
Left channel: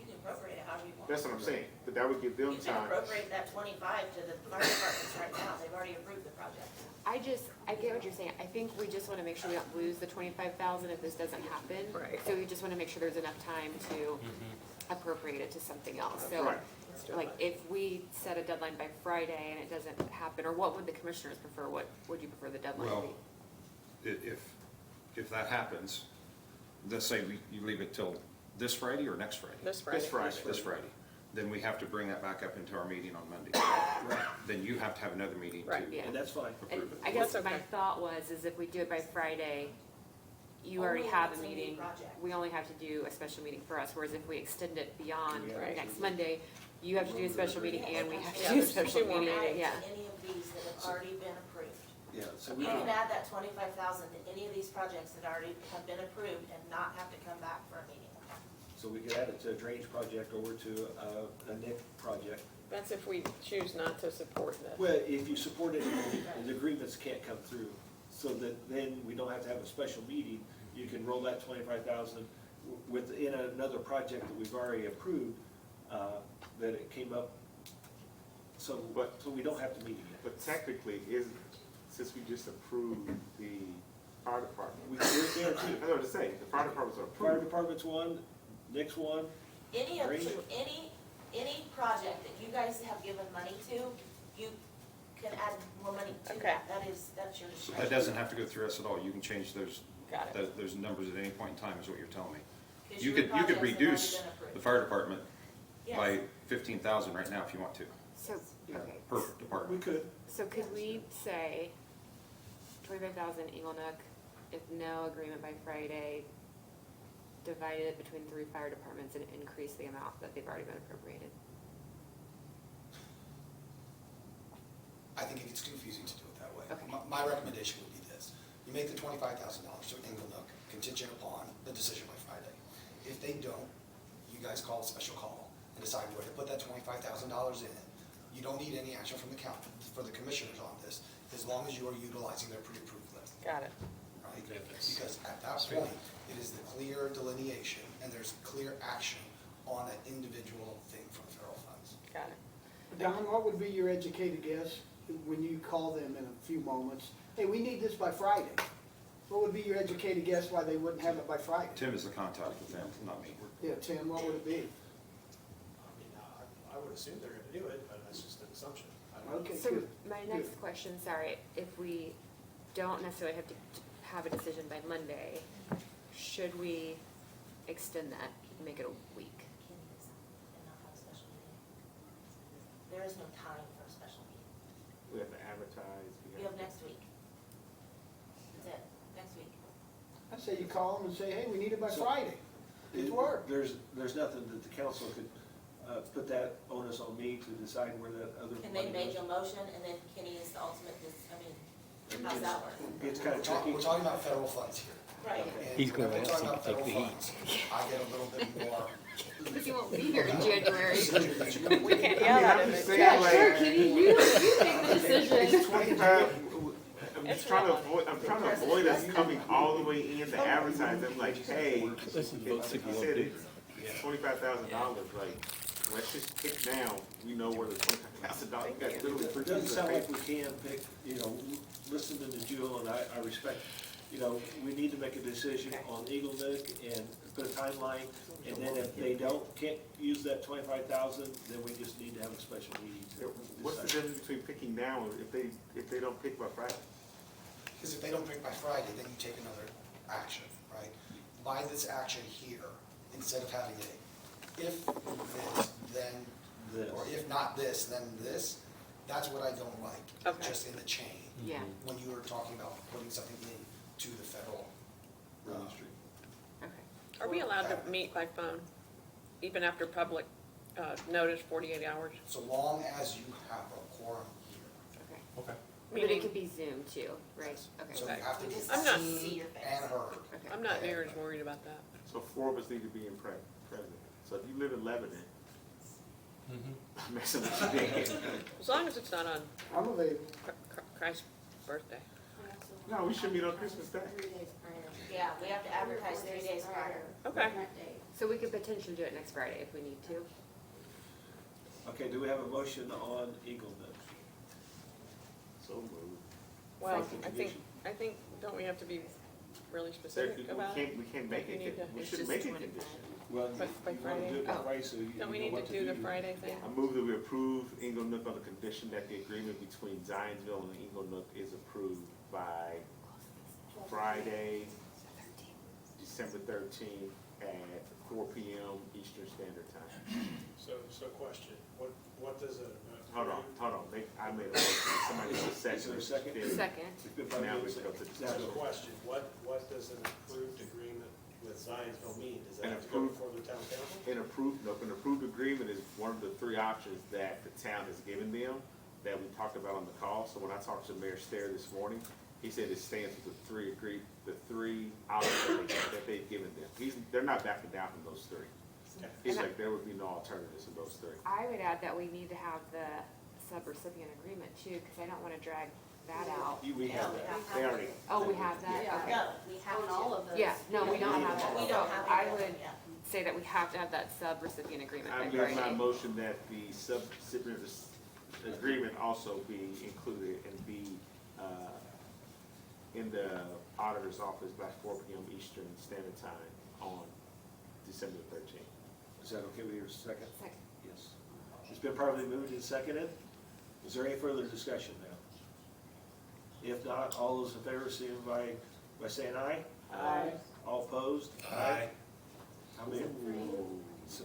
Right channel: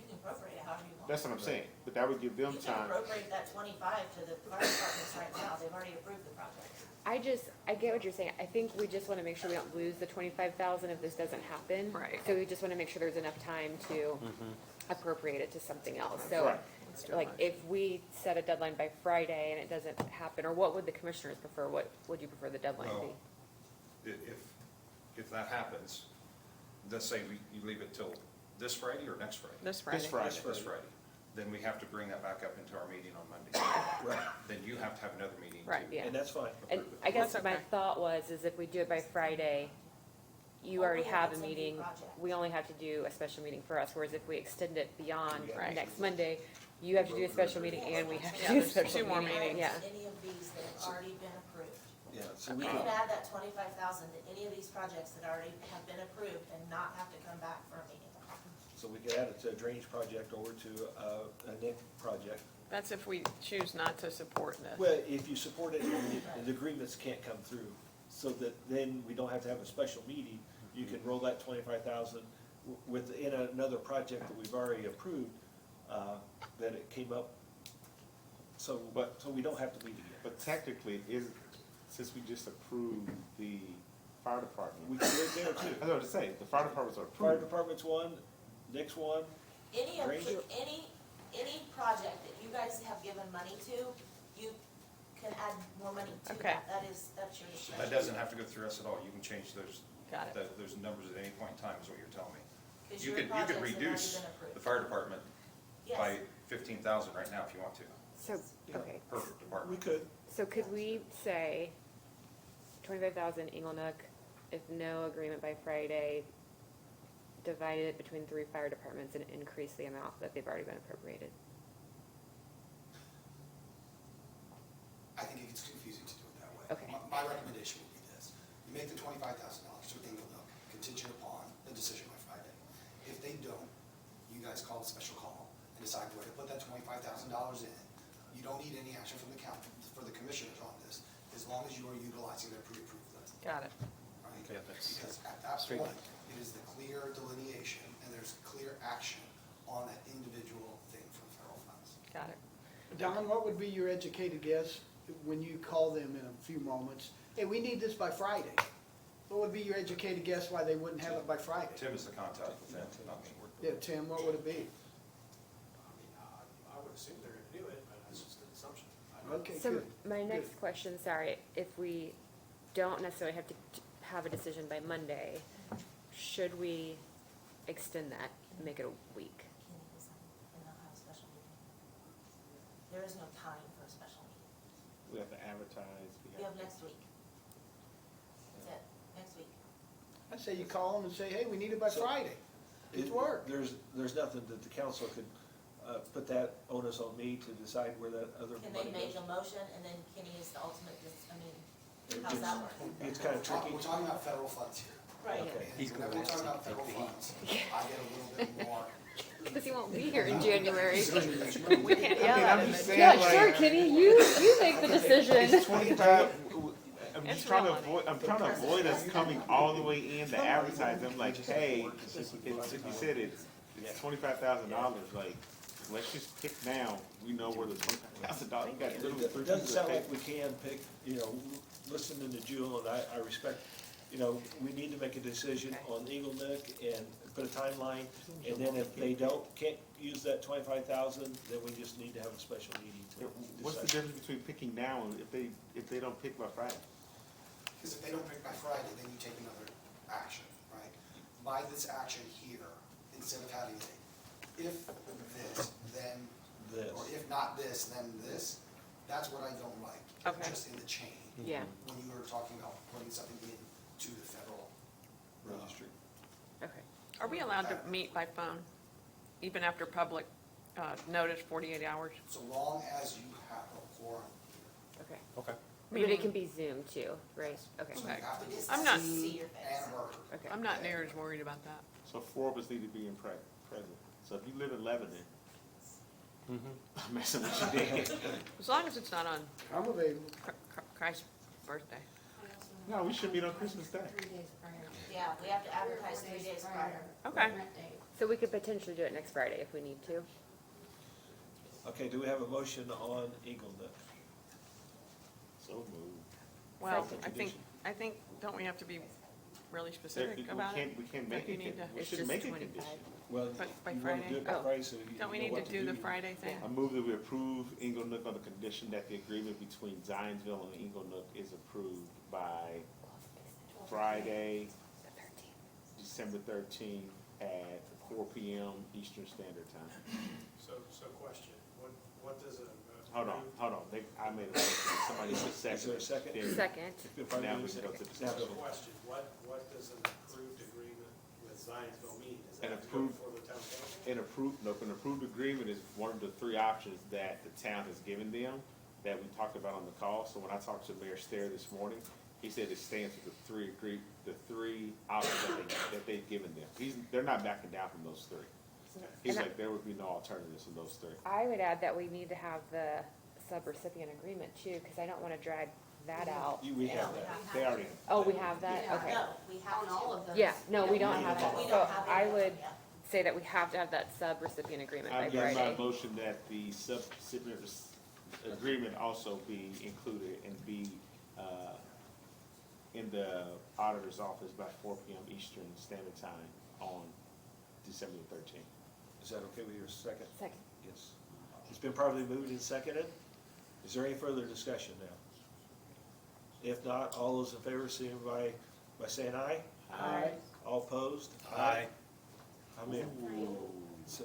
You can appropriate it however you want. That's what I'm saying, but that would give them You can time. appropriate that 25 to the fire departments right now, they've already approved the project. I get what you're saying. I think we just wanna make sure we don't lose the 25,000 if this doesn't happen. Right. So we just wanna make sure there's enough time to appropriate it to something else. So, Right. like, if we set a deadline by Friday and it doesn't happen, or what would the commissioners prefer? What would you prefer the deadline to Well, be? if that happens, let's say you leave it till this Friday or next Friday? This Friday. This Friday. Then we have to bring that back up into our meeting on Monday. Then you have to have another meeting to Right. Yeah. And that's fine. And approve it. I guess That's my okay. thought was, is if we do it by Friday, you already Only have if a it's a new meeting. project. We only have to do a special meeting for us, whereas if we extend it beyond Right. next Monday, you have to do a special meeting and we have to Yeah, do a there's special two more meeting. meetings. Yeah. Add any of these that have already been approved. Yeah, so We can add that 25,000 to any of these projects that already have been approved and not have to come back for a meeting. So we could add it to a drainage project or to a NIC project. That's if we choose not to support this. Well, if you support it, the agreements can't come through, so that then we don't have to have a special meeting. You can roll that 25,000 within another project that we've already approved, that it came up, so we don't have to meet again. But technically, since we just approved the fire department, We can do it there I too. know what to say, the fire departments are Fire approved. department's one, next one, Any of, Drainage? any project that you guys have given money to, you can add more money to Okay. that. That's your So discretion. that doesn't have to go through us at all. You can change those, Got it. those numbers at any point in time is what you're telling me. 'Cause You your could projects have already reduce been approved. the fire department Yes. by 15,000 right now if you want to, So, okay. per we department. could. So could we say 25,000 Inglenook, if no agreement by Friday, divided it between 3 fire departments and increase the amount that they've already been appropriated? I think it gets confusing to do it that way. Okay. My recommendation would be this: you make the $25,000 to Inglenook contingent upon the decision by Friday. If they don't, you guys call a special call and decide where to put that $25,000 in. You don't need any action from the county, for the commissioners on this, as long as you are utilizing their pre-approved list, Got it. right? Because at that point, it is the clear delineation and there's clear action on that individual thing from federal funds. Got it. Don, what would be your educated guess when you call them in a few moments? Hey, we need this by Friday. What would be your educated guess why they wouldn't have it by Friday? Tim is the contact with them, not me. Yeah, Tim, what would it be? I would assume they're gonna do it, but that's just an assumption. I don't know. Okay, So good. my next question, sorry, if we don't necessarily have to have a decision by Monday, should we extend that, make it a week? And not have a special meeting. There is no time for a special meeting. We have to advertise. You have next week. That's it, next week. I say you call them and say, hey, we need it by So- Friday. It's work. There's nothing that the council could, put that onus on me to decide where that other And money they made goes. a motion, and then Kenny is the ultimate, how's that work? It's kind of tricky. We're talking about federal funds here. Right. And He's gonna whenever we're ask talking you about to take federal the heat. funds, I get a little bit more. Because he won't be here in January. We can't I yell mean, at I'm him. just and saying, tell like- him. Kenny, you make the decision. It's 25, I'm It's just trying to real money. avoid, I'm trying to avoid us coming all the way in to advertise. I'm like, hey, you said it's $25,000, like, let's just pick now, we know where the $25,000, got literally It three doesn't pieces of sound like paper. we can pick, listening to Jewel, and I respect you know, we need to make a decision on Eagle Nook and put a timeline. And then if they can't use that 25,000, then we just need to have a special meeting to What's the decide. difference between picking now and if they don't pick by Friday? Because if they don't pick by Friday, then you take another action, right? By this action here, instead of having a if this, then, This. or if not this, then this, that's what I don't like. Okay. Just in the chain, Yeah, when you were talking about putting something into the federal registry. okay. Are we allowed to meet by phone, even after public, notice 48 hours? So long as you have a quorum here. Okay. Okay. And it Meaning, can be Zoom too, right? So Okay. you have to You be just I'm have not- to see your face. and heard. Okay. I'm not near as worried about that. So 4 of us need to be in present. So if you live in Lebanon, I'm messing with you, Dan. As long as it's not on I'm available. Christ's birthday. No, we should meet on Christmas Day. Yeah, we have to advertise 3 days prior. Okay. So we could potentially do it next Friday if we need to. Okay, do we have a motion on Eagle Nook? So moved. Well, I think, don't we have to be really specific about it? We can't make You it, need to- we It's should just make it 25. condition. Well, By you want to do it by Friday? Friday, so you Don't we know need to what do the Friday thing? I move that we approve Ingle Nook on the condition that the agreement between Zionsville and Ingle Nook is approved by Friday, December 13th at 4 PM Eastern Standard Time. So question, what does a? Hold on, I made a motion, somebody said Is there a second? There- Second. It's been probably Now we moved can go to and discussion. seconded. Question, what does an approved agreement with Zionsville mean? Does that An have to go approved- before the town council? An approved agreement is one of the 3 options that the town has given them, that we talked about on the call. So when I talked to Mayor Stair this morning, he said it stands for the 3 options that they've given them. They're not backing down from those 3. He's like, there would be no alternatives in those 3. I would add that we need to have the sub-recipient agreement too, because I don't want to drag that out. We have that. They already, Oh, we have that? Yeah, Okay. no, we have all of those. Yeah, no, we don't have that. We So don't have I any of would them yet. say that we have to have that sub-recipient agreement by I'm getting my Friday. motion that the subrecipient agreement also be included and be, in the auditor's office by 4 PM Eastern Standard Time on December 13th. Is that okay with your second? Second. Yes. It's been properly moved and seconded. Is there any further discussion now? If not, all those in favor, signify by saying aye. Aye. All opposed? Aye. How many? So,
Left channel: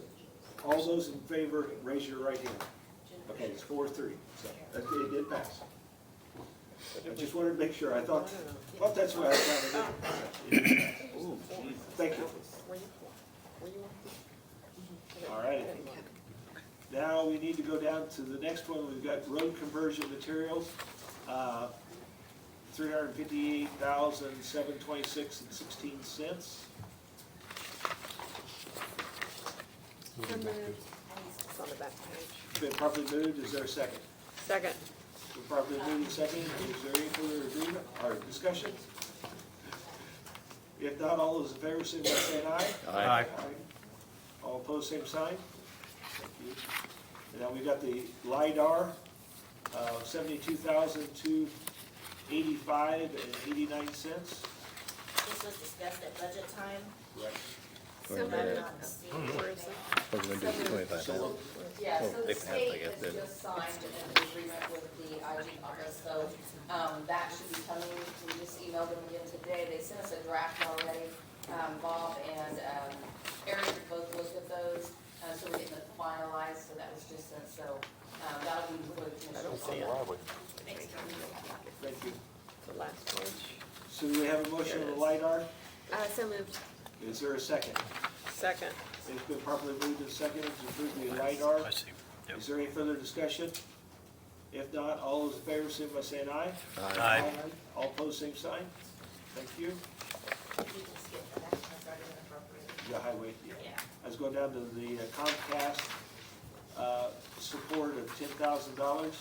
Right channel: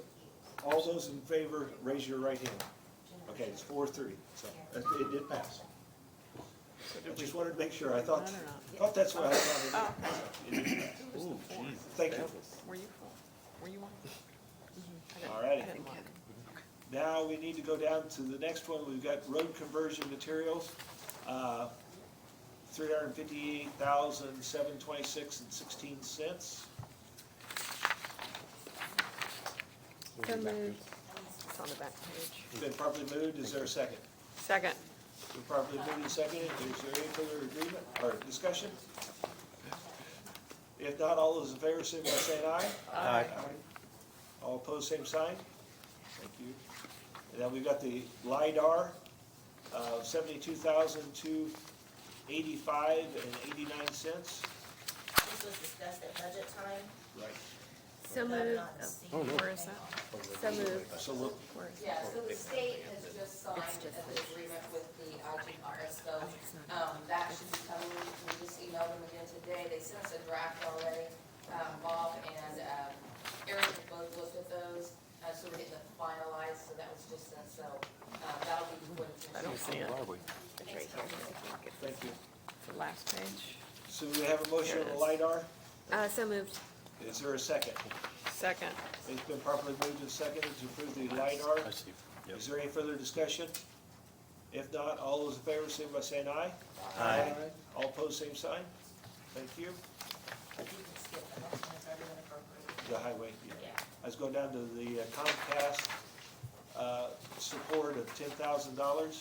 all those in favor, raise your right hand. Okay, it's 4-3, so it did pass. I just wanted to make sure, I thought that's what I thought. Thank you. Were you on? All right. Now we need to go down to the next one. We've got road conversion materials, $358,726.16. It's on the back page. Been properly moved. Is there a second? Second. Been properly moved and seconded. Is there any further agreement or discussion? If not, all those in favor, signify by saying aye. Aye. All opposed, same sign. Thank you. And then we've got the LiDAR, $72,285.89. This was discussed at budget time. Right. So Voted moved. on this. Oh, no. Where is it? So, Yeah, so They the can have state like a has bid. just signed an agreement with the IG office, so, that should be coming, we just emailed them again today, they sent us a draft already. Bob and, Eric have both looked at those, so we're getting it finalized, so that was just sent, so, that'll be before the commission. See it. thank you. The last page. So do we have a motion on the LiDAR? So moved. Is there a second? Second. It's been properly moved and seconded to approve the LiDAR. I see. Yep. Is there any further discussion? If not, all those in favor, signify by saying aye. Aye. All opposed, same sign. Thank you. You can skip that, that's already been appropriated. The highway, yeah. Yeah. I was going down to the Comcast, support of $10,000.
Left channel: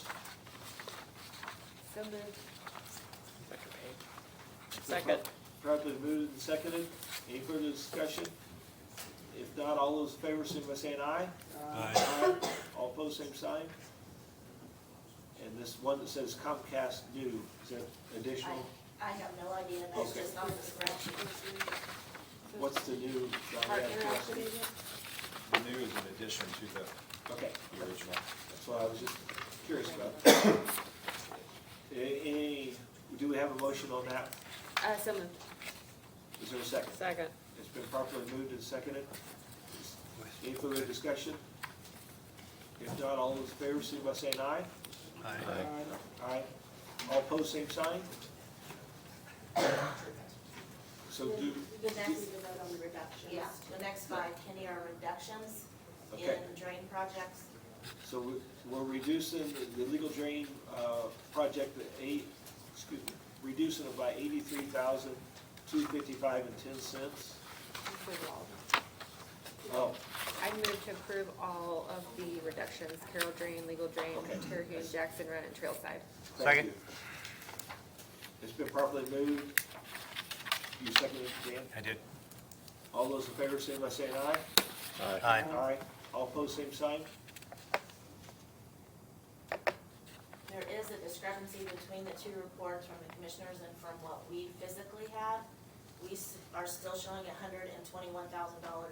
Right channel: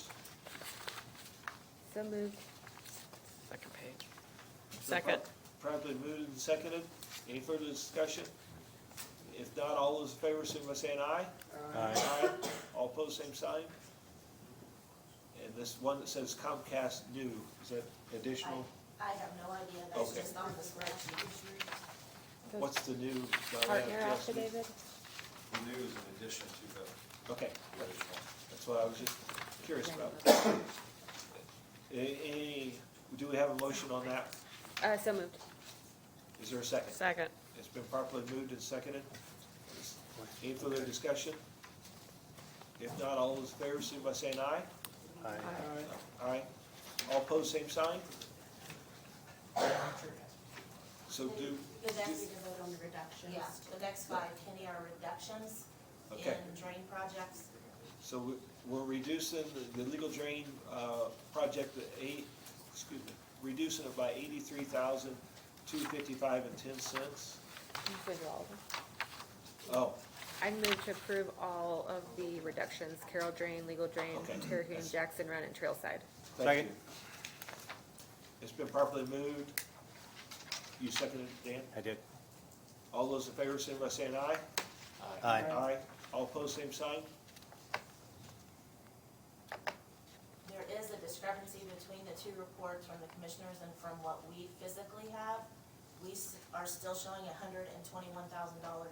So moved. Second page. Second. Properly moved and seconded. Any further discussion? If not, all those in favor, signify by saying aye. Aye. All opposed, same sign. And this one that says Comcast due, is that additional? I have no idea, that's Okay. just on the spreadsheet. What's the new? Partner affidavit? The new is in addition to Okay, the original. that's what I was just curious about. Any, do we have a motion on that? So moved. Is there a second? Second. It's been properly moved and seconded. Any further discussion? If not, all those in favor, signify by saying aye. Aye. Aye. All opposed, same sign? So do, The next, to vote on the reductions. Yeah, the next five, Kenny, are reductions in Okay. drain projects. so we're reducing the legal drain, project at reducing it by $83,255.10. Oh, I move to approve all of the reductions, Carroll Drain, Legal Drain, Okay. Terhune, Jackson Run, and Trailside. thank you. It's been properly moved. You seconded, Dan? I did. All those in favor, say by saying aye. Aye. Aye. All opposed, same sign? There is a discrepancy between the two reports from the commissioners and from what we physically have. We are still showing $121,000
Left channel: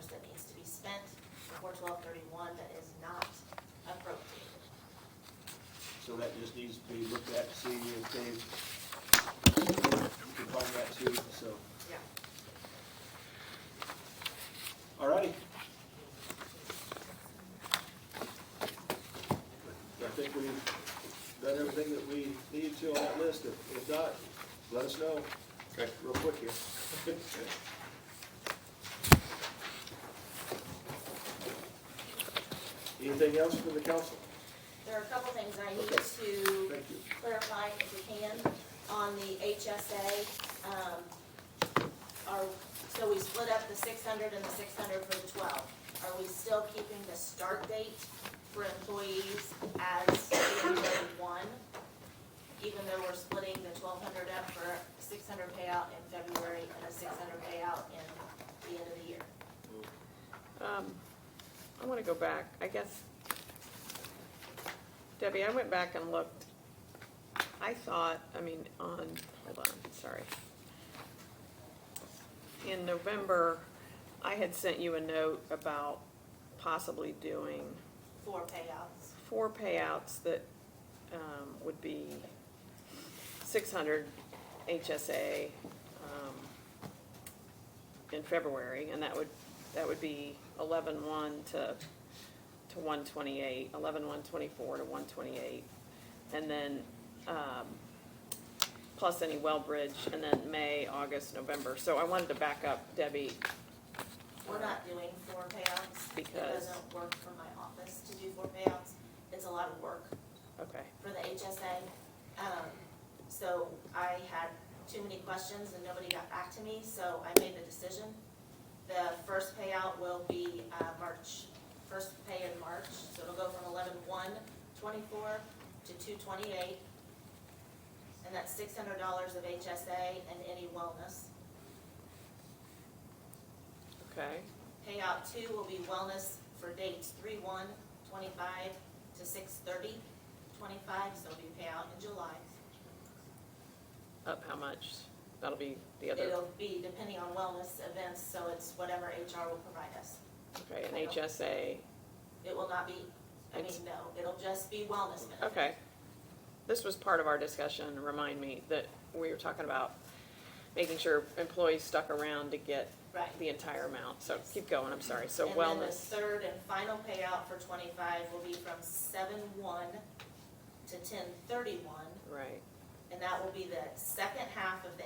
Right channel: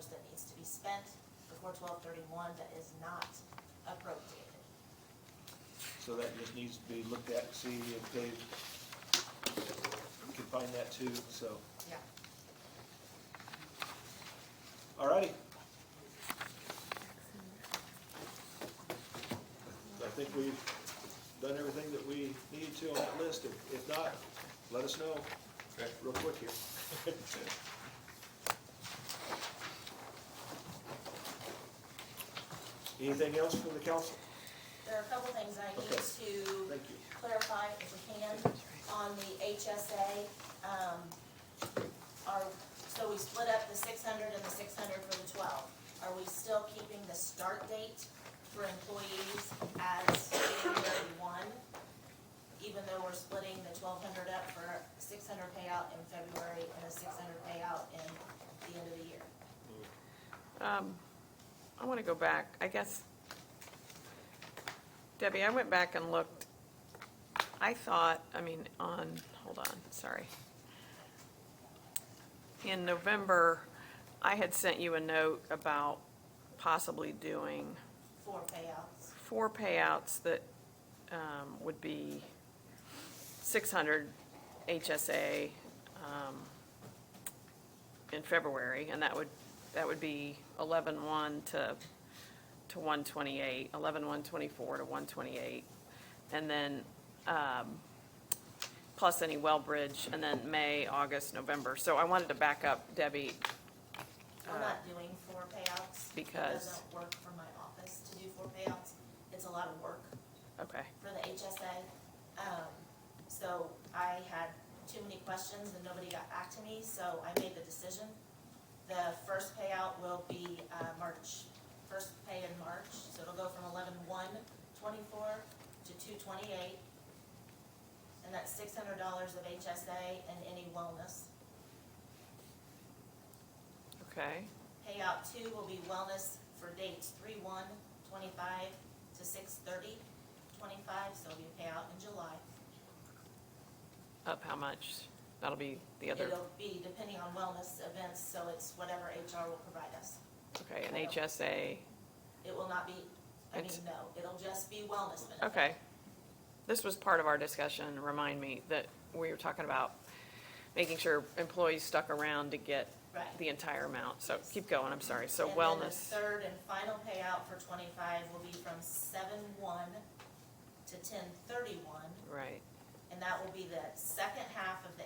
that needs to be spent before 12/31 that is not appropriated. So that just needs to be looked at and see if they can find that too, so. Yeah. Alrighty. I think we've done everything that we needed to on that list. If not, let us know Okay. real quick here. Anything else from the council? There are a couple things I need Okay. to Thank you. clarify, if we can, on the HSA. So we split up the 600 and the 600 for the 12. Are we still keeping the start date for employees as January 1? Even though we're splitting the 1,200 up for a 600 payout in February and a 600 payout in the end of the year? I wanna go back, I guess. Debbie, I went back and looked. I thought, hold on, sorry. In November, I had sent you a note about possibly doing 4 payouts. 4 payouts that, would be 600 HSA, in February, and that would be 11/1 to 1/28, 11/1/24 to 1/28, and then, plus any well bridge, and then May, August, November. So I wanted to back up, Debbie. We're not doing 4 payouts. Because- It doesn't work from my office to do 4 payouts. It's a lot of work Okay, for the HSA. So I had too many questions and nobody got back to me, so I made the decision. The first payout will be first pay in March, so it'll go from 11/1/24 to 2/28. And that's $600 of HSA and any wellness. okay, Payout 2 will be wellness for dates 3/1/25 to 6/30/25, so it'll be payout in July. up how much? That'll be the other, It'll be depending on wellness events, so it's whatever HR will provide us. okay, and HSA, It will not be, no, it'll just be wellness benefits. okay. This was part of our discussion, remind me, that we were talking about making sure employees stuck around to get Right. the entire amount, so keep going, I'm sorry, so And then the wellness, third and final payout for 25 will be from 7/1 to 10/31. right, And that will be the second half of the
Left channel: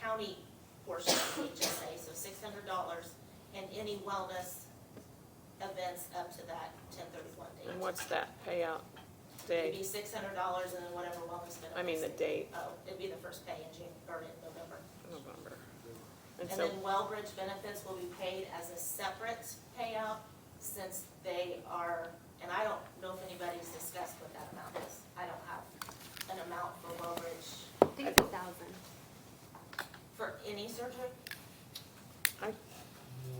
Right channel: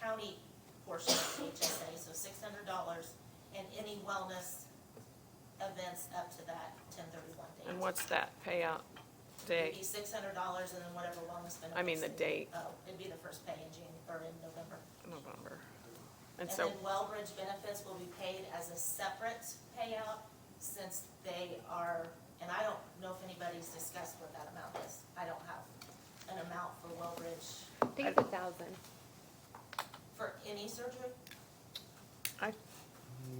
county portion of the HSA, so $600, and any wellness events up to that 10/31 date. and what's that payout It'd day? be $600 and then whatever wellness benefits. I mean the date, Oh, it'd be the first pay in November. November. And And so, then Wellbridge benefits will be paid as a separate payout since they are, and I don't know if anybody's discussed what that amount is. I don't have an amount for Wellbridge I think it's 1,000. for any surgery.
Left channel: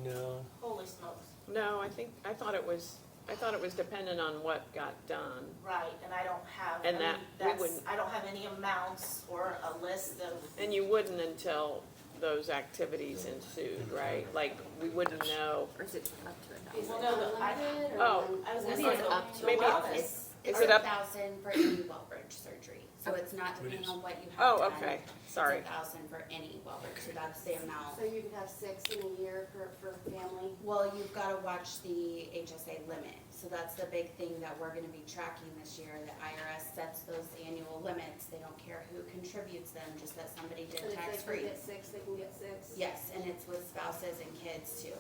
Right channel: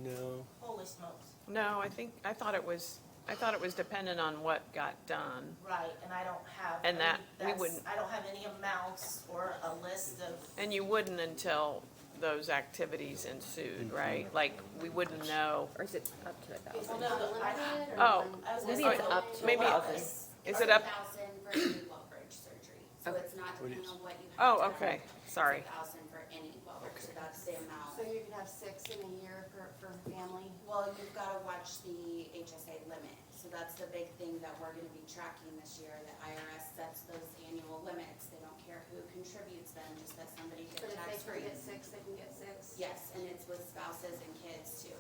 No. Holy smokes. no, I thought it was, I thought it was dependent on what got done. Right, and I don't have, And that we that's, wouldn't- I don't have any amounts or a list of, And you wouldn't until those activities ensued, right? Like, we wouldn't know. Or is it up to a Is it thousand? No, not I- limited or Oh, one? I was gonna Maybe say, it's up to maybe wellness. It's Is it up- 1,000 for any Wellbridge surgery, so it's not depending on what you have. Oh, done. okay, sorry. It's 1,000 for any Wellbridge, so that's the amount. So you could have 6 in a year for family? Well, you've gotta watch the HSA limit, so that's the big thing that we're gonna be tracking this year. The IRS sets those annual limits, they don't care who contributes them, just that somebody But did if tax they free. can get 6, they can get 6? Yes, and it's with spouses and kids too.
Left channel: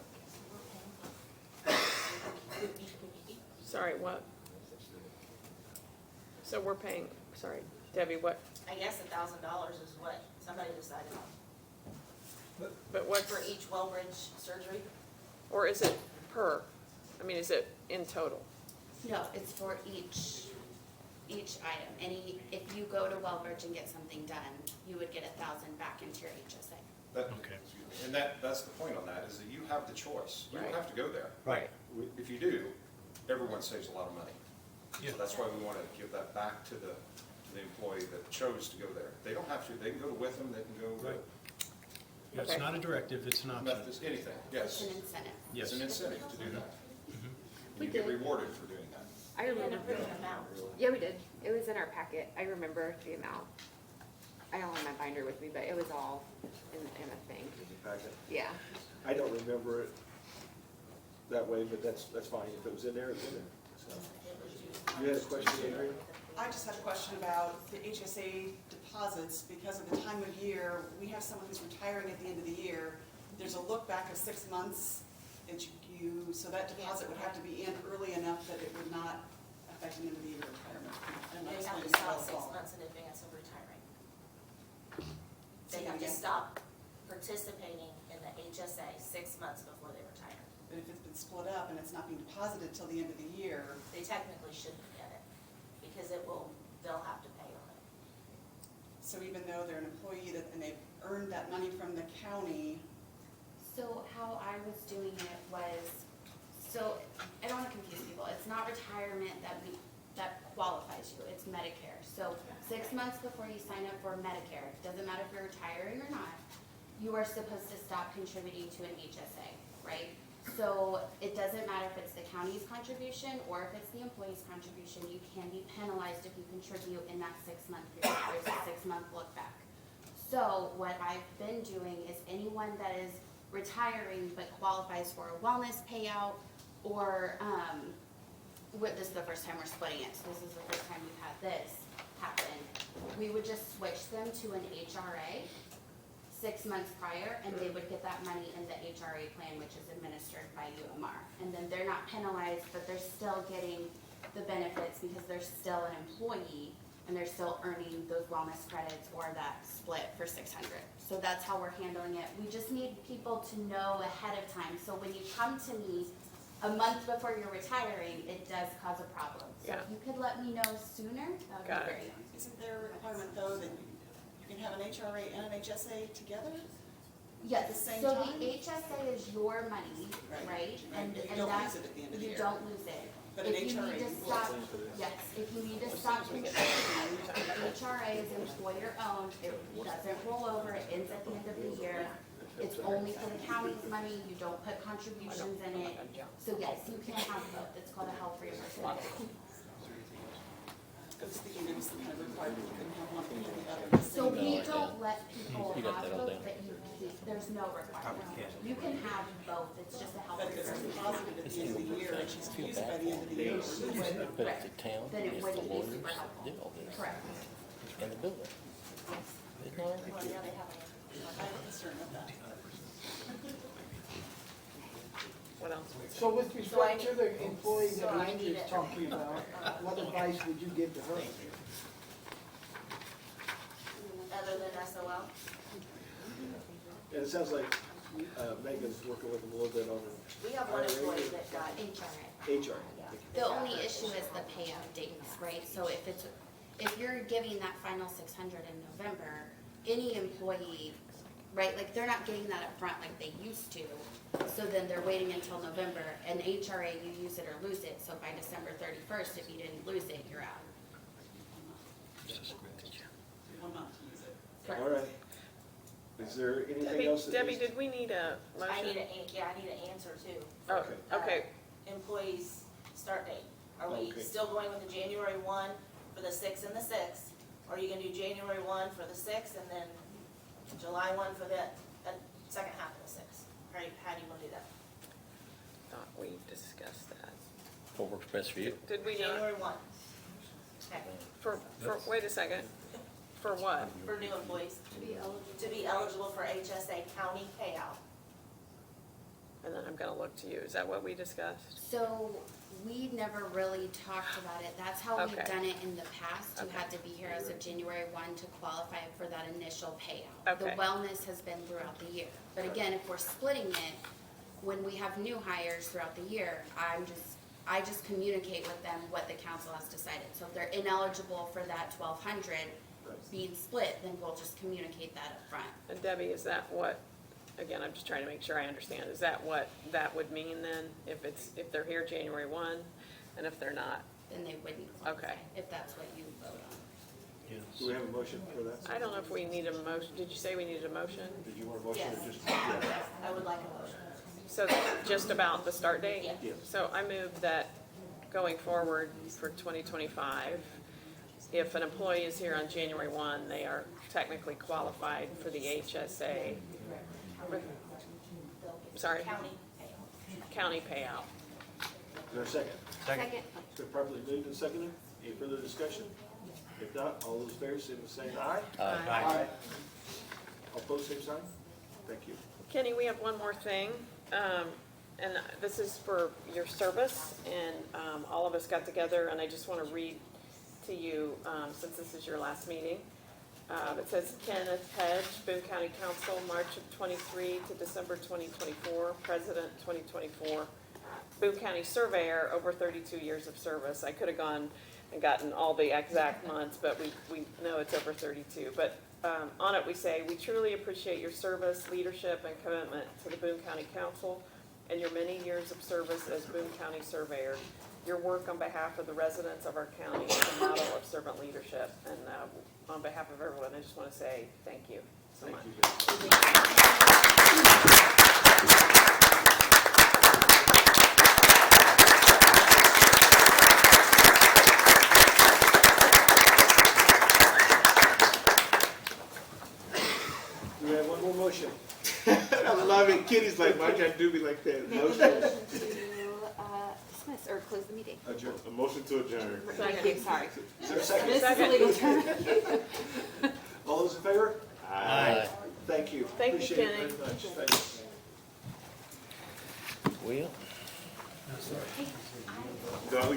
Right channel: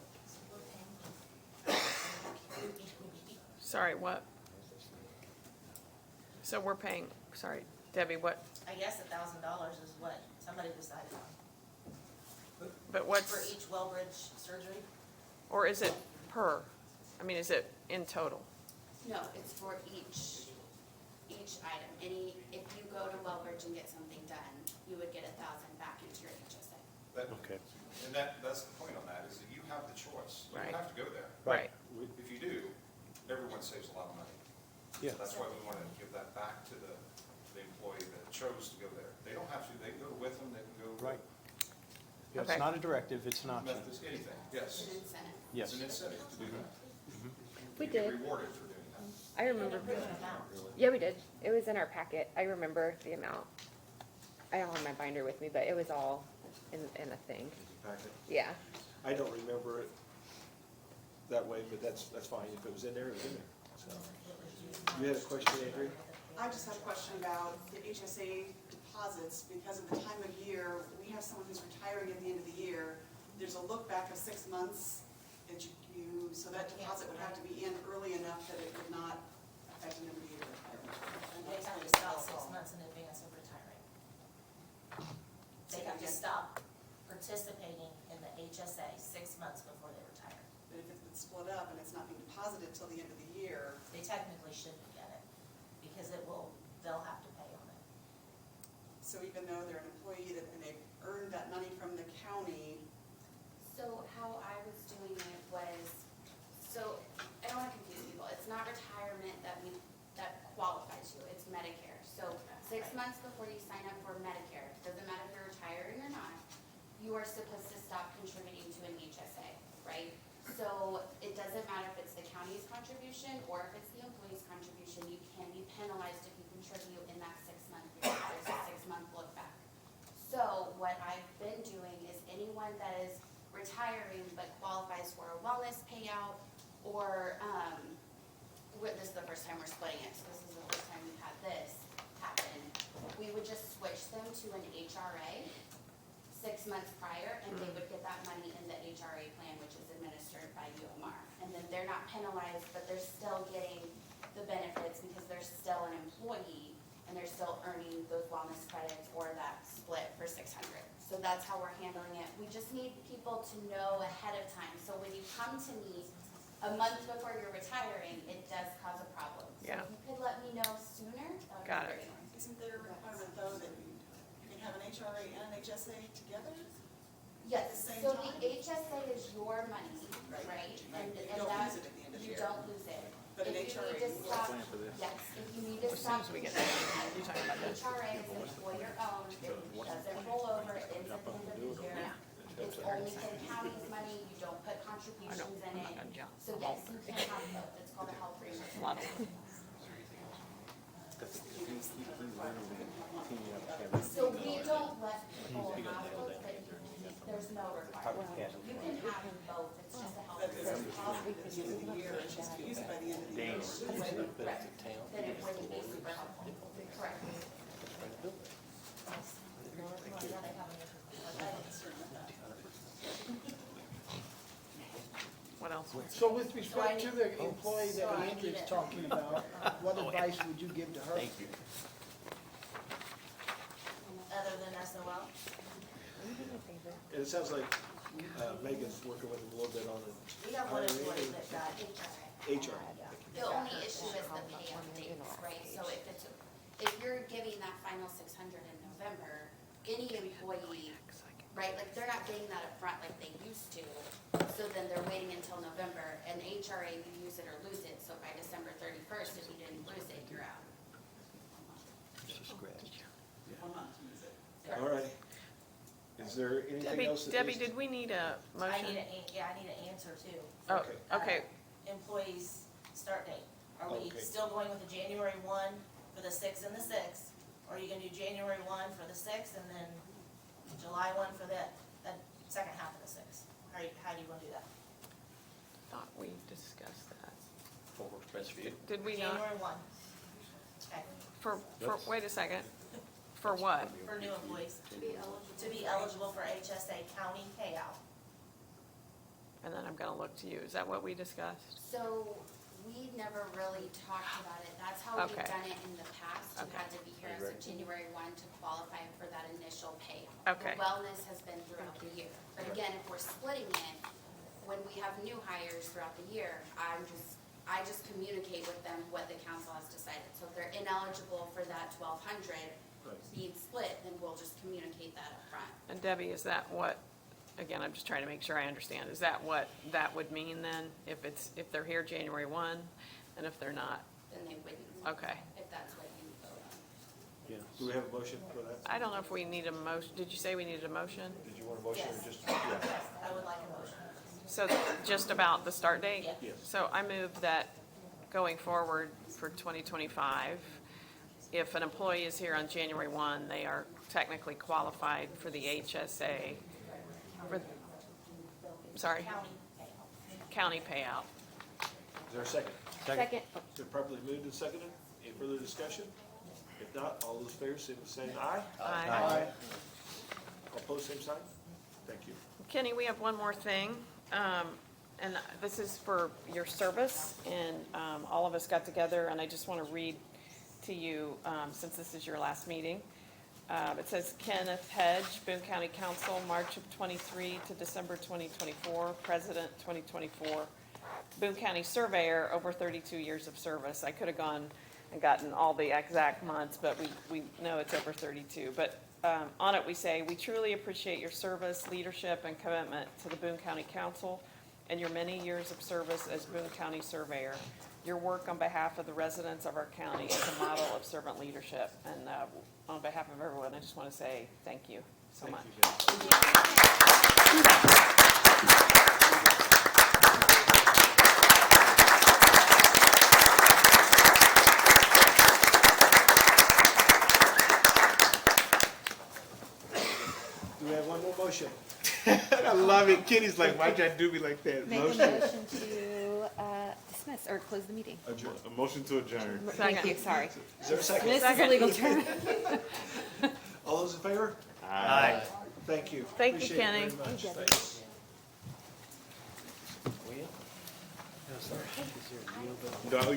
Sorry, what? So we're paying, sorry, Debbie, what, I guess $1,000 is what somebody decided on, but what's, for each Wellbridge surgery. or is it per? I mean, is it in total? No, it's for each item. If you go to Wellbridge and get something done, you would get 1,000 back into your HSA. Okay. And that's the point on that, is that you have the choice. You don't have to go there. Right. If you do, everyone saves a lot of money. Yeah. So that's why we want to give that back to the employee that chose to go there. They don't have to, they can go to Witham, they can go. Right. Yeah, Okay. it's not a directive, it's an option. It's anything, It's yes. an incentive. Yes. It's an incentive to do that. We You get did. rewarded for doing that. I And remember. approve an amount. Yeah, we did. It was in our packet. I remember the amount. I don't have my binder with me, but it was all in a thing. Yeah. I don't remember it that way, but that's fine. If it was in there, it was in there. So, you had a question, Adrian? I just have a question about the HSA deposits, because of the time of year, we have someone who's retiring at the end of the year. There's a look back of 6 months, so that deposit would have to be in early enough that it would not affect an end of the year retirement. And They that's have when to it's stop all 6 fall. months in advance of retiring. Say They that have to again. stop participating in the HSA 6 months before they retire. But if it's been split up and it's not being deposited till the end of the year, They technically shouldn't get it, because they'll have to pay on it. so even though they're an employee and they've earned that money from the county, So how I was doing it was, so I don't want to confuse people. It's not retirement that qualifies you. It's Medicare. So 6 months before you sign up for Medicare, doesn't matter if you're retiring or not, you are supposed to stop contributing to an HSA, right? So it doesn't matter if it's the county's contribution or if it's the employee's contribution, you can be penalized if you contribute in that 6-month period. There's a 6-month look back. So what I've been doing is anyone that is retiring but qualifies for a wellness payout or, this is the first time we're splitting it, so this is the first time we've had this happen. We would just switch them to an HRA 6 months prior, and they would get that money in the HRA plan, which is administered by UMR. And then they're not penalized, but they're still getting the benefits because they're still an employee and they're still earning those wellness credits or that split for 600. So that's how we're handling it. We just need people to know ahead of time. So when you come to me a month before you're retiring, it does cause a problem. So Yeah. if you could let me know sooner, that would Got be it. great. isn't there a requirement though that you can have an HRA and an HSA together? Yes, the same so time? the HSA is your money, Right. right? And You and don't that, lose it at the end of the you year. don't lose it. But an If you HRA, need to you will. stop, yes, if you need to stop contributing, HRA is employer owned, it doesn't roll over, it ends at the end of the year. It's only for the county's money, you don't put contributions in it. So yes, you can have both, it's called a health reimbursement. Because thinking it was some kind of requirement, you couldn't have one and the other. So we don't let people have both, that you keep, there's no requirement. You can have both, it's just a health But if it's reimbursement. deposited at the end of the year, and she's used it by the end of the year. Right, then it wouldn't be super helpful, correct. Well, yeah, they have a- I have a concern with that. What else? So with respect to the employee So that I Andrew's need it. talking about, what advice would you give to her? Other than SOL? And it sounds like Megan's working with them a little bit on We have one employee that got HRA. HR. The only issue is the payout dates, right? So if you're giving that final 600 in November, any employee right? Like, they're not getting that up front like they used to. So then they're waiting until November, and HRA, you use it or lose it, so by December 31st, if you didn't lose it, you're out. 1 month to use it. All right. Is there anything else? that Debbie, needs- did we need a I motion? need I need an answer too. Oh, Okay. okay, Employees' start date. Are we Okay. still going with the January 1 for the 6th and the 6th? Or are you gonna do January 1 for the 6th and then July 1 for the second half of the 6th? How do you wanna do that? thought we discussed that. What works best for you? Did we not, January 1. Okay, for, wait a second, for what? for new employees, To be eligible. to be eligible for HSA county payout. And then I'm gonna look to you, is that what we discussed? So we never really talked about it. That's how we've Okay. done it in the past. You Okay. had to be here as of January 1 to qualify for that initial payout. Okay. The wellness has been throughout the year. But again, if we're splitting it, when we have new hires throughout the year, I just communicate with them what the council has decided. So if they're ineligible for that 1,200 being split, then we'll just communicate that up front. And Debbie, is that what, again, I'm just trying to make sure I understand, is that what that would mean then? If they're here January 1, and if they're not? Then they wouldn't qualify, Okay. if that's what you vote on. Do we have a motion for that? I don't know if we need a motion, did you say we needed a motion? Did you want a motion or Yes. just? I would like a motion. So just about the start date? Yes. Yes. So I move that going forward for 2025, if an employee is here on January 1, they are technically qualified for the HSA. Sorry, County payout. county payout. Is there a second? Second. It's been properly moved and seconded. Any further discussion? If not, all those in favor, say the same aye. Aye. All opposed, same sign. Thank you. Kenny, we have one more thing, and this is for your service, and all of us got together, and I just want to read to you, since this is your last meeting. It says Kenneth Hedge, Boone County Council, March of '23 to December 2024, President 2024, Boone County Surveyor, over 32 years of service. I could have gone and gotten all the exact months, but we know it's over 32. But on it we say, we truly appreciate your service, leadership, and commitment to the Boone County Council and your many years of service as Boone County Surveyor. Your work on behalf of the residents of our county is a model of servant leadership. And on behalf of everyone, I just want to say thank you so Thank much. you, guys. Do we have one more motion? I love it. Kitty's like, why can't do me like that? Make a motion to dismiss or close the meeting. Adjourn. A motion to adjourn. Thank you, sorry. Is there a second? This is a legal term. All those in favor? Aye. Thank you. Thank you, Appreciate it Kenny. very much. Thanks. Will? No,